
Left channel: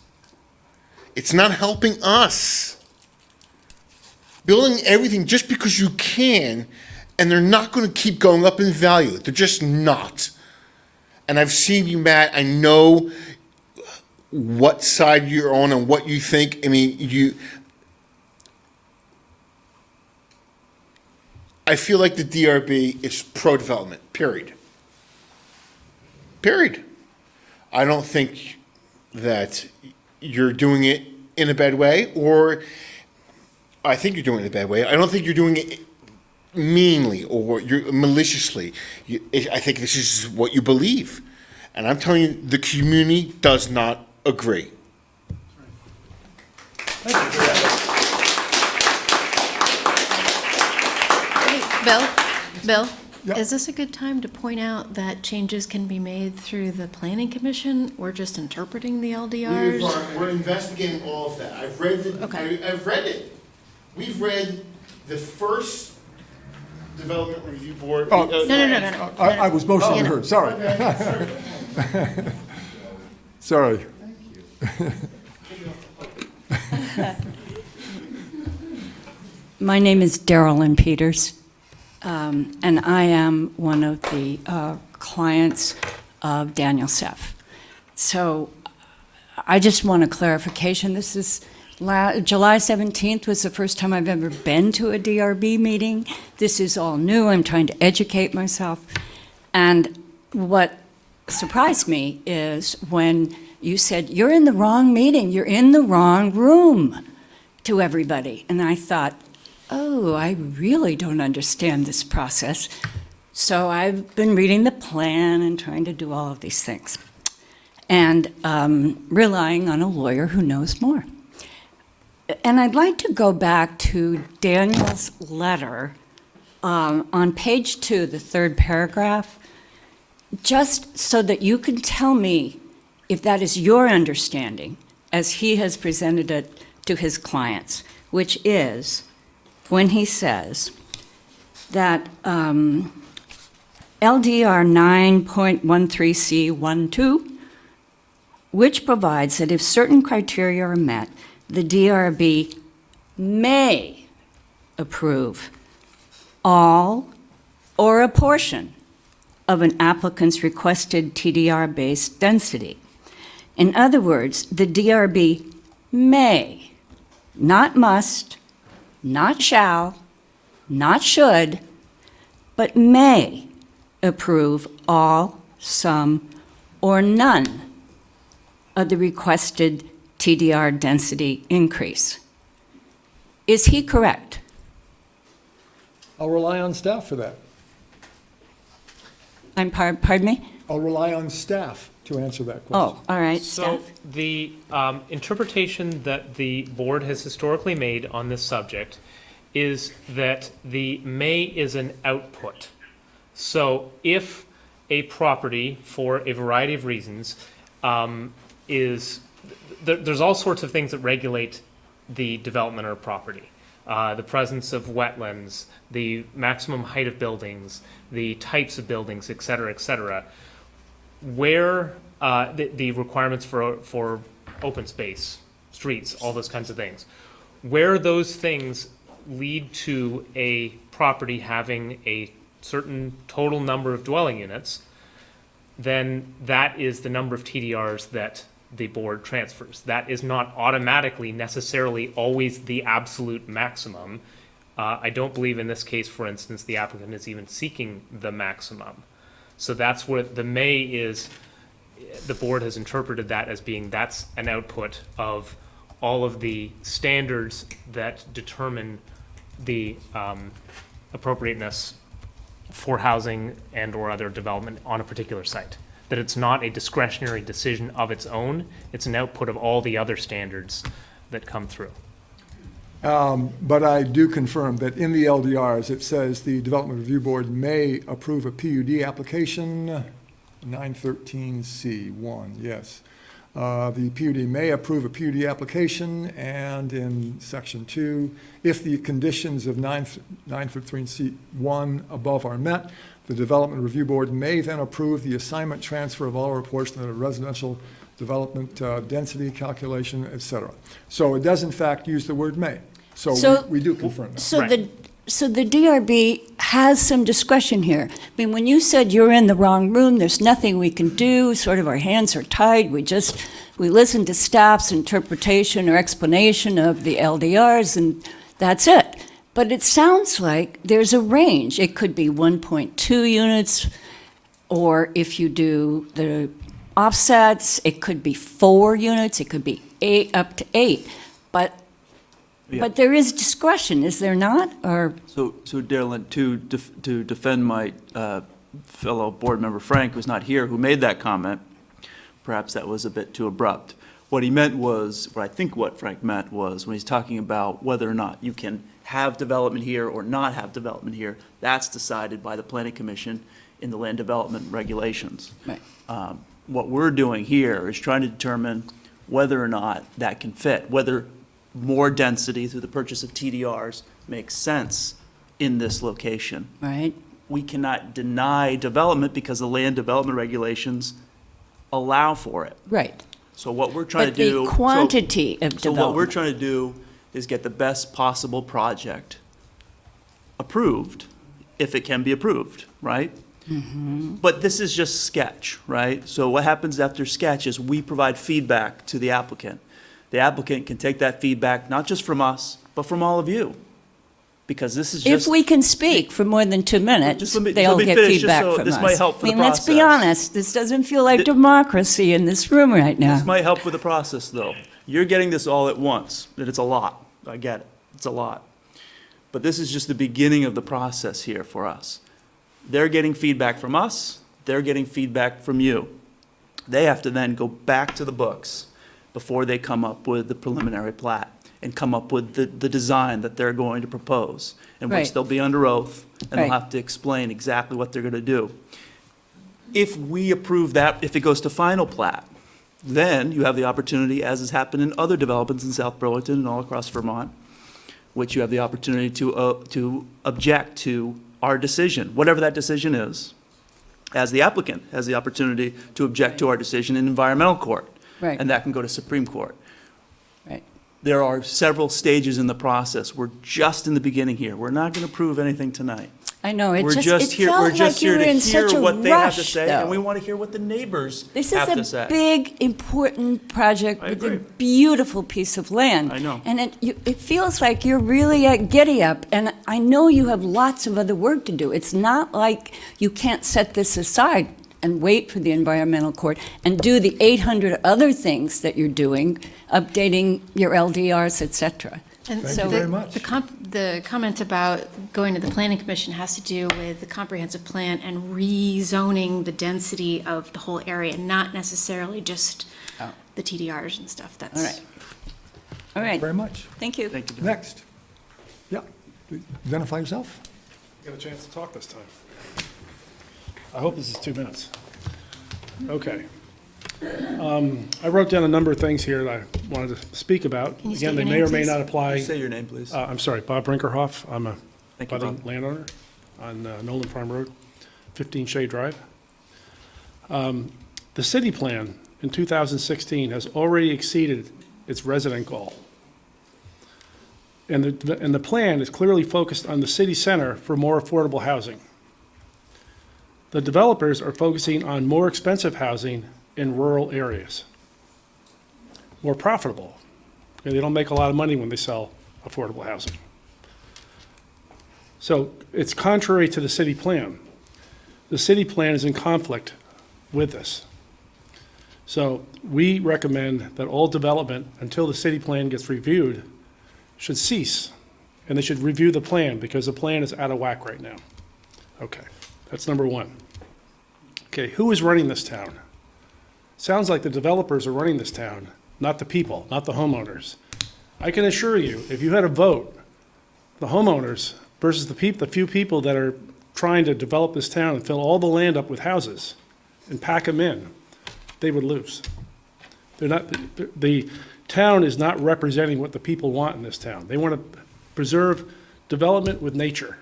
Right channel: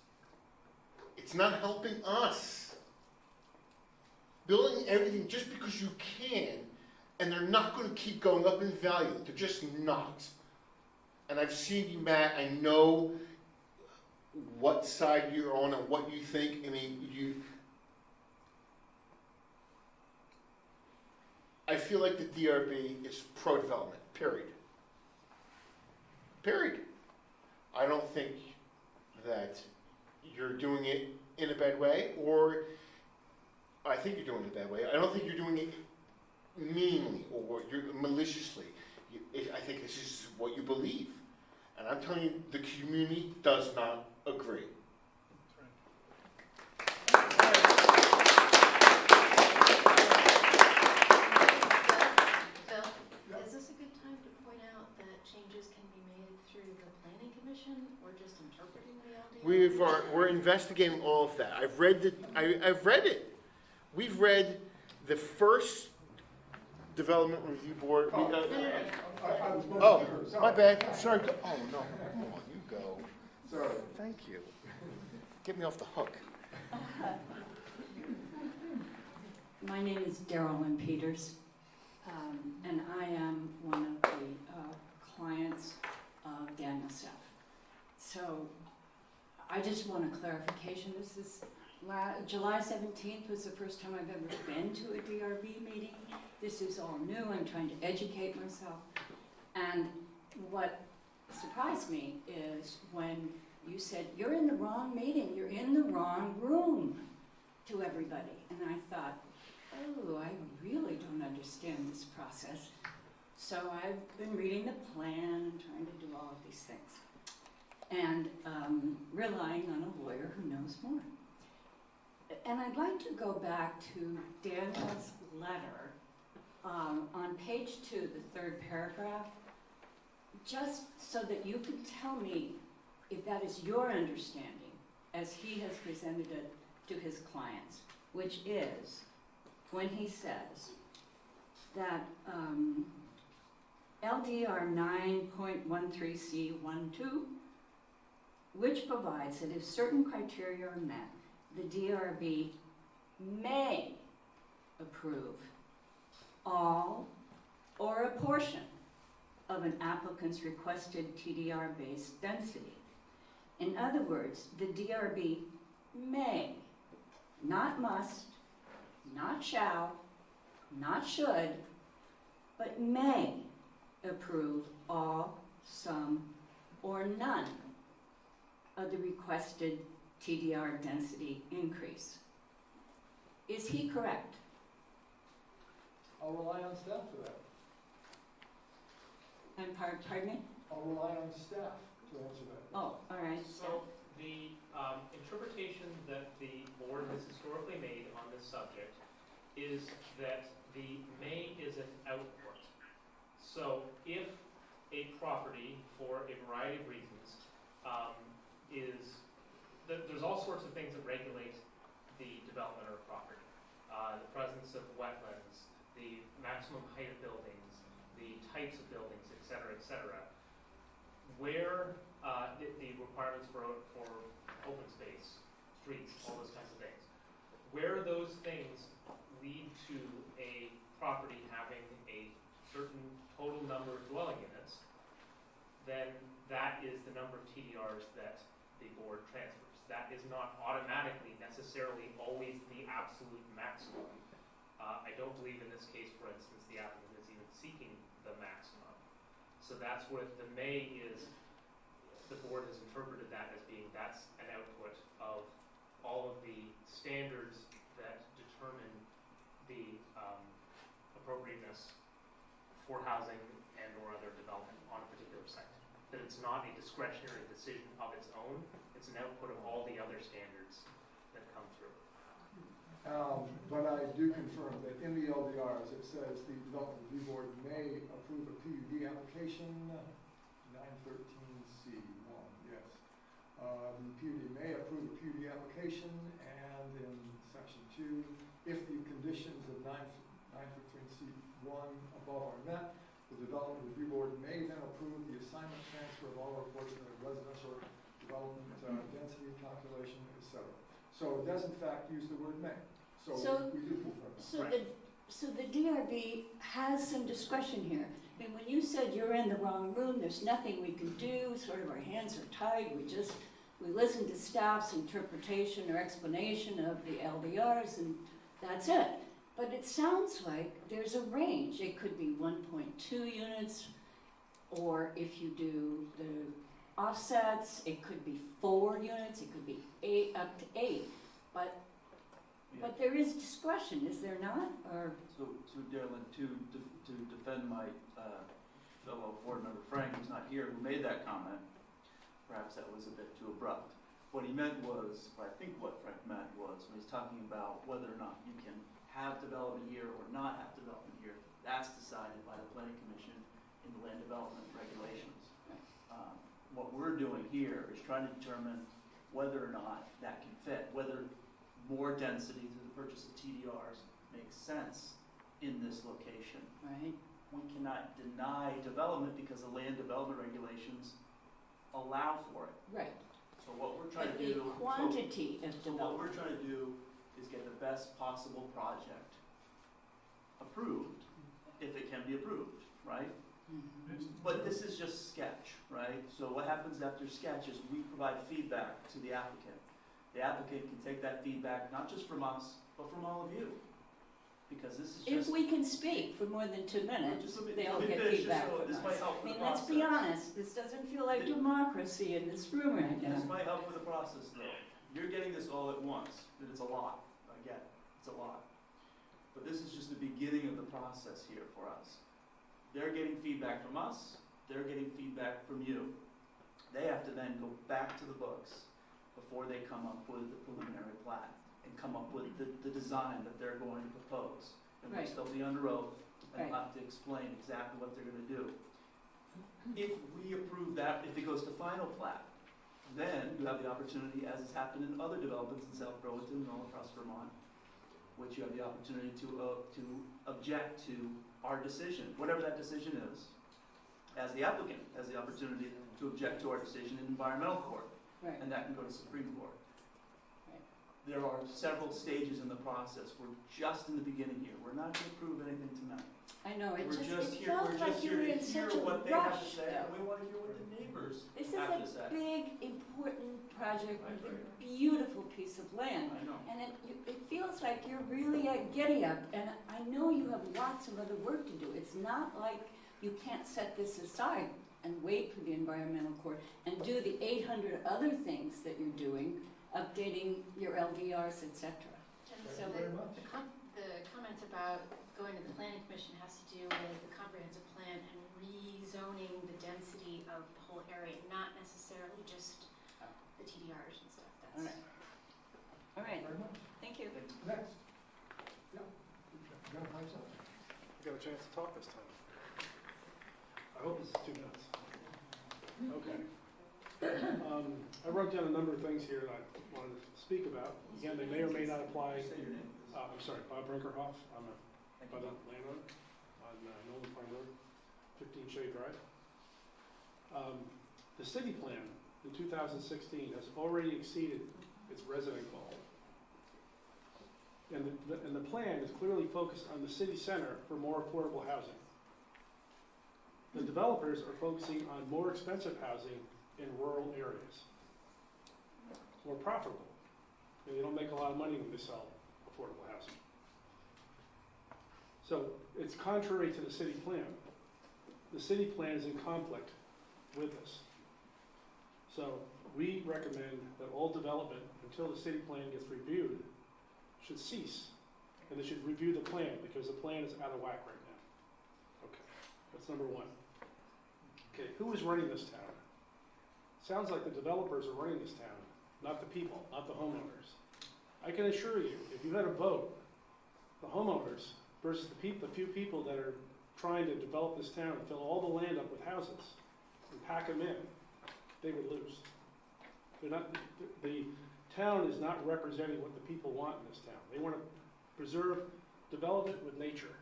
It's not helping us. Building everything just because you can, and they're not going to keep going up in value. They're just not. And I've seen you, Matt. I know what side you're on and what you think. I mean, I feel like the DRB is pro-development, period. Period. I don't think that you're doing it in a bad way, or I think you're doing it in a bad way. I don't think you're doing it meanly or you're maliciously. I think this is what you believe. And I'm telling you, the community does not agree. Bill, is this a good time to point out that changes can be made through the planning commission? We're just interpreting the LDRs? We're investigating all of that. I've read I've read it. We've read the first development review board. Oh, No. I was motioning her, sorry. My bad. Sorry. Sorry. Thank you. Get me off the hook. My name is Darylyn Peters, and I am one of the clients of Daniel Seff. So I just want a clarification. This is July 17th was the first time I've ever been to a DRB meeting. This is all new. I'm trying to educate myself. And what surprised me is when you said, you're in the wrong meeting, you're in the wrong room, to everybody. And I thought, oh, I really don't understand this process. So I've been reading the plan and trying to do all of these things, and relying on a lawyer who knows more. And I'd like to go back to Daniel's letter on page 2, the third paragraph, just so that you can tell me if that is your understanding as he has presented it to his clients, which is when he says that LDR 9.13C12, which provides that if certain criteria are met, the DRB may approve all or a portion of an applicant's requested TDR-based density. In other words, the DRB may, not must, not shall, not should, but may approve all, some, or none of the requested TDR density increase. Is he correct? I'll rely on staff for that. Pardon me? I'll rely on staff to answer that question. Oh, all right, So staff. the interpretation that the board has historically made on this subject is that the may is an output. So if a property, for a variety of reasons, there's all sorts of things that regulate the development of a property. The presence of wetlands, the maximum height of buildings, the types of buildings, et cetera, where the requirements for open space, streets, all those kinds of things, where those things lead to a property having a certain total number of dwelling units, then that is the number of TDRs that the board transfers. That is not automatically necessarily always the absolute maximum. I don't believe in this case, for instance, the applicant is even seeking the maximum. So that's where the may is, the board has interpreted that as being, that's an output of all of the standards that determine the appropriateness for housing and or other development on a particular site. That it's not a discretionary decision of its own, it's an output of all the other standards that come through. But I do confirm that in the LDRs, it says the Development Review Board may approve a PUD application, 913C1, yes. The PUD may approve a PUD application, and in section 2, if the conditions of 913C1 above are met, the Development Review Board may then approve the assignment, transfer of all or portion of the residential development density calculation, et cetera. So it does in fact use the word may. So we do confirm that. So the DRB has some discretion here. I mean, when you said you're in the wrong room, there's nothing we can do, sort of our hands are tied, we listen to staff's interpretation or explanation of the LDRs and that's it. But it sounds like there's a range. It could be 1.2 units, or if you do the offsets, it could be 4 units, it could be 8, up to 8. But there is discretion, is there not? Or So Darylyn, to defend my fellow board member Frank, who's not here, who made that comment, perhaps that was a bit too abrupt. What he meant was, what I think what Frank meant was, when he's talking about whether or not you can have development here or not have development here, that's decided by the Planning Commission in the land development regulations. Right. What we're doing here is trying to determine whether or not that can fit, whether more density through the purchase of TDRs makes sense in this location. Right. We cannot deny development because the land development regulations allow for it. Right. So what we're trying But to do. the quantity of So what we're development. trying to do is get the best possible project approved, if it can be approved, right? Mm-hmm. But this is just sketch, right? So what happens after sketch is we provide feedback to the applicant. the applicant can take that feedback, not just from us, but from all of you. Because this is If just, we can speak for more than 2 minutes, Just let me they'll get finish, just feedback so from this us. might help for I the mean, let's be process. honest, this doesn't feel like democracy in this room right now. this might help with the process, though. You're getting this all at once, and it's a lot. I get it. It's a lot. But this is just the beginning of the process here for us. They're getting feedback from us. They're getting feedback from you. They have to then go back to the books before they come up with the preliminary plat and come up with the design that they're going to propose, in which Right. they'll be under oath, and they'll Right. have to explain exactly what they're gonna do. If we approve that, if it goes to final plat, then you have the opportunity, as has happened in other developments in South Burlington and all across Vermont, which you have the opportunity to object to our decision, whatever that decision is, as the applicant has the opportunity to object to our decision in environmental court. Right. And that can go to Supreme Court. Right. There are several stages in the process. We're just in the beginning here. We're not going to prove anything tonight. I know, it We're just, just it here, we're felt just like you here were to in hear such a what they have to rush, say, and we though. want to hear what the neighbors This have to is say. a big, important project I with a agree. beautiful piece of land. I know. And it feels like you're really at giddy up, and I know you have lots of other work to do. It's not like you can't set this aside and wait for the environmental court and do the 800 other things that you're doing, updating your LDRs, et cetera. And Thank so you very much. the comment about going to the planning commission has to do with the comprehensive plan and rezoning the density of the whole area, not necessarily just the TDRs and stuff. That's All right. All right, Very much. thank you. Thank you. Next. Yeah, identify yourself. Got a chance to talk this time. I hope this is 2 minutes. Okay. I wrote down a number of things here that I wanted to speak about. Can you state Again, they your may name, or may please? not apply. Say your name, please. I'm sorry, Bob Brinkerhoff. I'm a Thank you, budding Bob. landowner on Nolan Farm Road, 15 Shea Drive. The city plan in 2016 has already exceeded its resident goal. And the plan is clearly focused on the city center for more affordable housing. The developers are focusing on more expensive housing in rural areas. More profitable, because they don't make a lot of money when they sell affordable housing. So it's contrary to the city plan. The city plan is in conflict with this. So we recommend that all development, until the city plan gets reviewed, should cease. And they should review the plan, because the plan is out of whack right now. Okay, that's number one. Okay, who is running this town? Sounds like the developers are running this town, not the people, not the homeowners. I can assure you, if you had a vote, the homeowners versus the few people that are trying to develop this town and fill all the land up with houses and pack them in, they would lose. They're not, the town is not representing what the people want in this town. They want to preserve development with nature.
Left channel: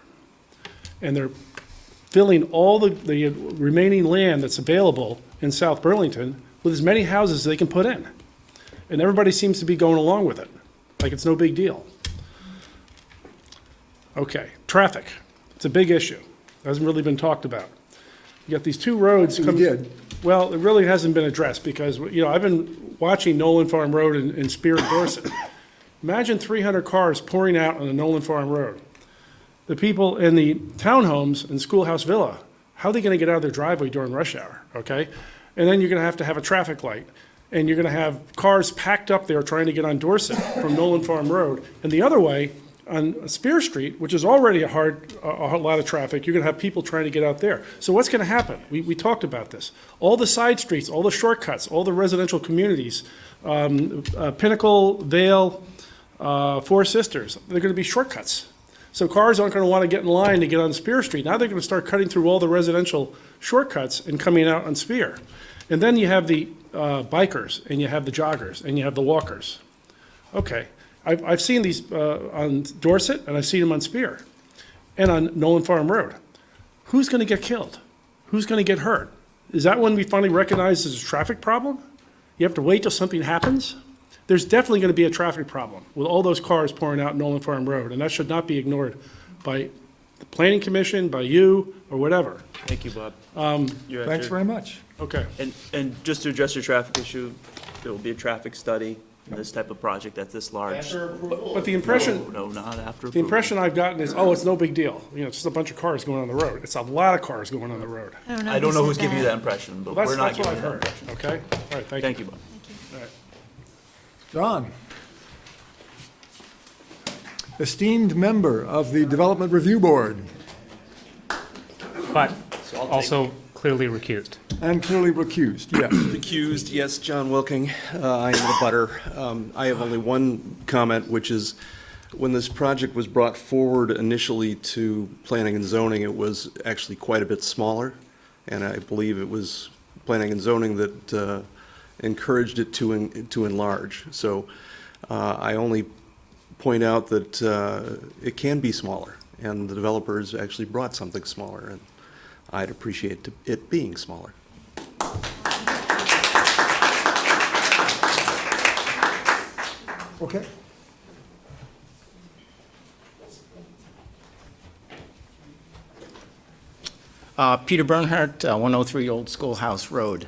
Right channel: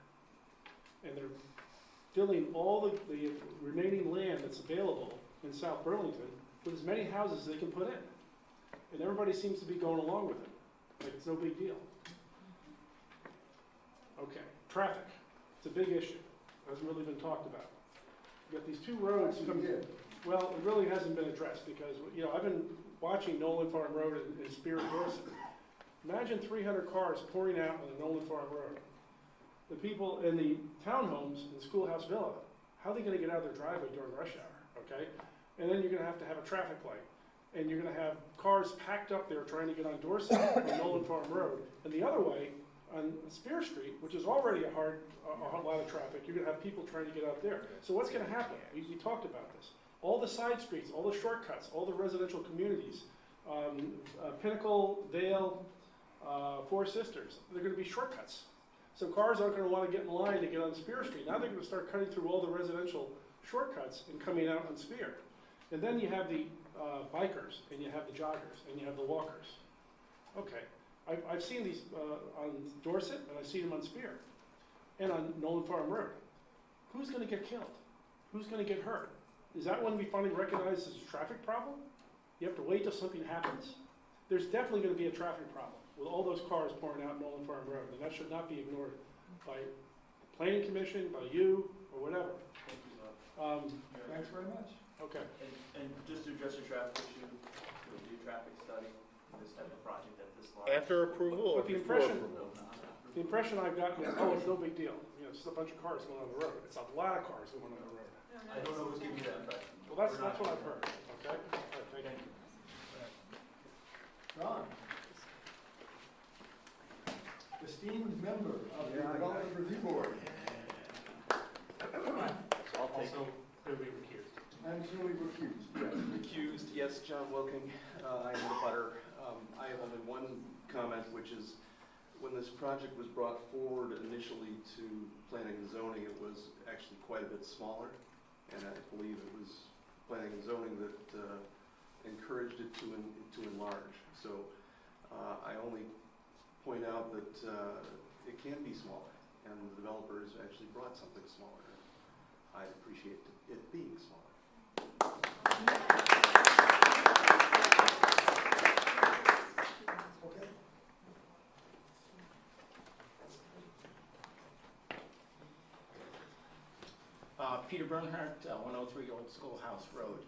And they're filling all the remaining land that's available in South Burlington with as many houses as they can put in. And everybody seems to be going along with it, like it's no big deal. Okay, traffic. It's a big issue. Hasn't really been talked about. You got these two roads We coming. did. Well, it really hasn't been addressed because, you know, I've been watching Nolan Farm Road in Spear and Dorset. Imagine 300 cars pouring out on the Nolan Farm Road. The people in the townhomes in Schoolhouse Villa, how are they going to get out of their driveway during rush hour, okay? And then you're going to have a traffic light. And you're going to have cars packed up there trying to get on Dorset from Nolan Farm Road. And the other way, on Spear Street, which is already a lot of traffic, you're going to have people trying to get out there. So what's going to happen? We talked about this. All the side streets, all the shortcuts, all the residential communities, Pinnacle, Vale, Four Sisters, they're going to be shortcuts. So cars aren't going to want to get in line to get on Spear Street. Now they're going to start cutting through all the residential shortcuts and coming out on Spear. And then you have the bikers, and you have the joggers, and you have the walkers. Okay. I've seen these on Dorset, and I've seen them on Spear, and on Nolan Farm Road. Who's going to get killed? Who's going to get hurt? Is that when we finally recognize there's a traffic problem? You have to wait till something happens? There's definitely going to be a traffic problem with all those cars pouring out Nolan Farm Road, and that should not be ignored by the Planning Commission, by you, or whatever. Thank you, Bob. Thanks very much. Okay. And just to address your traffic issue, there will be a traffic study in this type of project that's this large. After approval. But the impression, No, not after approval. the impression I've gotten is, oh, it's no big deal. You know, it's just a bunch of cars going on the road. It's a lot of cars going on the road. I don't know who's giving you that impression, but we're not That's what giving I've that heard, impression. okay? All right, thank you. Thank you, Bob. John. Esteemed member of the Development Review Board But also clearly recused. and clearly recused, yes. Recused, yes, John Wilking. I am the butter. I have only one comment, which is when this project was brought forward initially to planning and zoning, it was actually quite a bit smaller. And I believe it was planning and zoning that encouraged it to enlarge. So I only point out that it can be smaller, and the developers actually brought something smaller, and I'd appreciate it being smaller. Okay. Peter Bernhardt, 103 Old Schoolhouse Road.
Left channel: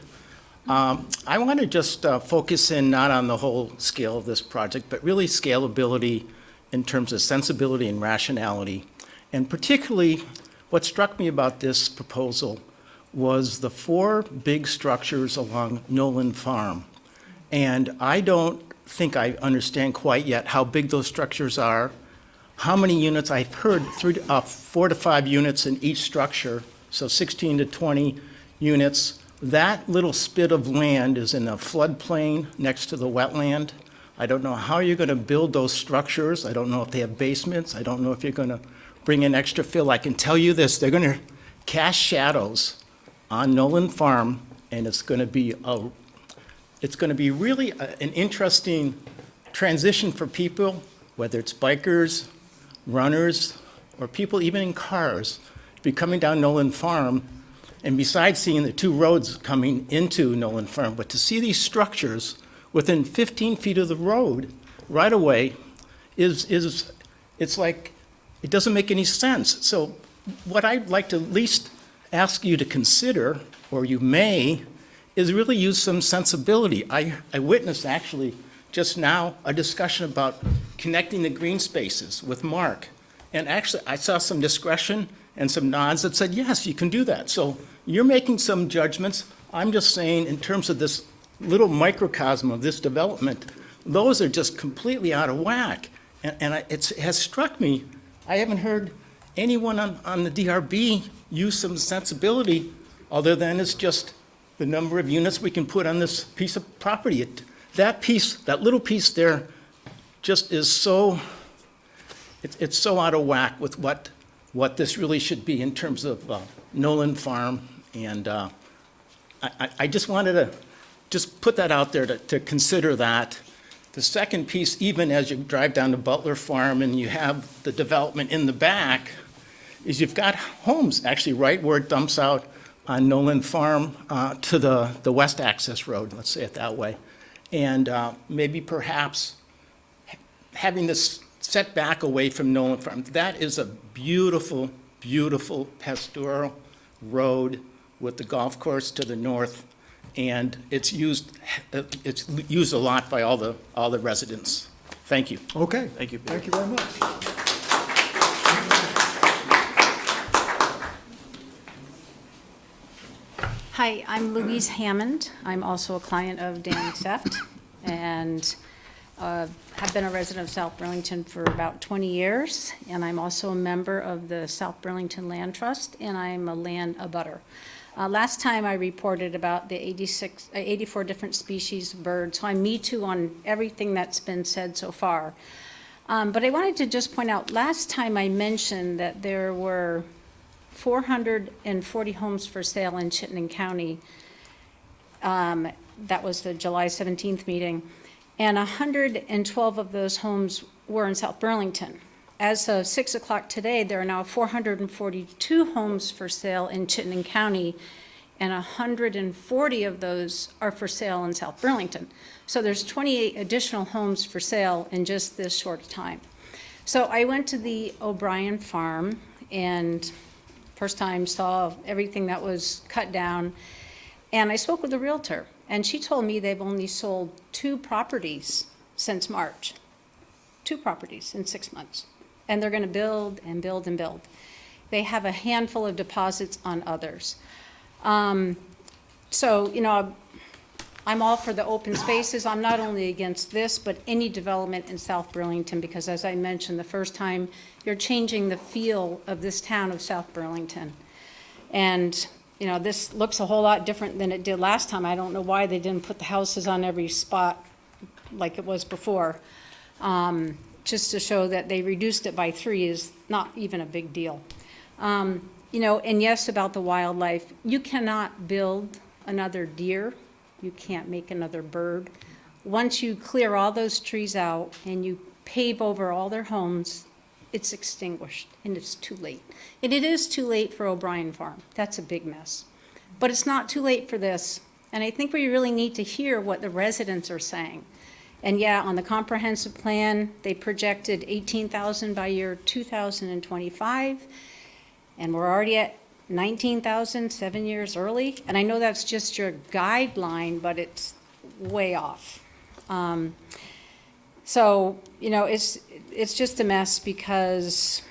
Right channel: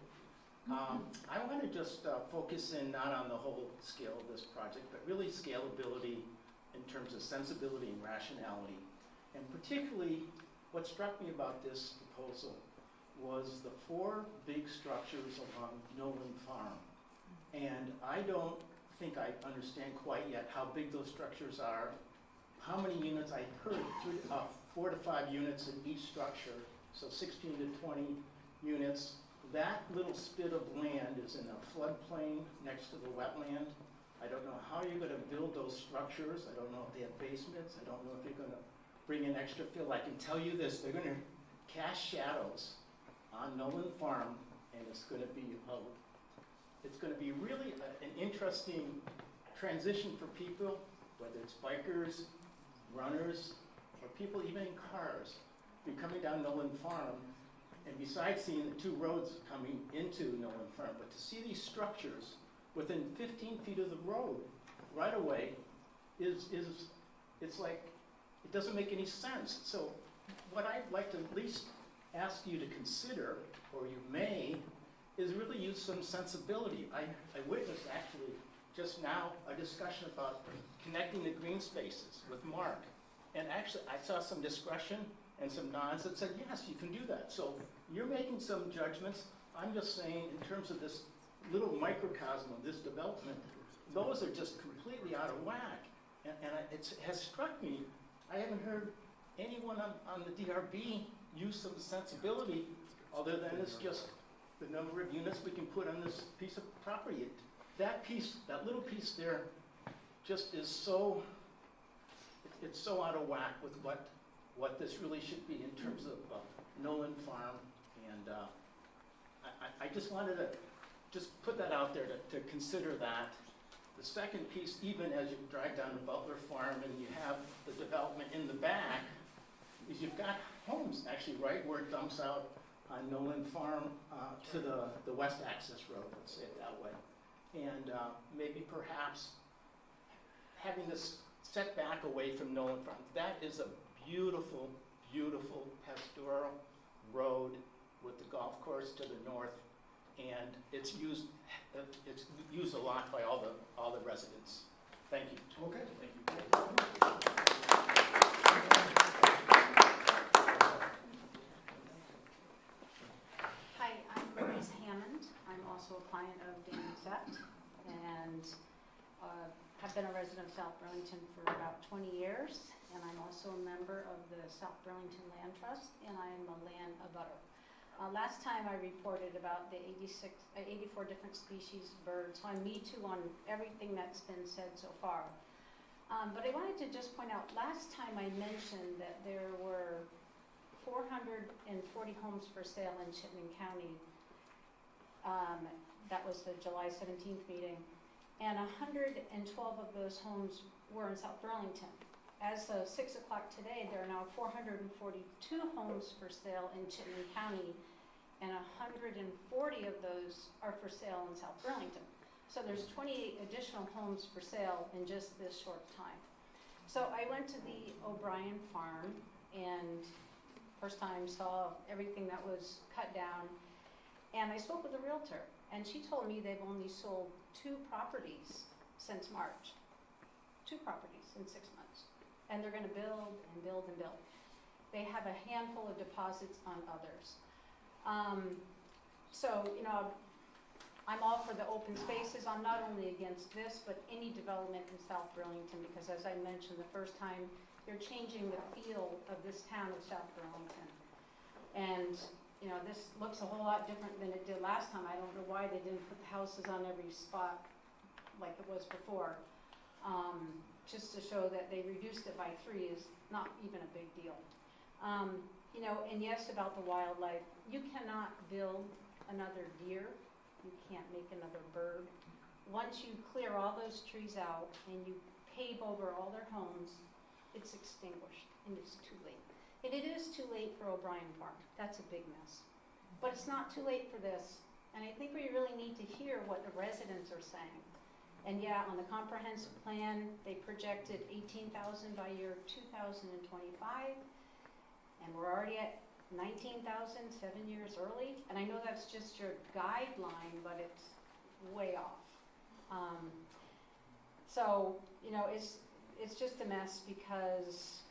I want to just focus in not on the whole scale of this project, but really scalability in terms of sensibility and rationality. And particularly, what struck me about this proposal was the 4 big structures along Nolan Farm. And I don't think I understand quite yet how big those structures are, how many units. I've heard 4 to 5 units in each structure, so 16 to 20 units. That little spit of land is in a floodplain next to the wetland. I don't know how you're going to build those structures. I don't know if they have basements. I don't know if you're going to bring in extra fill. I can tell you this, they're going to cast shadows on Nolan Farm, and it's going to be really an interesting transition for people, whether it's bikers, runners, or people even in cars, to be coming down Nolan Farm. And besides seeing the 2 roads coming into Nolan Farm, but to see these structures within 15 feet of the road right away it's like, it doesn't make any sense. So what I'd like to at least ask you to consider, or you may, is really use some sensibility. I witnessed actually just now a discussion about connecting the green spaces with Mark. And actually I saw some discretion and some nods that said, yes, you can do that. So you're making some judgments. I'm just saying, in terms of this little microcosm of this development, those are just completely out of whack. And it has struck me, I haven't heard anyone on the DRB use some sensibility other than it's just the number of units we can put on this piece of property. That little piece there just is so, it's so out of whack with what this really should be in terms of Nolan Farm. And I just wanted to just put that out there to consider that. The second piece, even as you drive down to Butler Farm and you have the development in the back, is you've got homes actually right where it dumps out on Nolan Farm to the west access road, let's say it that way. And maybe perhaps having this set back away from Nolan Farm. That is a beautiful, beautiful pastoral road with the golf course to the north, and it's used a lot by all the residents. Thank you. Okay. Thank you. Thank you very much. Hi, I'm Louise Hammond. I'm also a client of Dan Seft, and have been a resident of South Burlington for about 20 years, and I'm also a member of the South Burlington Land Trust, and I'm a land abutter. Last time I reported about the 84 different species of birds, so I'm me too on everything that's been said so far. But I wanted to just point out, last time I mentioned that there were 440 homes for sale in Chittenden County. That was the July 17th meeting. And 112 of those homes were in South Burlington. As of 6 o'clock today, there are now 442 homes for sale in Chittenden County, and 140 of those are for sale in South Burlington. So there's 28 additional homes for sale in just this short time. So I went to the O'Brien farm and first time saw everything that was cut down, and I spoke with the realtor, and she told me they've only sold 2 properties since March. 2 properties in 6 months. And they're going to build and build and build. They have a handful of deposits on others. So, you know, I'm all for the open spaces. I'm not only against this, but any development in South Burlington, because as I mentioned, the first time you're changing the feel of this town of South Burlington. And, you know, this looks a whole lot different than it did last time. I don't know why they didn't put the houses on every spot like it was before. Just to show that they reduced it by 3 is not even a big deal. You know, and yes, about the wildlife, you cannot build another deer. You can't make another bird. Once you clear all those trees out and you pave over all their homes, it's extinguished and it's too late. And it is too late for O'Brien Farm. That's a big mess. But it's not too late for this. And I think we really need to hear what the residents are saying. And yeah, on the comprehensive plan, they projected 18,000 by year 2025. And we're already at 19,000 7 years early. And I know that's just your guideline, but it's way off. So, you know, it's just a mess because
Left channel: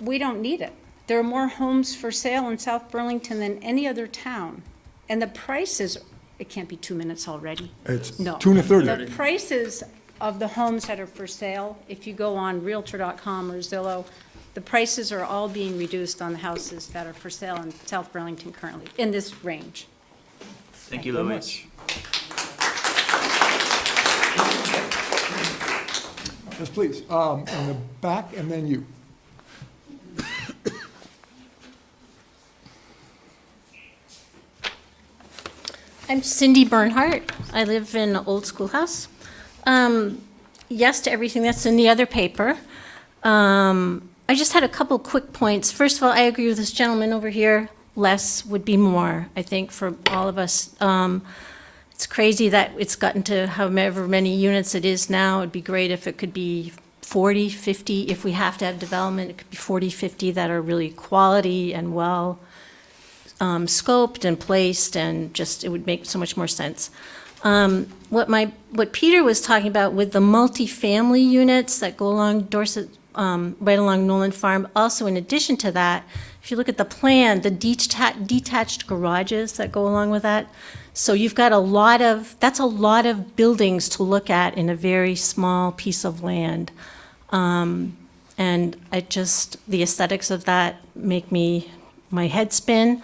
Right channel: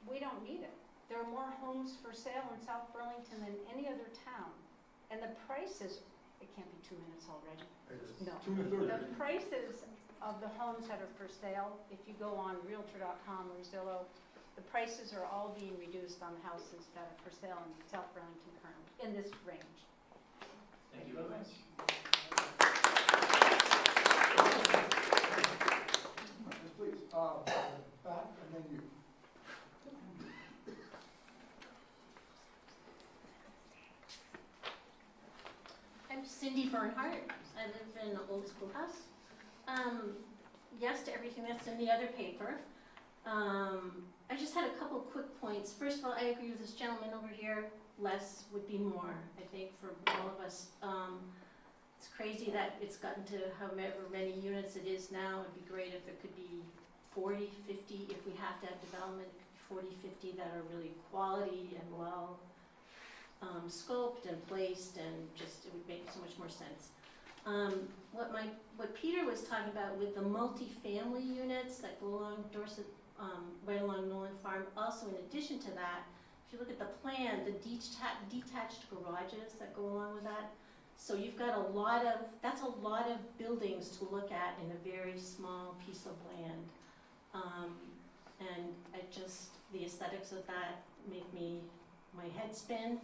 we don't need it. There are more homes for sale in South Burlington than any other town. And the prices, it can't be 2 minutes already. It's No. 2:30. The prices of the homes that are for sale, if you go on Realtor.com or Zillow, the prices are all being reduced on the houses that are for sale in South Burlington currently, in this range. Thank you, Louise. Yes, please. In the back, and then you. I'm Cindy Bernhardt. I live in an old schoolhouse. Yes to everything that's in the other paper. I just had a couple quick points. First of all, I agree with this gentleman over here. Less would be more, I think, for all of us. It's crazy that it's gotten to however many units it is now. It'd be great if it could be 40, 50. If we have to have development, it could be 40, 50 that are really quality and well scoped and placed, and just it would make so much more sense. What Peter was talking about with the multifamily units that go along Dorset, right along Nolan Farm. Also, in addition to that, if you look at the plan, the detached garages that go along with that. So you've got that's a lot of buildings to look at in a very small piece of land. And the aesthetics of that make my head spin.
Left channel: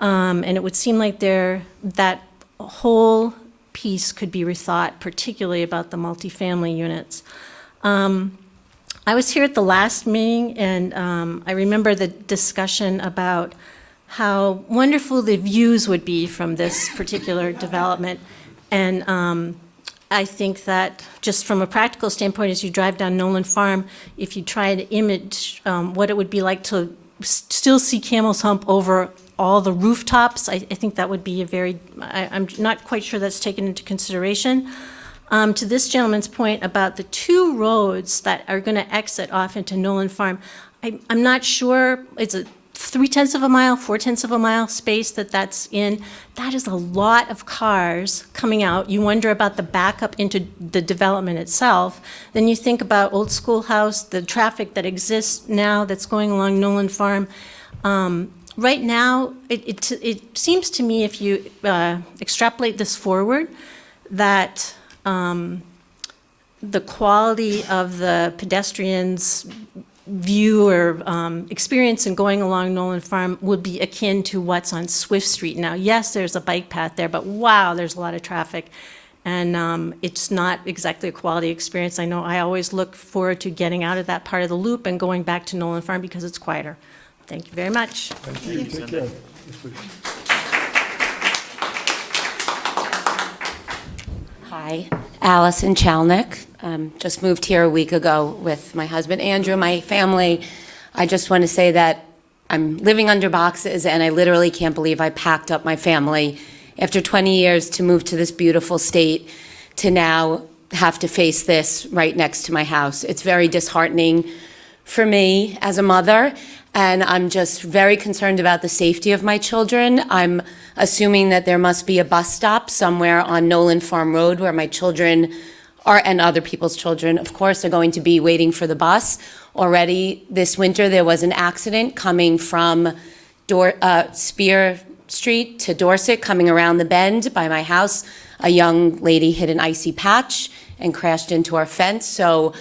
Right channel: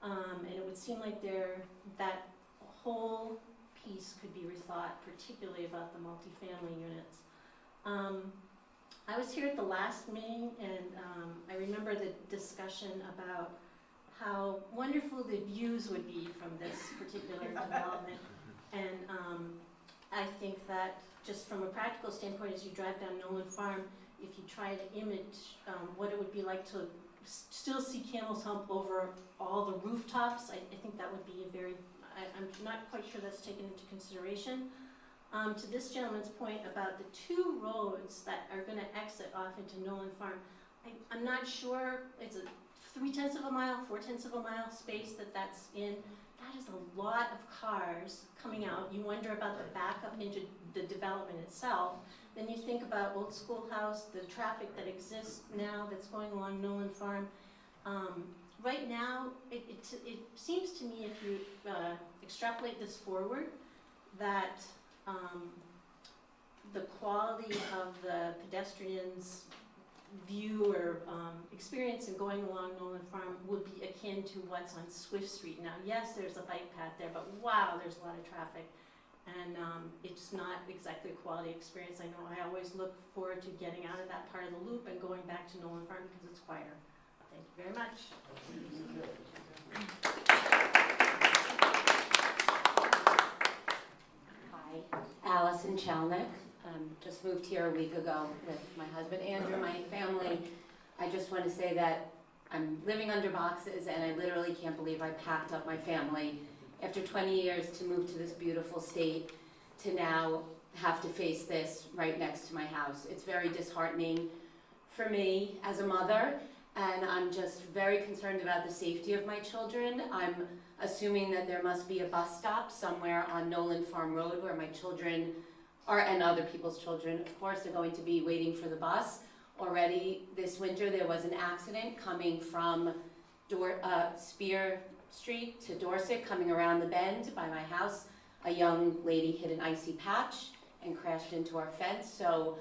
And it would seem like that whole piece could be rethought, particularly about the multifamily units. I was here at the last meeting, and I remember the discussion about how wonderful the views would be from this particular development. And I think that just from a practical standpoint, as you drive down Nolan Farm, if you try to image what it would be like to still see Camel's Hump over all the rooftops, I think that would be I'm not quite sure that's taken into consideration. To this gentleman's point about the 2 roads that are going to exit off into Nolan Farm, I'm not sure, it's a 0.3 of a mile, 0.4 of a mile space that's in. That is a lot of cars coming out. You wonder about the backup into the development itself. Then you think about Old Schoolhouse, the traffic that exists now that's going along Nolan Farm. Right now, it seems to me, if you extrapolate this forward, that the quality of the pedestrians' view or experience in going along Nolan Farm would be akin to what's on Swift Street now. Yes, there's a bike path there, but wow, there's a lot of traffic. And it's not exactly a quality experience. I know I always look forward to getting out of that part of the loop and going back to Nolan Farm because it's quieter. Thank you very much. Thank you. Take care. Yes, please. Hi, Allison Chalnick. Just moved here a week ago with my husband Andrew, my family. I just want to say that I'm living under boxes and I literally can't believe I packed up my family after 20 years to move to this beautiful state to now have to face this right next to my house. It's very disheartening for me as a mother, and I'm just very concerned about the safety of my children. I'm assuming that there must be a bus stop somewhere on Nolan Farm Road where my children and other people's children, of course, are going to be waiting for the bus. Already this winter, there was an accident coming from Spear Street to Dorset, coming around the bend by my house. A young lady hit an icy patch and crashed into our fence. So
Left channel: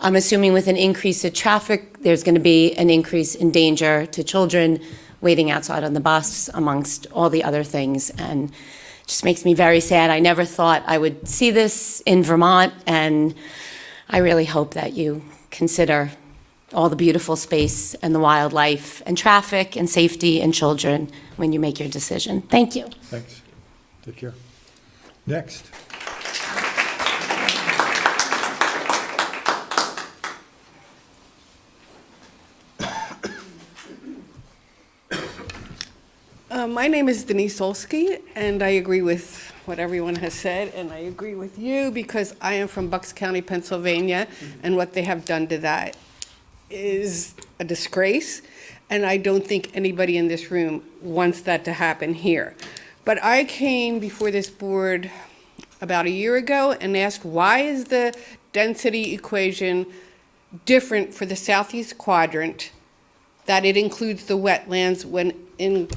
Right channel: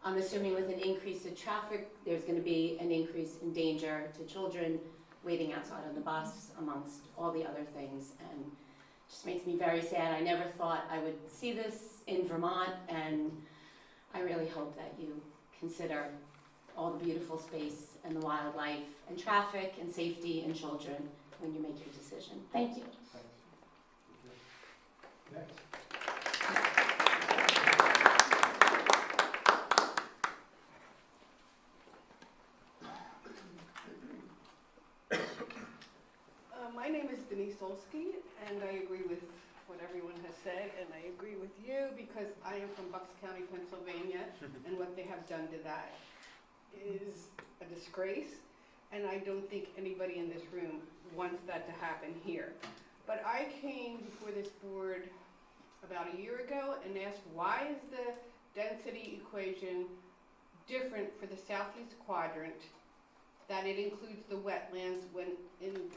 I'm assuming with an increase in traffic, there's going to be an increase in danger to children waiting outside on the bus, amongst all the other things. And it just makes me very sad. I never thought I would see this in Vermont, and I really hope that you consider all the beautiful space and the wildlife and traffic and safety and children when you make your decision. Thank you. Thanks. Take care. Next. My name is Denise Olsky, and I agree with what everyone has said, and I agree with you because I am from Bucks County, Pennsylvania, and what they have done to that is a disgrace, and I don't think anybody in this room wants that to happen here. But I came before this board about a year ago and asked, why is the density equation different for the southeast quadrant, that it includes the wetlands when in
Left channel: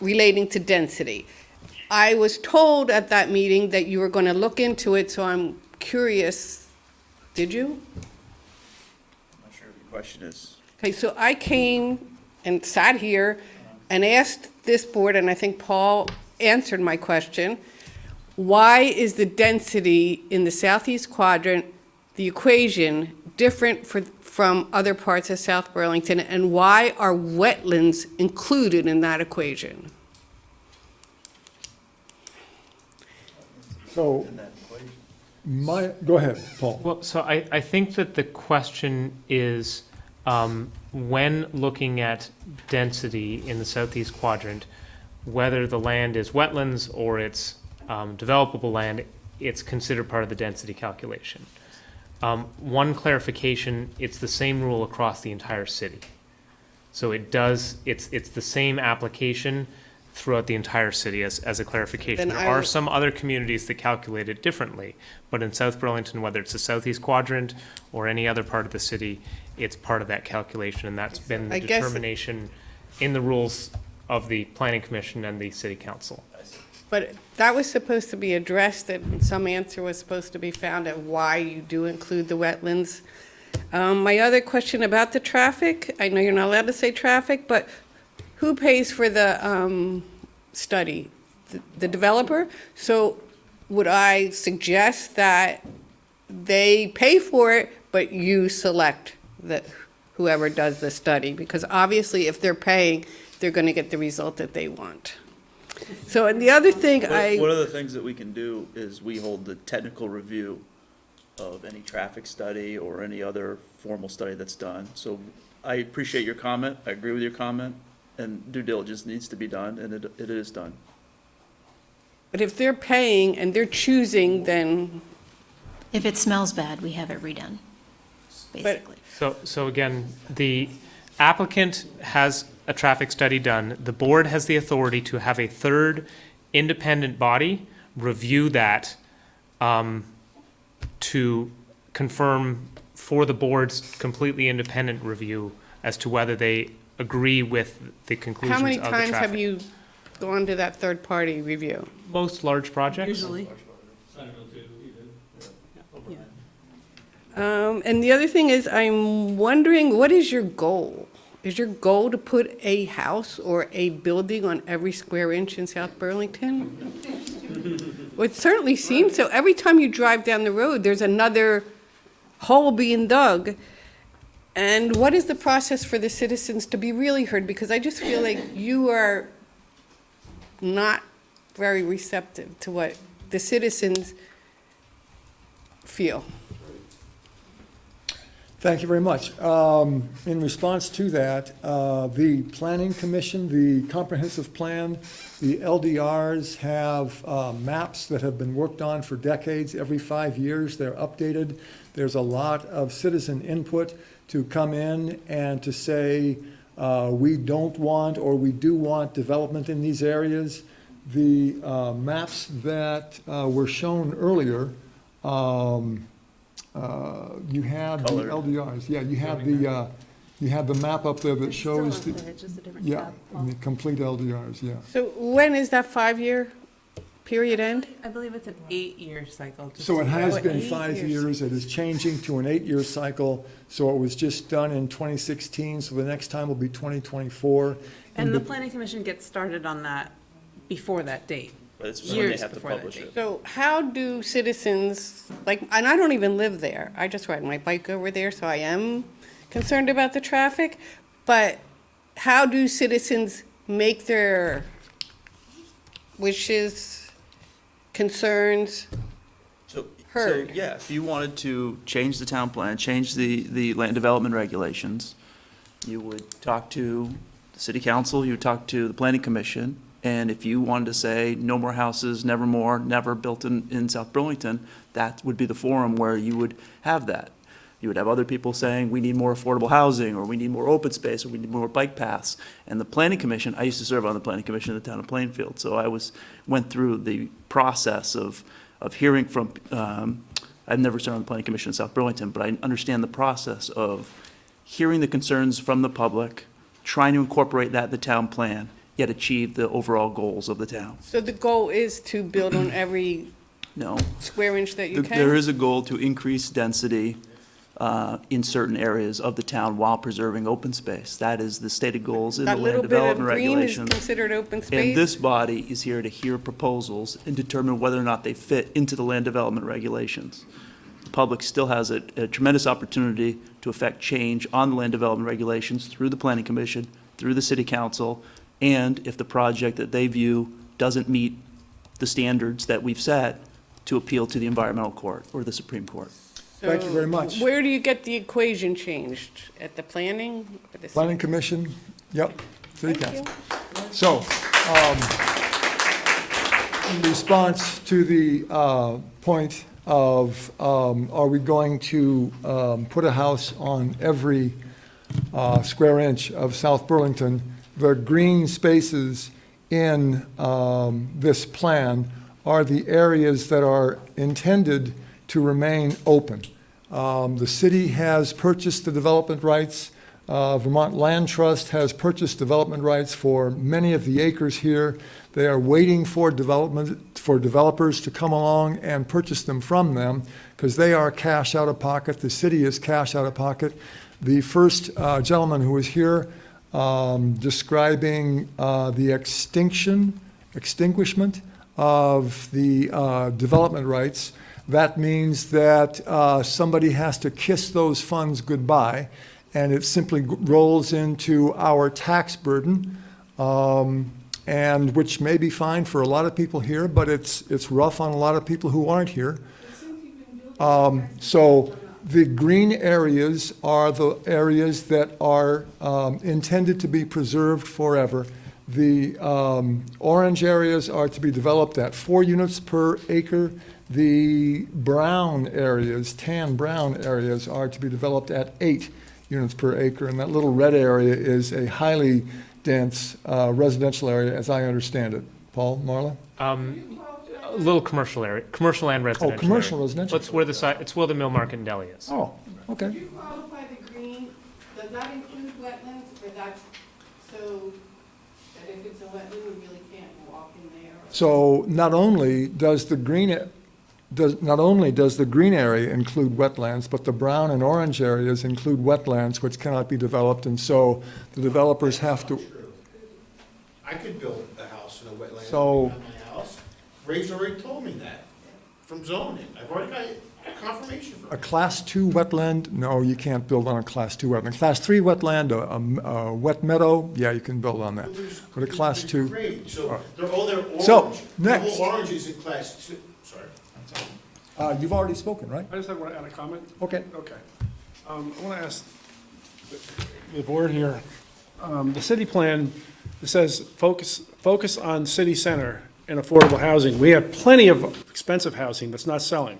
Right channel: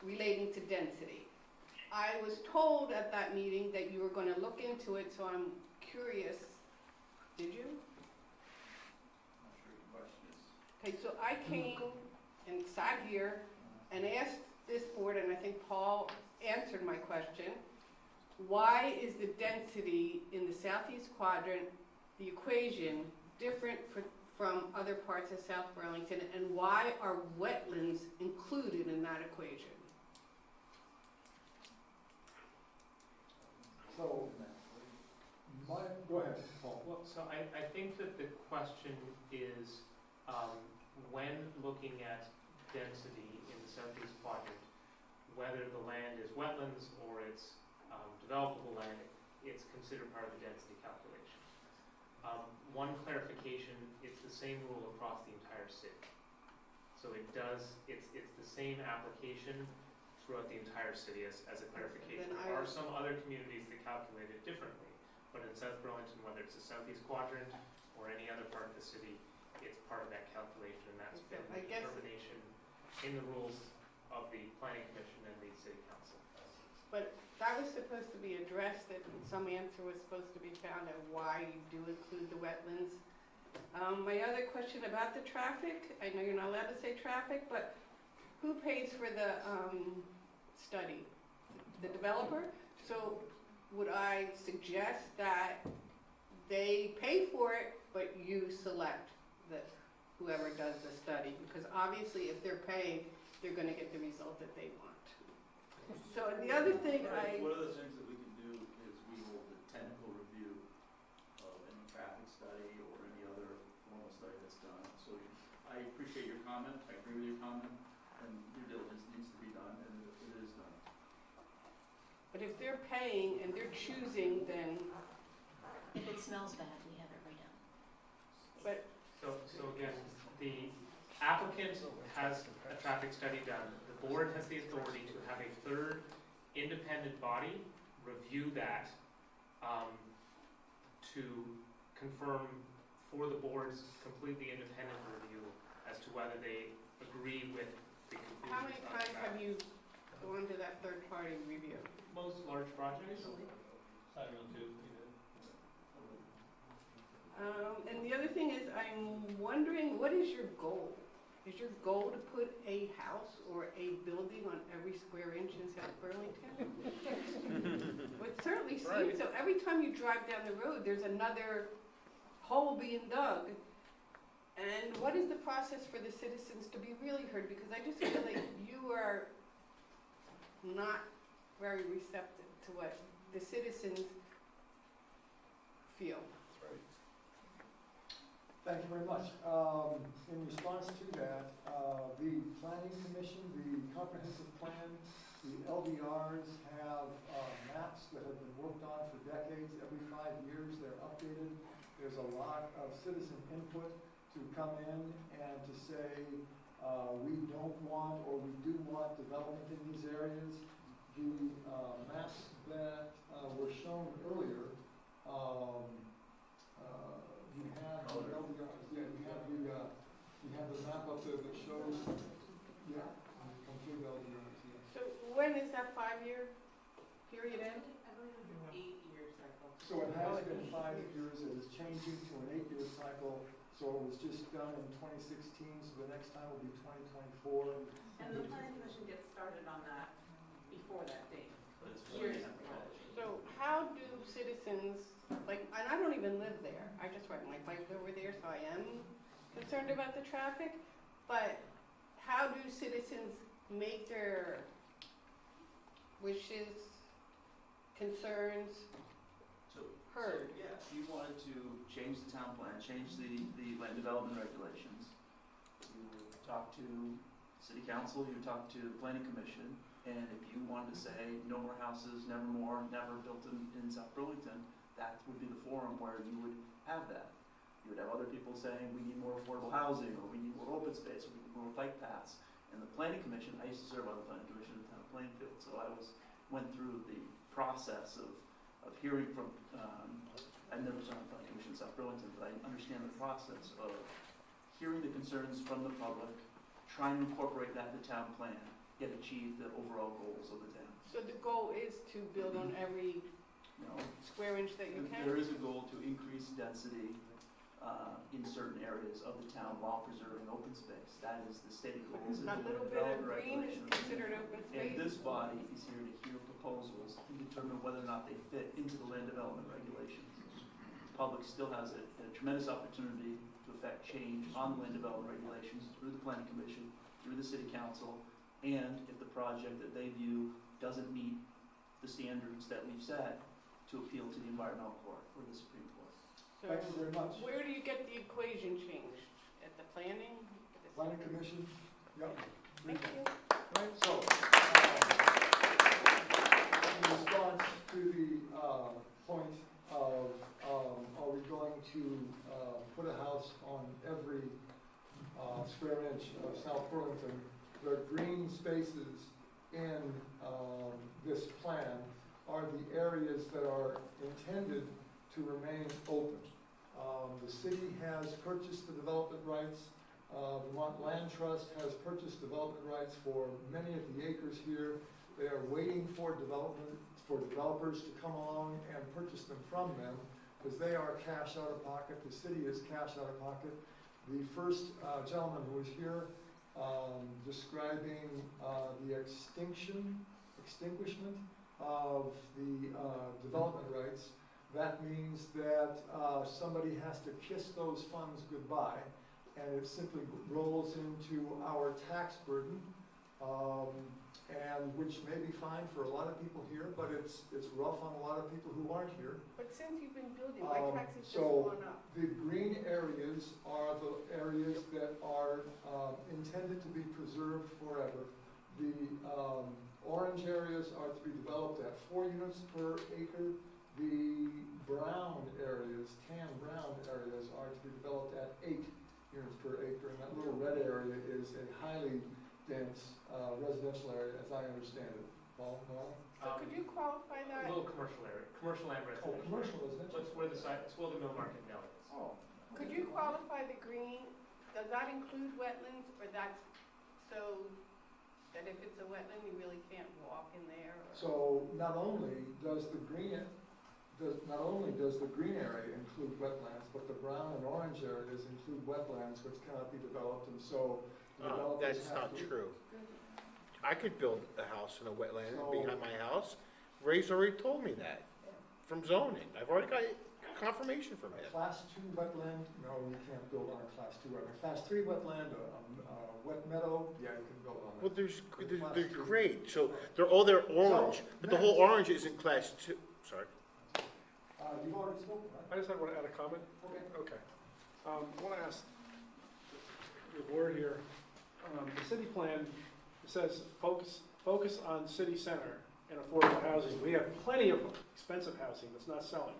relating to density? I was told at that meeting that you were going to look into it, so I'm curious, did you? Not sure what the question is. Okay, so I came and sat here and asked this board, and I think Paul answered my question, why is the density in the southeast quadrant, the equation, different from other parts of South Burlington, and why are wetlands included in that equation? So, go ahead, Paul. Well, so I think that the question is, when looking at density in the southeast quadrant, whether the land is wetlands or it's developable land, it's considered part of the density calculation. One clarification, it's the same rule across the entire city. So it's the same application throughout the entire city as a clarification. Then There are some other communities that calculate it differently, but in South Burlington, whether it's the southeast quadrant or any other part of the city, it's part of that calculation, and that's been the determination in the rules of the Planning Commission and the City Council. But that was supposed to be addressed, that some answer was supposed to be found at why you do include the wetlands. My other question about the traffic, I know you're not allowed to say traffic, but who pays for the study? The developer? So would I suggest that they pay for it, but you select whoever does the study? Because obviously if they're paying, they're going to get the result that they want. So, and the other thing One of the things that we can do is we hold the technical review of any traffic study or any other formal study that's done. So I appreciate your comment, I agree with your comment, and due diligence needs to be done, and it is done. But if they're paying and they're choosing, then. If it smells bad, we have it redone, basically. So again, the applicant has a traffic study done. The board has the authority to have a third independent body review that to confirm for the board's completely independent review as to whether they agree with the conclusions How of many the traffic. times have you gone to that third-party review? Most large projects. Usually. And the other thing is, I'm wondering, what is your goal? Is your goal to put a house or a building on every square inch in South Burlington? Well, it certainly seems so. Every time you drive down the road, there's another hole being dug. And what is the process for the citizens to be really heard? Because I just feel like you are not very receptive to what the citizens feel. Thank you very much. In response to that, the Planning Commission, the Comprehensive Plan, the LDRs have maps that have been worked on for decades. Every 5 years, they're updated. There's a lot of citizen input to come in and to say, we don't want or we do want development in these areas. The maps that were shown earlier You have the Colored. LDRs, yeah, you have the map up there that shows the, it's just a different yeah, tab. and the complete LDRs, yeah. So when is that 5-year period end? I believe it's an 8-year cycle. just So it to- has Oh, been 8 5 years, it is changing to an 8-year cycle, so it was just done in 2016, so the next time will be 2024. And the planning commission gets started on that before that date. But it's when they Years have to before that publish date. it. So how do citizens, like, and I don't even live there, I just ride my bike over there, so I am concerned about the traffic, but how do citizens make their wishes, concerns heard? So, yeah, if you wanted to change the town plan, change the land development regulations, you would talk to the city council, you would talk to the planning commission, and if you wanted to say, no more houses, never more, never built in South Burlington, that would be the forum where you would have that. You would have other people saying, we need more affordable housing, or we need more open space, or we need more bike paths. And the planning commission, I used to serve on the planning commission in the town of Plainfield, so I went through the process of hearing from, I've never served on the planning commission in South Burlington, but I understand the process of hearing the concerns from the public, trying to incorporate that in the town plan, yet achieve the overall goals of the town. So the goal is to build on every No. square inch that you can? There is a goal to increase density in certain areas of the town while preserving open space. That is the stated goals in the That land little bit of development green is regulations. considered open And space? this body is here to hear proposals and determine whether or not they fit into the land development regulations. The public still has a tremendous opportunity to affect change on the land development regulations through the planning commission, through the city council, and if the project that they view doesn't meet the standards that we've set, to appeal to the environmental court or the Supreme Court. Thank you very much. So where do you get the equation changed? At the planning? Or the Planning city? Commission, yep, City Thank Council. you. So, in response to the point of, are we going to put a house on every square inch of South Burlington, the green spaces in this plan are the areas that are intended to remain open. The city has purchased the development rights. Vermont Land Trust has purchased development rights for many of the acres here. They are waiting for developers to come along and purchase them from them because they are cash out of pocket. The city is cash out of pocket. The first gentleman who was here describing the extinguishment of the development rights, that means that somebody has to kiss those funds goodbye, and it simply rolls into our tax burden, and which may be fine for a lot of people here, but it's rough on a lot of people who aren't here. So the green areas are the areas that are intended to be preserved forever. The orange areas are to be developed at 4 units per acre. The brown areas, tan brown areas, are to be developed at 8 units per acre. And that little red area is a highly dense residential area, as I understand it. Paul, Marla? A little commercial area, commercial and residential. commercial, area. residential. It's where the Mill Market and Deli is. Oh, okay. Do you qualify the green, does that include wetlands, or that's so that if it's a wetland, we really can't walk in there? So not only does the green area include wetlands, but the brown and orange areas include wetlands which cannot be developed, and so the developers have to. I could build a house in a wetland So- behind my house. Ray's already told me that from zoning. I've already got confirmation for A it. class 2 wetland, no, you can't build on a class 2 wetland. Class 3 wetland, a wet meadow, yeah, you can build on that. But there's- But a class there's 2. grade, so they're orange. So, The next. whole orange is in class 2, sorry. You've already spoken, right? I just want to add a comment. Okay. Okay. I want to ask the board here, the city plan, it says focus on city center and affordable housing. We have plenty of expensive housing that's not selling.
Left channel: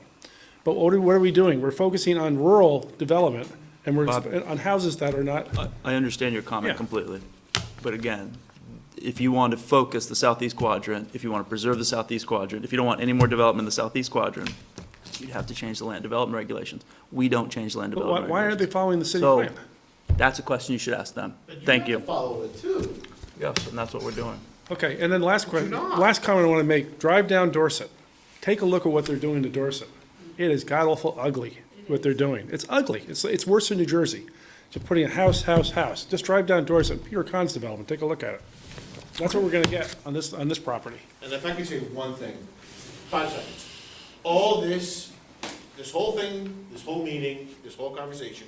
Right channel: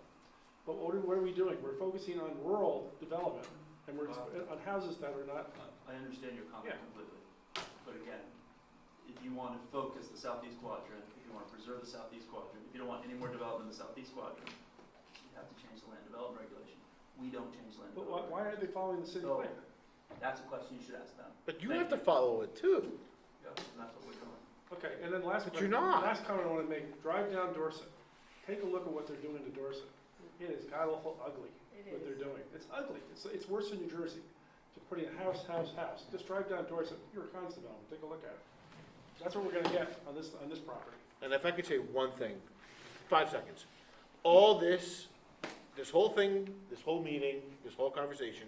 But what are we doing? We're focusing on rural development, and we're Bob. on houses that are not. I understand your comment Yeah. completely, but again, if you want to focus the southeast quadrant, if you want to preserve the southeast quadrant, if you don't want any more development in the southeast quadrant, you'd have to change the land development regulations. We don't change the land But development why aren't they regulations. following the city So, plan? that's a question you should ask them. Thank you. Follow it too. Yes, and that's what we're doing. Okay, and then last But you're question, not. last comment I want to make, drive down Dorset. Take a look at what they're doing to Dorset. It is god-awful ugly, what they're doing. It's ugly. It's worse than New Jersey. Just putting a house. Just drive down Dorset, Peter Kahn's development, take a look at it. That's what we're gonna get on this property. And if I could say one thing, 5 seconds. All this whole thing, this whole meeting, this whole conversation,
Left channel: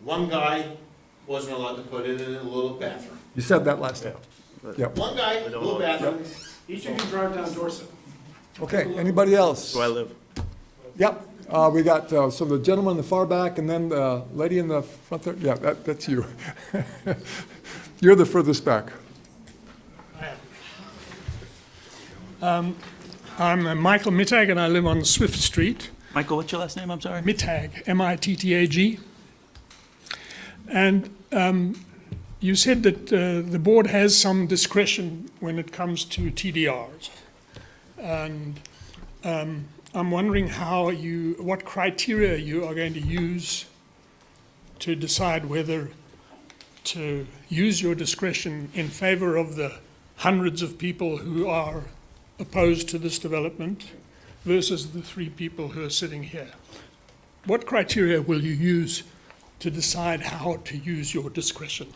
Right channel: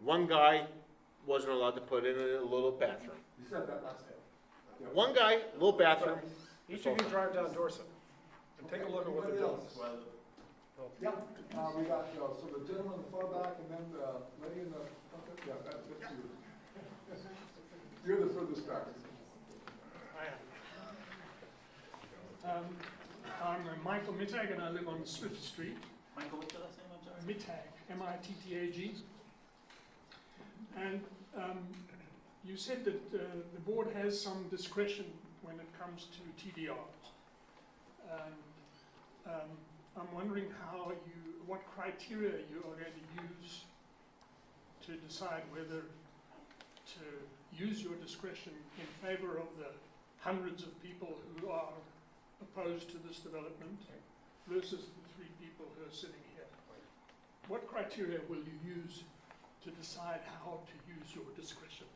one guy wasn't allowed to put in a little bathroom. You said that last time. Yep. One guy, little bathroom. Each of you drive down Dorset. Okay, anybody else? Where I live. Yep, we got, so the gentleman in the far back and then the lady in the front there, yeah, that's you. You're the furthest back. I'm Michael Mittag and I live on Swift Street. Michael, what's your last name? I'm sorry. Mittag, M-I-T-T-A-G. And you said that the board has some discretion when it comes to TDRs. And I'm wondering what criteria you are going to use to decide whether to use your discretion in favor of the hundreds of people who are opposed to this development versus the 3 people who are sitting here. What criteria will you use to decide how to use your discretion?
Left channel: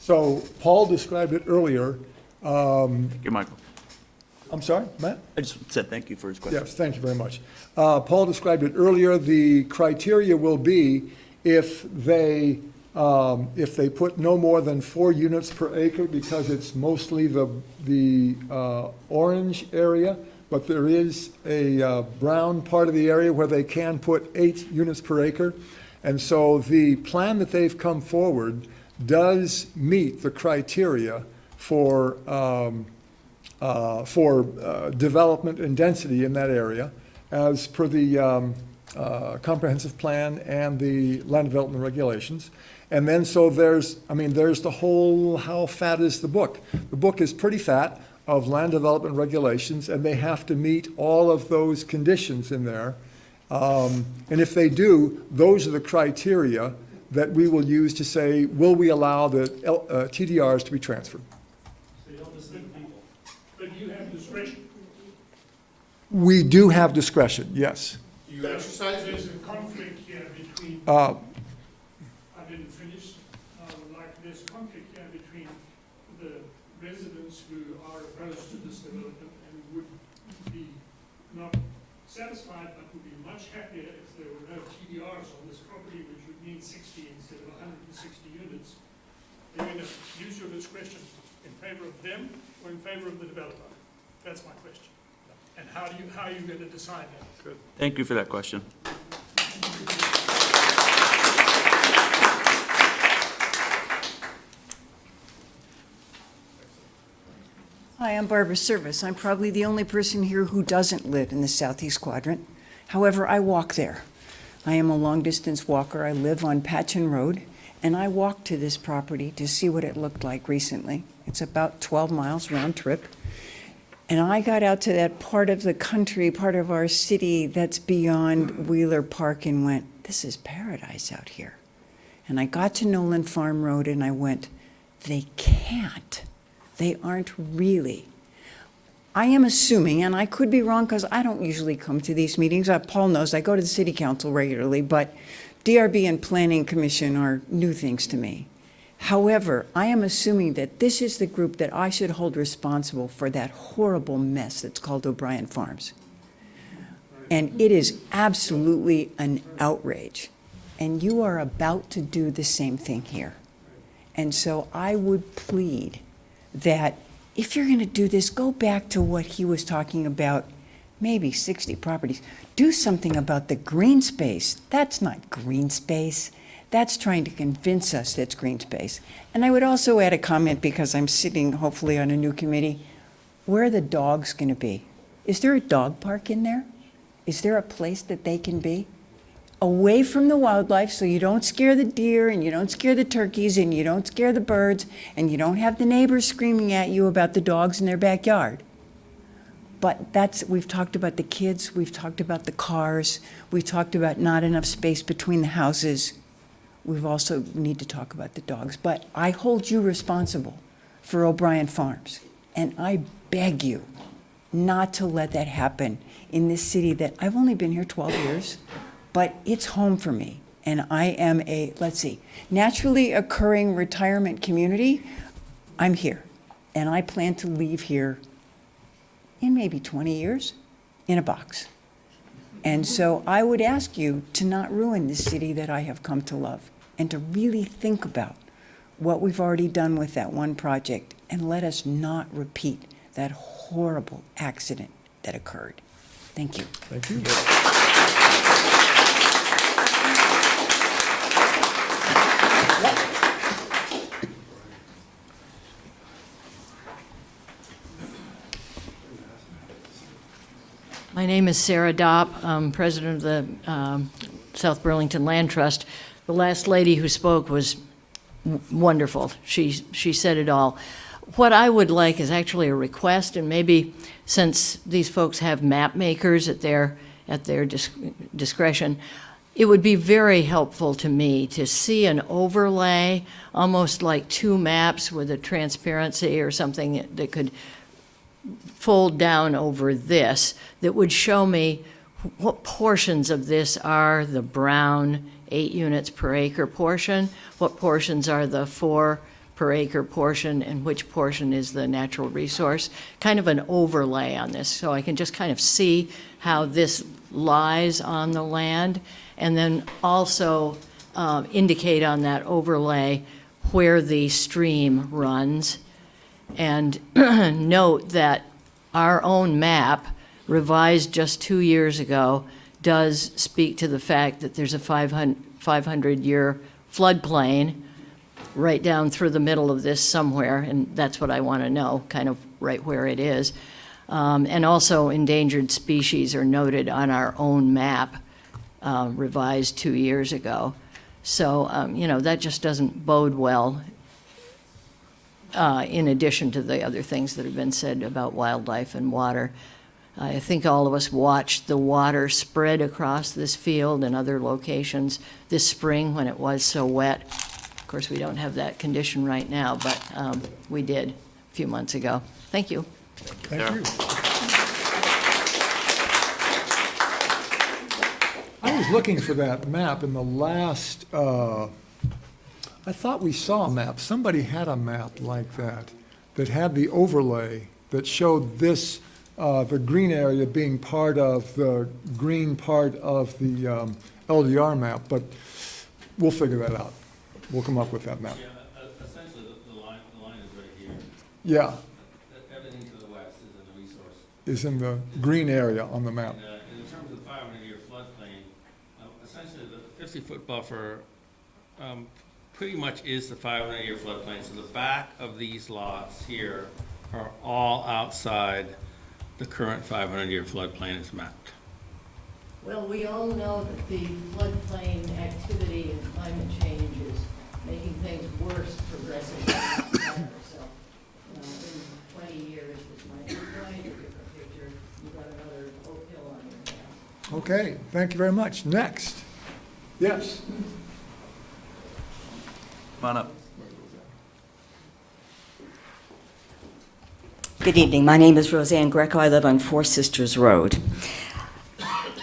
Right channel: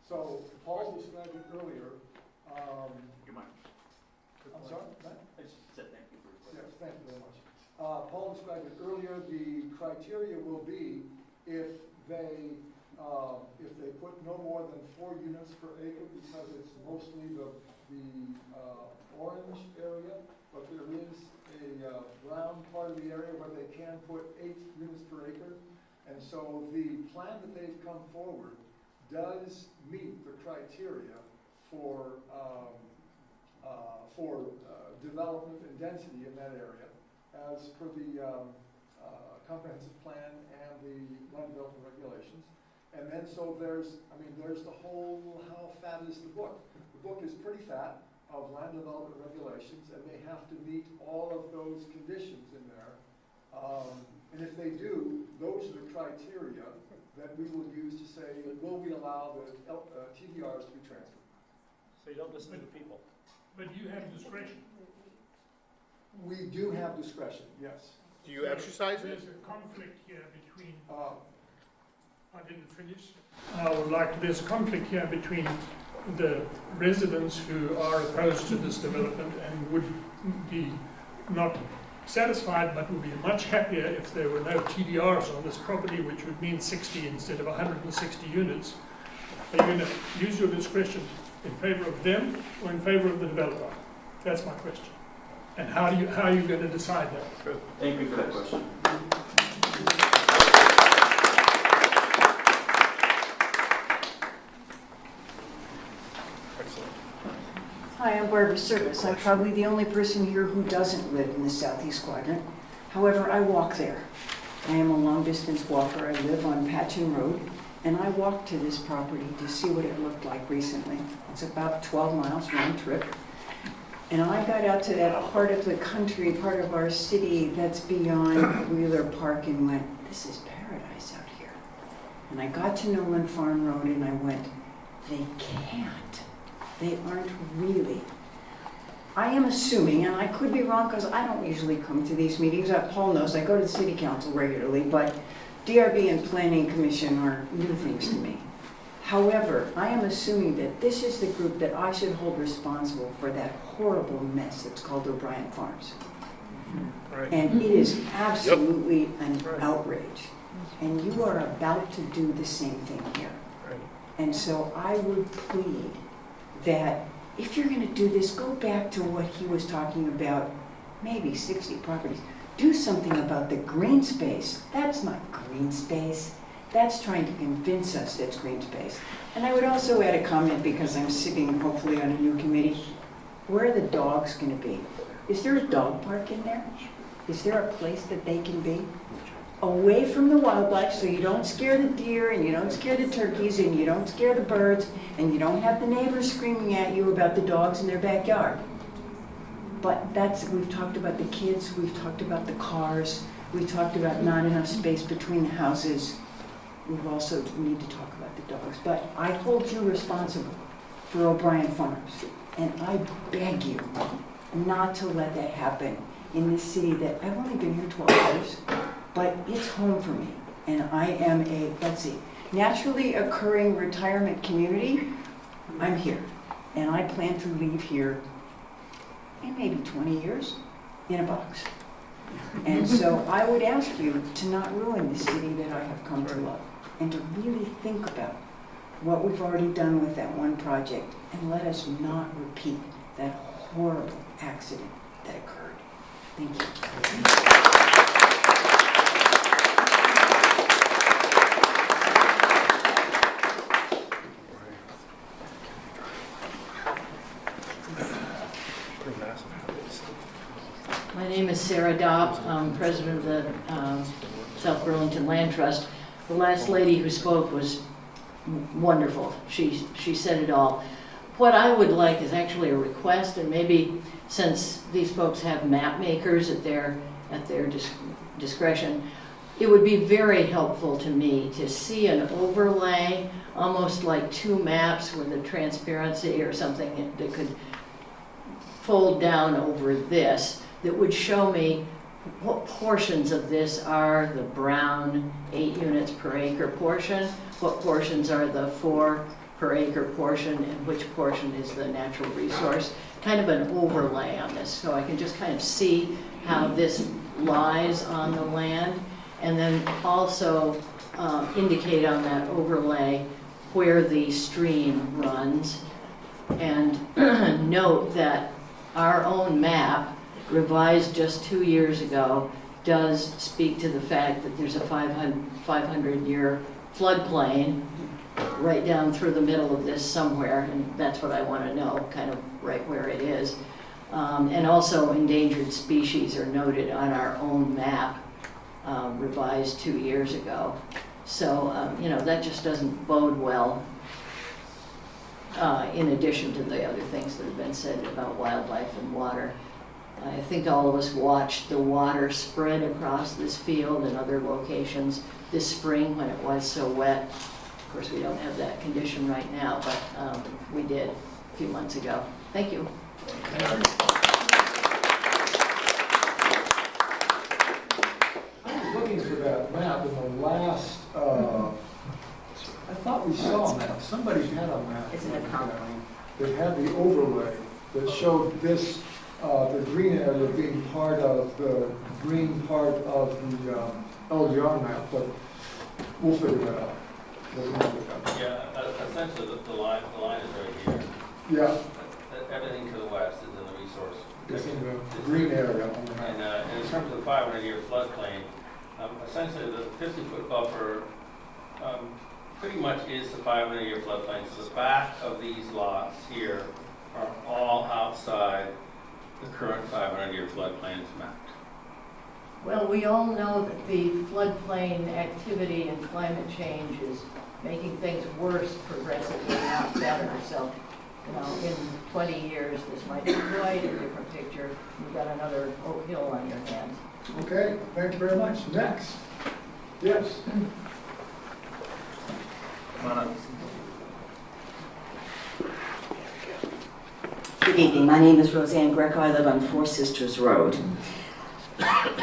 So Paul described it earlier. Thank you, Michael. I'm sorry, Matt? I just said thank you for his question. Yes, thank you very much. Paul described it earlier. The criteria will be if they put no more than 4 units per acre, because it's mostly the orange area, but there is a brown part of the area where they can put 8 units per acre. And so the plan that they've come forward does meet the criteria for development and density in that area, as per the comprehensive plan and the land development regulations. And then so there's the whole, how fat is the book? The book is pretty fat of land development regulations, and they have to meet all of those conditions in there. And if they do, those are the criteria that we will use to say, will we allow the TDRs to be transferred? So you don't listen to people, but you have discretion. We do have discretion, yes. Do you exercise it? There's a conflict here between, Uh, I didn't finish. There's a conflict here between the residents who are opposed to this development and would be not satisfied, but would be much happier if there were no TDRs on this property, which would mean 60 instead of 160 units. Are you going to use your discretion in favor of them or in favor of the developer? That's my question. And how are you going to decide that? Thank you for that question. Hi, I'm Barbara Service. I'm probably the only person here who doesn't live in the southeast quadrant. However, I walk there. I am a long-distance walker. I live on Patchen Road, and I walked to this property to see what it looked like recently. It's about 12 miles round trip. And I got out to that part of the country, part of our city that's beyond Wheeler Park, and went, this is paradise out here. And I got to Nolan Farm Road and I went, they can't. They aren't really. I am assuming, and I could be wrong because I don't usually come to these meetings. Paul knows I go to the city council regularly, but DRB and Planning Commission are new things to me. However, I am assuming that this is the group that I should hold responsible for that horrible mess that's called O'Brien Farms. And it is absolutely an outrage. And you are about to do the same thing here. And so I would plead that if you're going to do this, go back to what he was talking about, maybe 60 properties. Do something about the green space. That's not green space. That's trying to convince us that's green space. And I would also add a comment, because I'm sitting hopefully on a new committee. Where are the dogs going to be? Is there a dog park in there? Is there a place that they can be? Away from the wildlife, so you don't scare the deer and you don't scare the turkeys and you don't scare the birds and you don't have the neighbors screaming at you about the dogs in their backyard. But we've talked about the kids, we've talked about the cars, we've talked about not enough space between the houses. We've also need to talk about the dogs. But I hold you responsible for O'Brien Farms. And I beg you not to let that happen in this city that I've only been here 12 years, but it's home for me. And I am a, naturally occurring retirement community. I'm here. And I plan to leave here in maybe 20 years in a box. And so I would ask you to not ruin this city that I have come to love, and to really think about what we've already done with that one project, and let us not repeat that horrible accident that occurred. Thank you. My name is Sarah Dopp. I'm president of the South Burlington Land Trust. The last lady who spoke was wonderful. She said it all. What I would like is actually a request, and maybe since these folks have map makers at their discretion, it would be very helpful to me to see an overlay, almost like two maps with a transparency or something that could fold down over this, that would show me what portions of this are the brown 8 units per acre portion, what portions are the 4 per acre portion, and which portion is the natural resource. Kind of an overlay on this, so I can just kind of see how this lies on the land, and then also indicate on that overlay where the stream runs. And note that our own map, revised just 2 years ago, does speak to the fact that there's a 500-year floodplain right down through the middle of this somewhere, and that's what I want to know, kind of right where it is. And also endangered species are noted on our own map, revised 2 years ago. So, that just doesn't bode well, in addition to the other things that have been said about wildlife and water. I think all of us watched the water spread across this field and other locations this spring when it was so wet. Of course, we don't have that condition right now, but we did a few months ago. Thank you. Thank you. I was looking for that map in the last, I thought we saw a map. Somebody had a map like that had the overlay that showed this, the green area being part of the green part of the LDR map, but we'll figure that out. We'll come up with that map. Yeah, essentially the line is right here. Yeah. Everything to the west is in the resource. Is in the green area on the map. And in terms of the 500-year floodplain, essentially the 50-foot buffer pretty much is the 500-year floodplain. So the back of these lots here are all outside the current 500-year floodplain is mapped. Well, we all know that the floodplain activity and climate change is making things worse progressively, not better. So, in 20 years, this might be quite a different picture. You've got another Oak Hill on your hands. Okay, thank you very much. Next. Yes. Come on up. Good evening. My name is Roseanne Greco. I live on Four Sisters Road.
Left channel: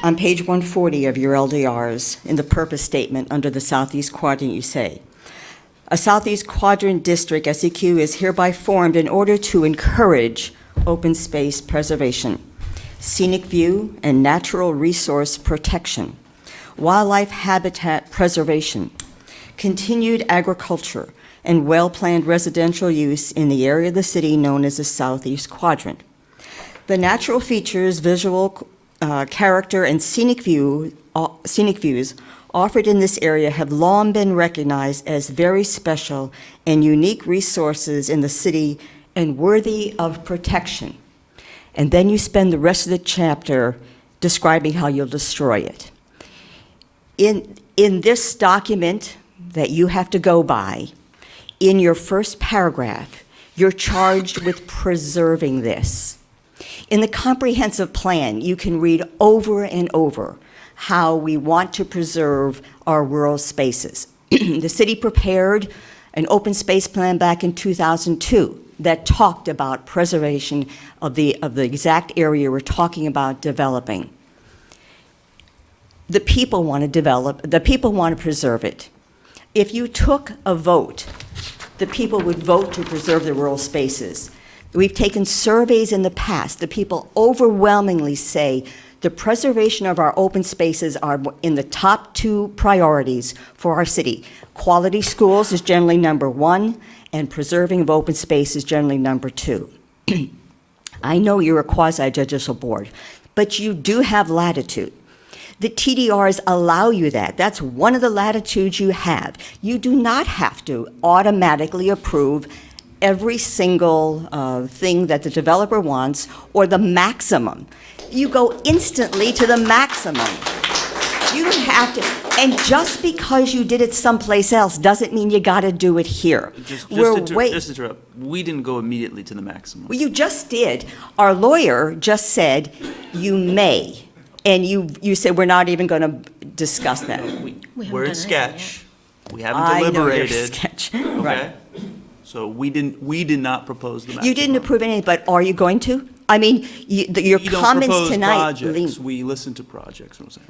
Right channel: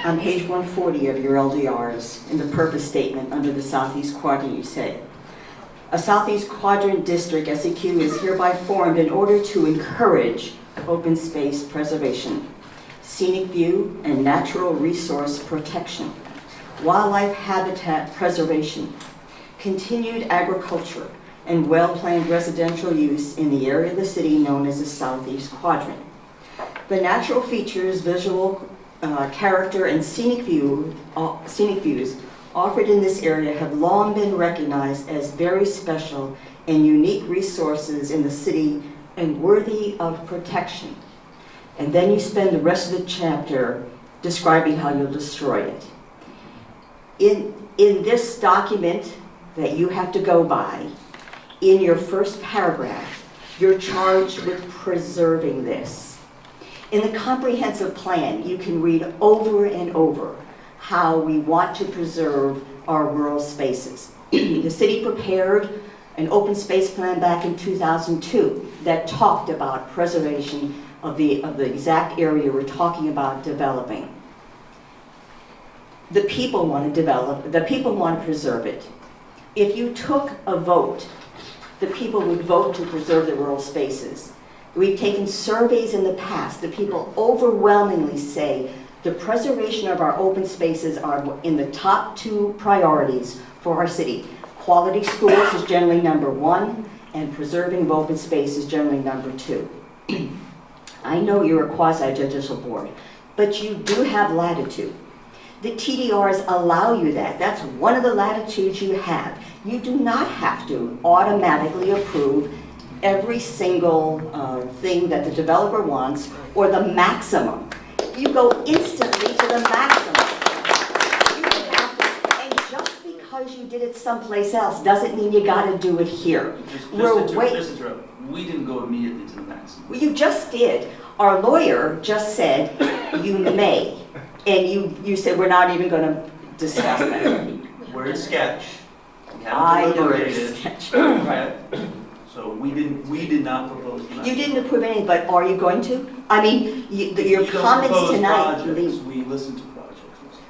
On page 140 of your LDRs, in the purpose statement under the Southeast Quadrant, you say, a Southeast Quadrant District, SEQ, is hereby formed in order to encourage open space preservation, scenic view and natural resource protection, wildlife habitat preservation, continued agriculture, and well-planned residential use in the area of the city known as the Southeast Quadrant. The natural features, visual character, and scenic views offered in this area have long been recognized as very special and unique resources in the city and worthy of protection. And then you spend the rest of the chapter describing how you'll destroy it. In this document that you have to go by, in your first paragraph, you're charged with preserving this. In the comprehensive plan, you can read over and over how we want to preserve our rural spaces. The city prepared an open space plan back in 2002 that talked about preservation of the exact area we're talking about developing. The people want to develop, the people want to preserve it. If you took a vote, the people would vote to preserve the rural spaces. We've taken surveys in the past. The people overwhelmingly say the preservation of our open spaces are in the top 2 priorities for our city. Quality schools is generally number 1, and preserving of open space is generally number 2. I know you're a quasi-judicial board, but you do have latitude. The TDRs allow you that. That's one of the latitudes you have. You do not have to automatically approve every single thing that the developer wants or the maximum. You go instantly to the maximum. You have to, and just because you did it someplace else doesn't mean you gotta do it here. Just interrupt. We didn't go immediately to the maximum. Well, you just did. Our lawyer just said you may, and you said we're not even gonna discuss that. We're in sketch. We haven't deliberated. I know you're sketch, right. Okay? So we did not propose the maximum. You didn't approve anything, but are you going to? I mean, your comments We don't tonight. propose projects. We listen to projects, Roseanne.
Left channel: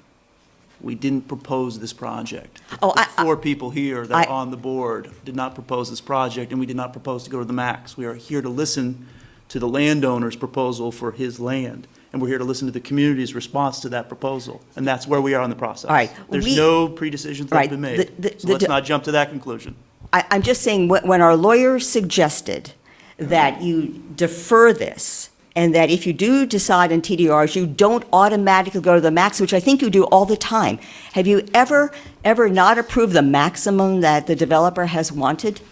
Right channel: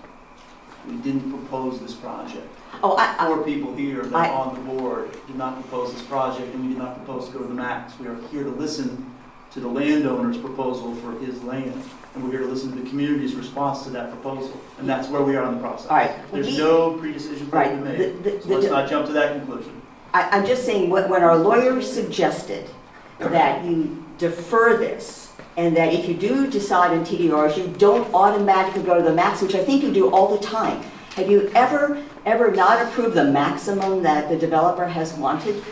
We didn't propose this project. Oh, The 4 people here that are on the board did not propose this project, and we did not propose to go to the max. We are here to listen to the landowner's proposal for his land, and we're here to listen to the community's response to that proposal, and that's where we are in the process. All right. There's no pre-decisions that have been made, so let's not jump to that conclusion. I'm just saying, when our lawyer suggested that you defer this, and that if you do decide in TDRs, you don't automatically go to the max, which I think you do all the time. Have you ever not approved the maximum that the developer has wanted?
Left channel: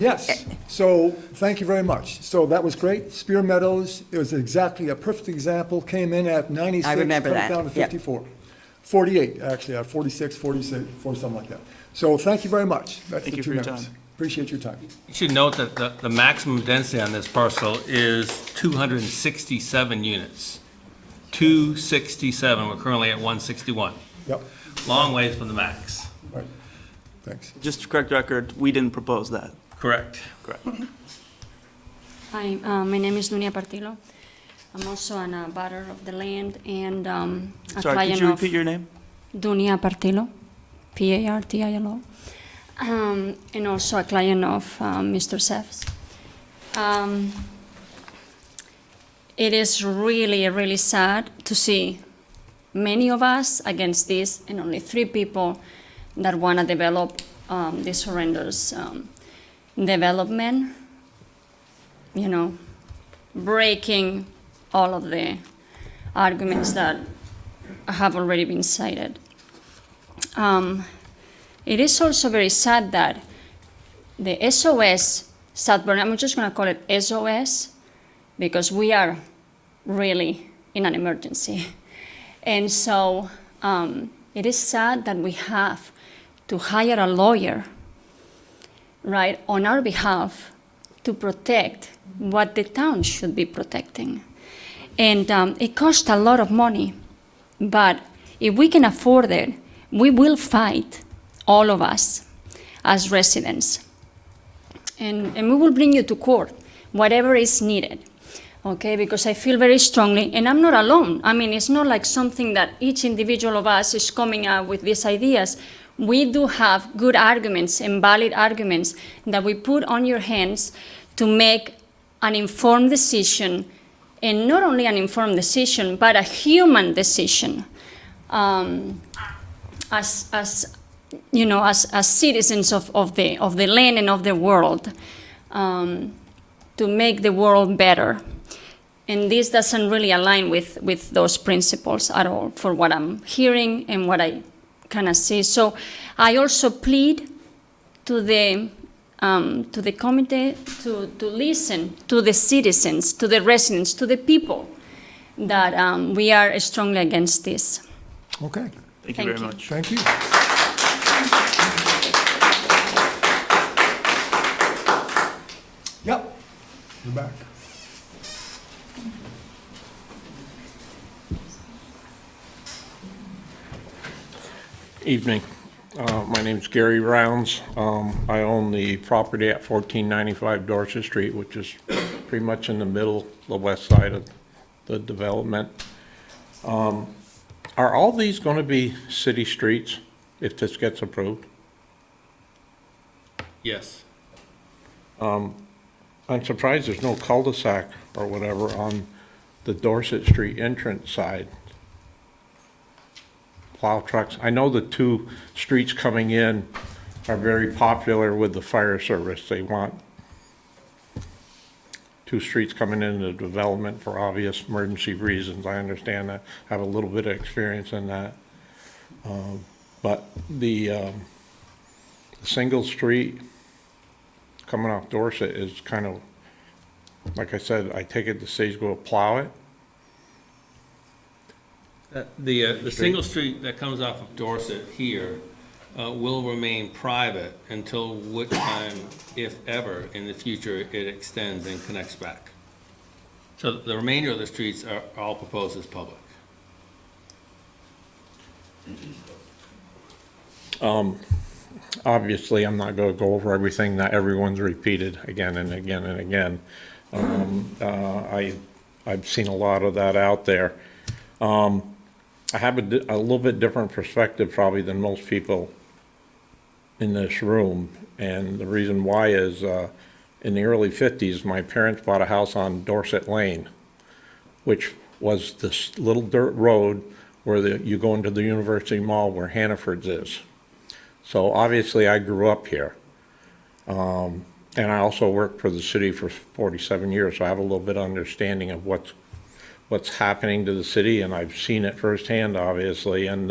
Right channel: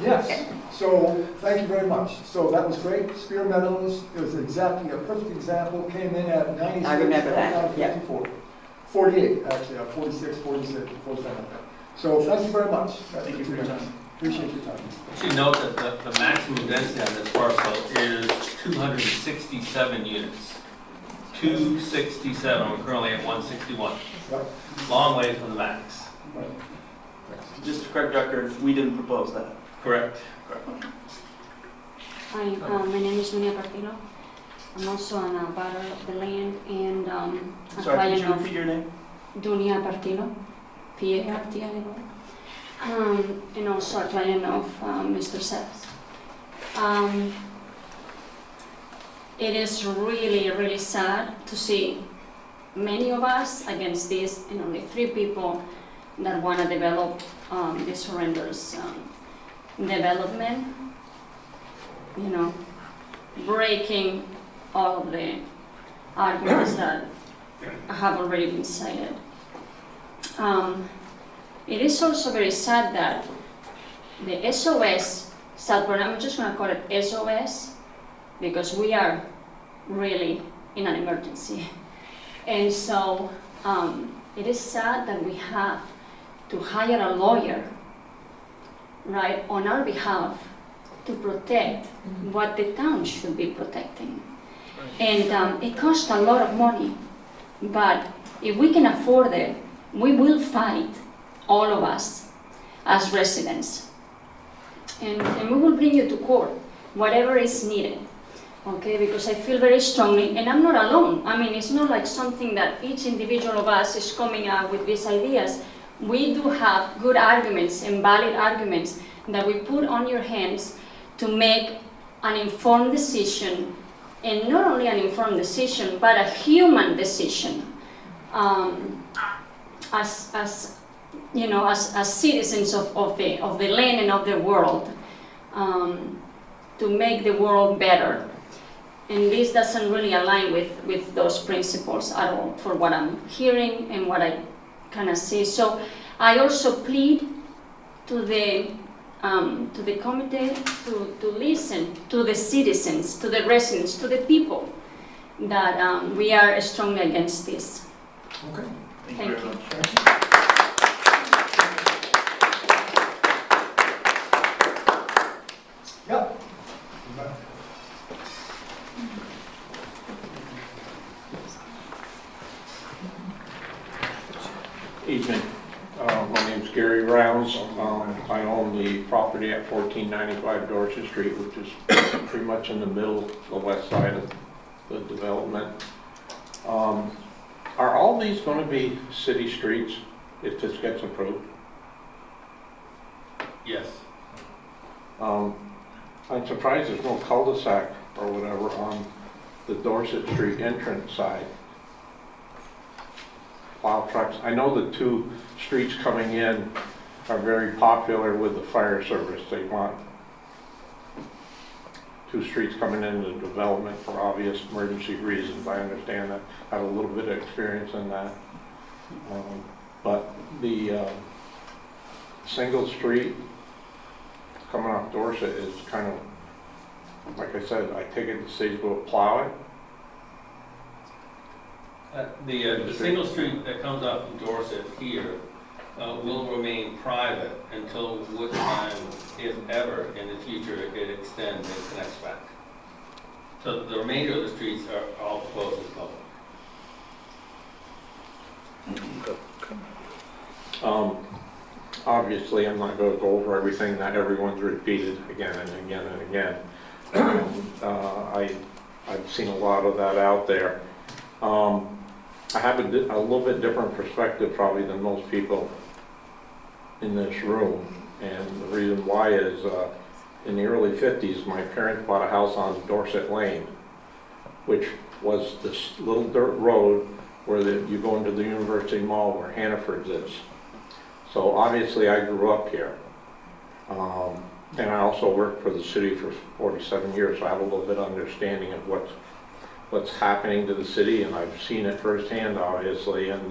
Yes, so thank you very much. So that was great. Spear Meadows, it was exactly a perfect example, came in at 96, I remember that. down to 54. 48, actually, 46, 47, like that. So thank you very much. Thank you for your time. Appreciate your time. You should note that the maximum density on this parcel is 267 units. 267, we're currently at 161. Yep. Long ways from the max. Right. Thanks. Just to correct the record, we didn't propose that. Correct. Correct. Hi, my name is Dunia Partillo. I'm also an butter of the land and a Sorry, client could you repeat your name? Dunia Partillo, Partillo. And also a client of Mr. Sefs. It is really, really sad to see many of us against this and only 3 people that want to develop this horrendous development, you know, breaking all of the arguments that have already been cited. It is also very sad that the SOS, South Burlington, I'm just going to call it SOS because we are really in an emergency. And so it is sad that we have to hire a lawyer, right, on our behalf to protect what the town should be protecting. And it costs a lot of money, but if we can afford it, we will fight, all of us, as residents. And we will bring you to court, whatever is needed, okay? Because I feel very strongly, and I'm not alone. I mean, it's not like something that each individual of us is coming up with these ideas. We do have good arguments and valid arguments that we put on your hands to make an informed decision, and not only an informed decision, but a human decision. As you know, as citizens of the land and of the world, to make the world better. And this doesn't really align with those principles at all, for what I'm hearing and what I kind of see. So I also plead to the committee to listen to the citizens, to the residents, to the people, that we are strongly against this. Okay. Thank you very much. Thank you. Yep. You're back. Evening. My name's Gary Rounds. I own the property at 1495 Dorset Street, which is pretty much in the middle, the west side of the development. Are all these going to be city streets if this gets approved? Yes. I'm surprised there's no cul-de-sac or whatever on the Dorset Street entrance side. Plow trucks. I know the two streets coming in are very popular with the fire service. They want two streets coming into development for obvious emergency reasons. I understand that. I have a little bit of experience in that. But the single street coming off Dorset is kind of, like I said, I take it the city's going to plow it. The single street that comes off of Dorset here will remain private until which time, if ever, in the future, it extends and connects back. So the remainder of the streets are all proposed as public. Obviously, I'm not going to go over everything that everyone's repeated again and again and again. I've seen a lot of that out there. I have a little bit different perspective probably than most people in this room, and the reason why is in the early 50s my parents bought a house on Dorset Lane, which was this little dirt road where you go into the University Mall where Hannaford's is. So obviously I grew up here, and I also worked for the city for 47 years, so I have a little bit of understanding of what's happening to the city, and I've seen it firsthand, obviously. And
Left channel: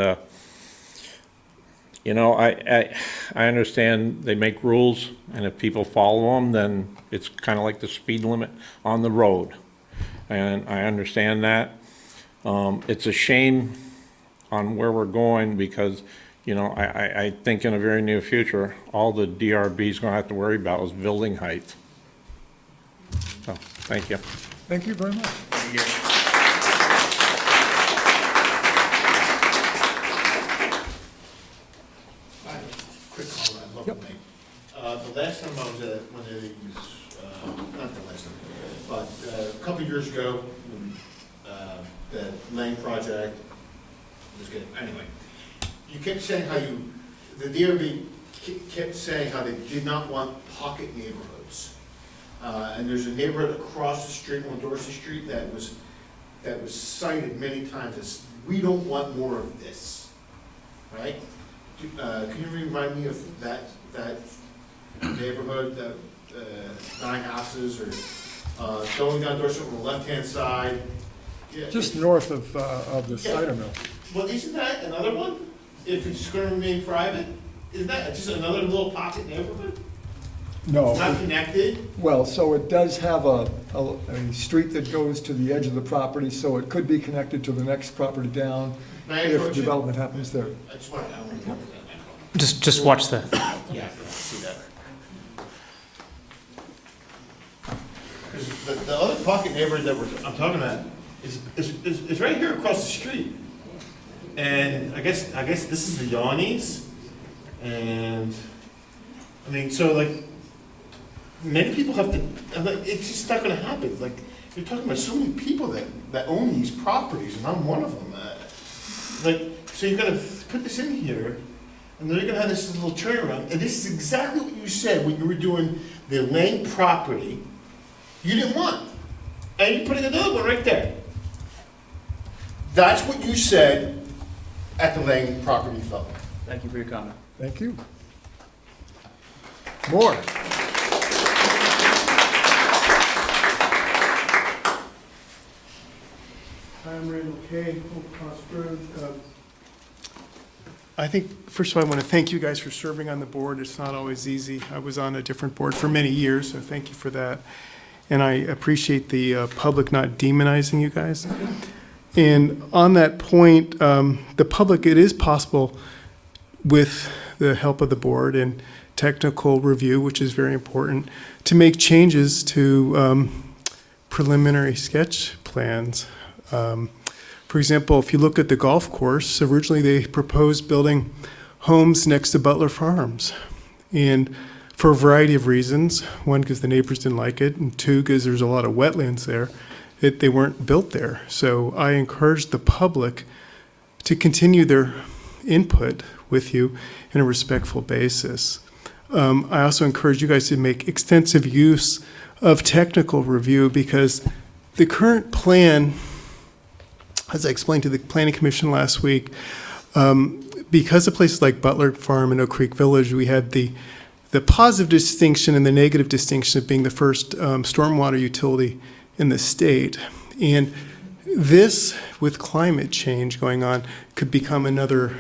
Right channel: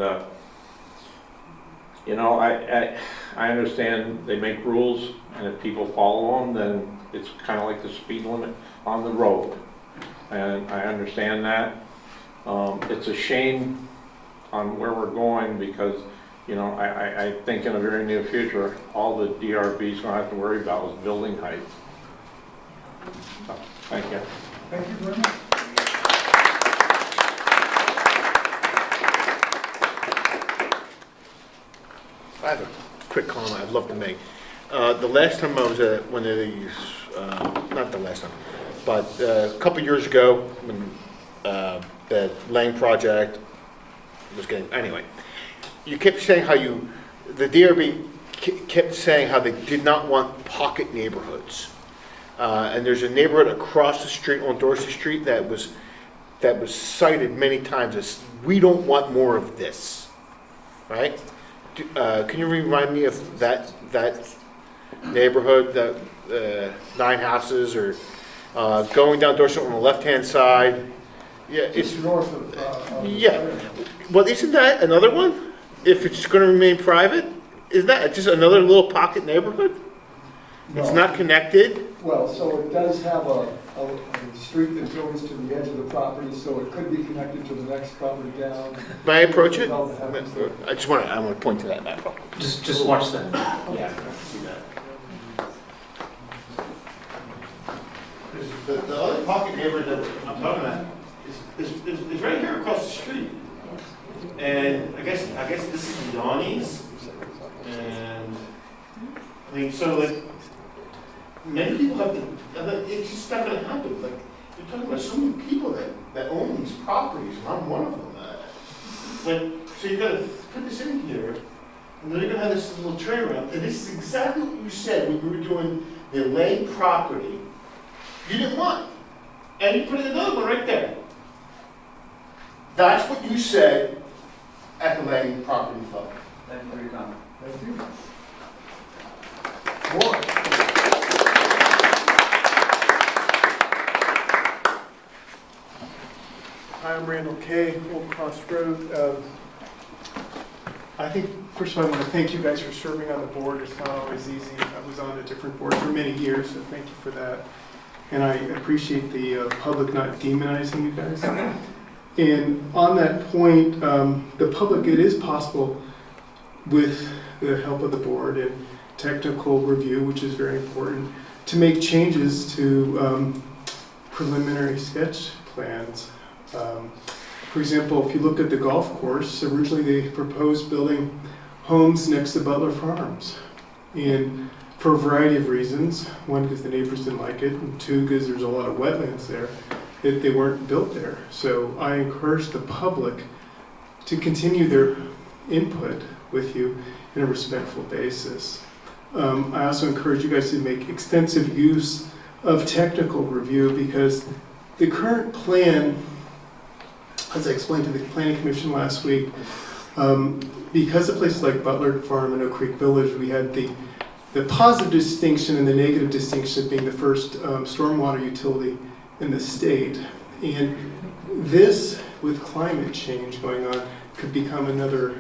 you know, I understand they make rules, and if people follow them, then it's kind of like the speed limit on the road, and I understand that. It's a shame on where we're going, because you know, I think in the very near future all the DRB is going to have to worry about is building height. So, thank you. Thank you very much. I have a quick comment I'd love to make. The last time I was at one of these, not the last time, but a couple years ago, when the Lane project was getting, anyway, you kept saying how the DRB kept saying how they did not want pocket neighborhoods. And there's a neighborhood across the street on Dorset Street that was cited many times as, we don't want more of this, right? Can you remind me of that neighborhood, that 9 houses, or going down Dorset on the left-hand side? Yeah, just north of the yeah. Well, isn't that another one? If it's going to remain private, isn't that just another little pocket neighborhood? No. It's not connected? Well, so it does have a street that goes to the edge of the property, so it could be connected to the next property down. May I approach it? Development happens there. I want to point to that map. Just watch that. Yeah. See that. The other pocket neighborhood that I'm talking about is right here across the street. And I guess this is the Yawnies. And I mean, so like, many people have to, like, it's just not going to happen. Like, you're talking about so many people that own these properties, and I'm one of them. Like, so you're going to put this in here, and then you're going to have this little turnaround. And this is exactly what you said when you were doing the Lane property. You didn't want. And you're putting another one right there. That's what you said at the Lane property level. Thank you for your comment. Thank you. More. Hi, I'm Randall Kay, Old Cross Road. I think, first of all, I want to thank you guys for serving on the board. It's not always easy. I was on a different board for many years, so thank you for that. And I appreciate the public not demonizing you guys. And on that point, the public, it is possible with the help of the board and technical review, which is very important, to make changes to preliminary sketch plans. For example, if you look at the golf course, originally they proposed building homes next to Butler Farms. And for a variety of reasons, one, because the neighbors didn't like it, and two, because there's a lot of wetlands there, they weren't built there. So I encourage the public to continue their input with you in a respectful basis. I also encourage you guys to make extensive use of technical review, because the current plan, as I explained to the Planning Commission last week, because of places like Butler Farm and Oak Creek Village, we had the positive distinction and the negative distinction of being the first stormwater utility in the state. And this, with climate change going on, could become another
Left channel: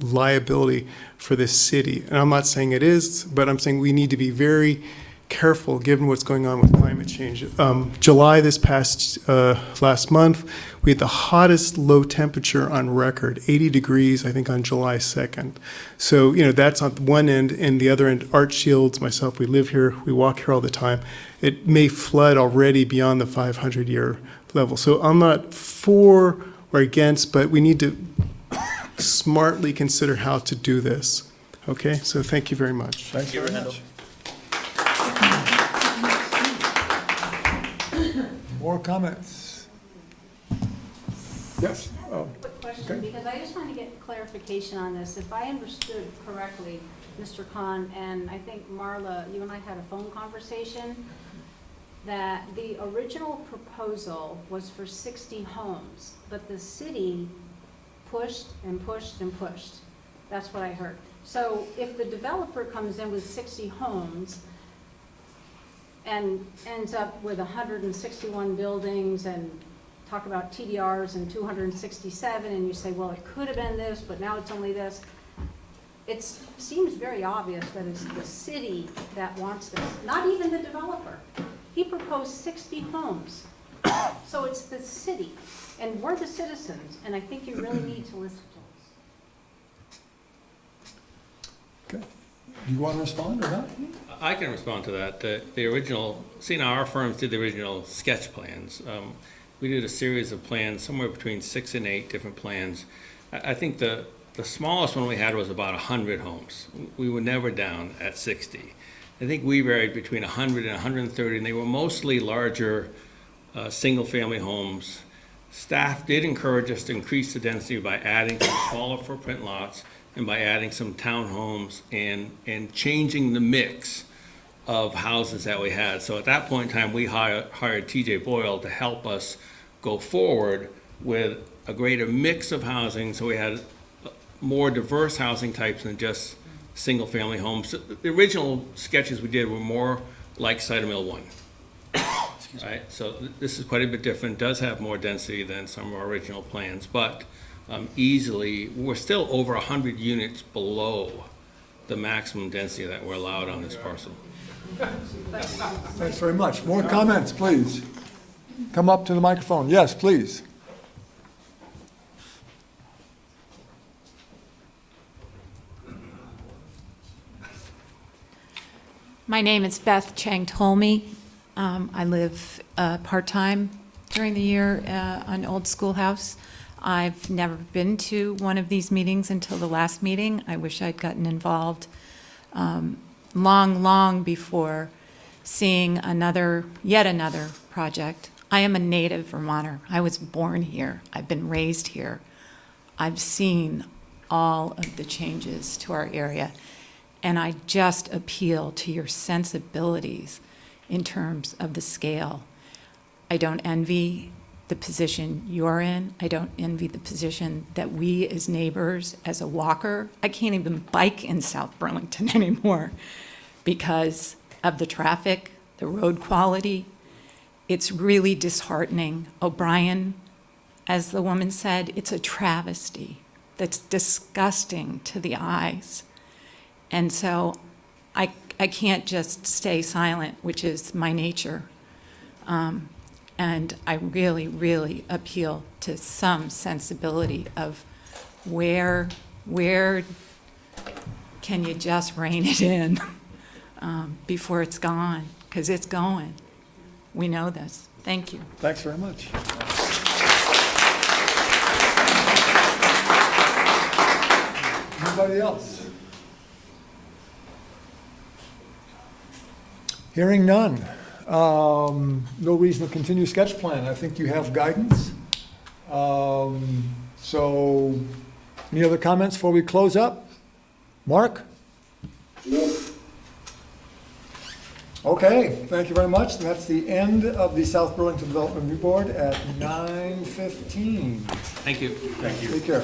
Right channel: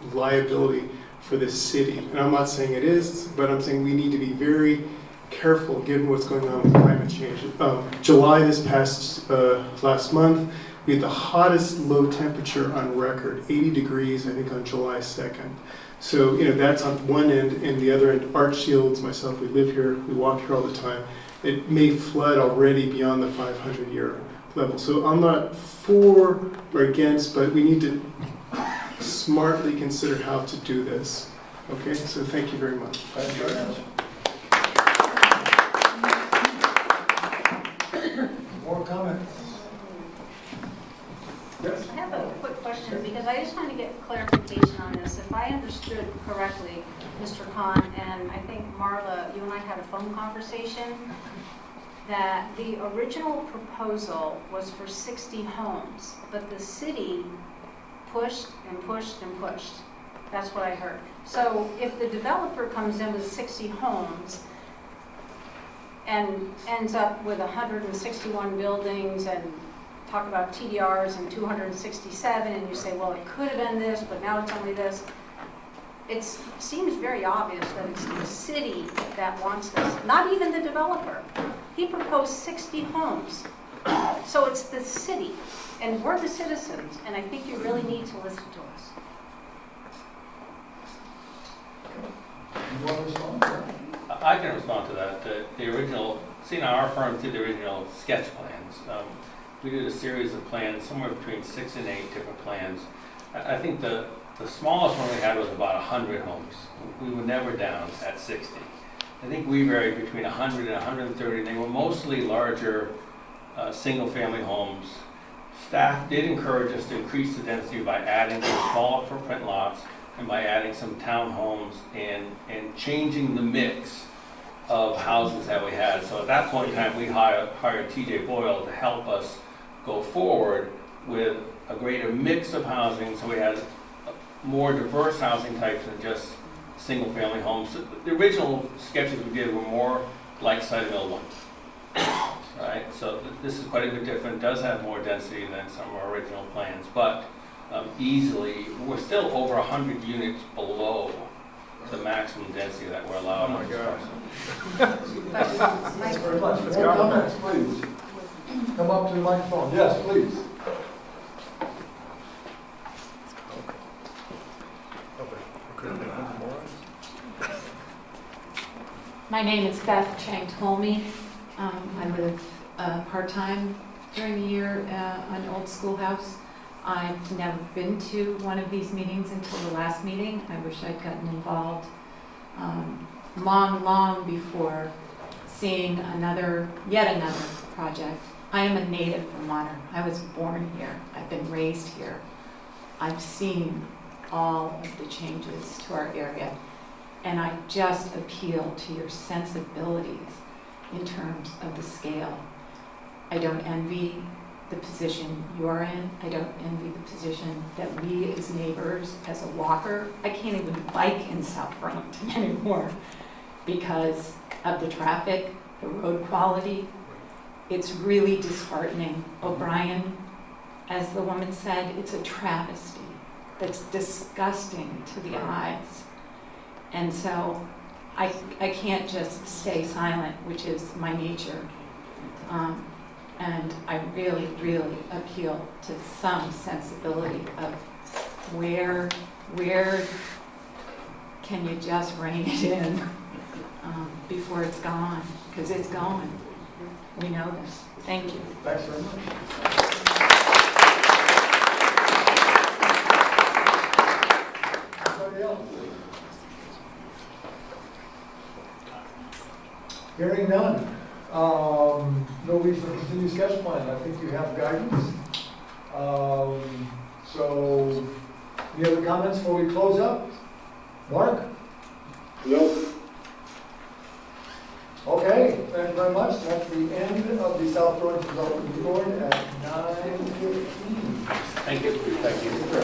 liability for this city. And I'm not saying it is, but I'm saying we need to be very careful given what's going on with climate change. July this past last month, we had the hottest low temperature on record, 80 degrees, I think, on July 2nd. So, that's on one end, and the other end, Art Shields, myself, we live here, we walk here all the time. It may flood already beyond the 500-year level. So I'm not for or against, but we need to smartly consider how to do this. Okay, so thank you very much. Thank you very much. More comments? Yes? I have a quick question, because I just want to get clarification on this. If I understood correctly, Mr. Khan, and I think Marla, you and I had a phone conversation, that the original proposal was for 60 homes, but the city pushed and pushed and pushed. That's what I heard. So if the developer comes in with 60 homes and ends up with 161 buildings and talk about TDRs and 267, and you say, well, it could have been this, but now it's only this. It seems very obvious that it's the city that wants this, not even the developer. He proposed 60 homes. So it's the city, and we're the citizens, and I think you really need to listen to us. You want to respond? I can respond to that. The original, our firms did the original sketch plans. We did a series of plans, somewhere between 6 and 8 different plans. I think the smallest one we had was about 100 homes. We were never down at 60. I think we varied between 100 and 130, and they were mostly larger single-family homes. Staff did encourage us to increase the density by adding some smaller footprint lots and by adding some townhomes and changing the mix of houses that we had. So at that point in time, we hired T.J. Boyle to help us go forward with a greater mix of housing, so we had more diverse housing types than just single-family homes. The original sketches we did were more like Cider Mill 1. Right? So this is quite a bit different, does have more density than some of our original plans, but easily, we're still over 100 units below the maximum density that we're allowed on this parcel. Thanks very much. More comments, please. Come up to the microphone. Yes, please. My name is Beth Chang Tolme. I live part-time during the year on Old Schoolhouse. I've never been to one of these meetings until the last meeting. I wish I'd gotten involved long before seeing yet another project. I am a native Vermonter. I was born here. I've been raised here. I've seen all of the changes to our area, and I just appeal to your sensibilities in terms of the scale. I don't envy the position you're in. I don't envy the position that we as neighbors, as a walker, I can't even bike in South Burlington anymore because of the traffic, the road quality. It's really disheartening. O'Brien, as the woman said, it's a travesty that's disgusting to the eyes. And so I can't just stay silent, which is my nature. And I really appeal to some sensibility of where can you just rein it in before it's gone, because it's going. We know this. Thank you. Thanks very much. Anybody else? Hearing none. No reason to continue sketch plan. I think you have guidance. So, any other comments before we close up? Mark? No. Okay, thank you very much. That's the end of the South Burlington Development Review Board at 9:15. Thank you. Thank you. Take care.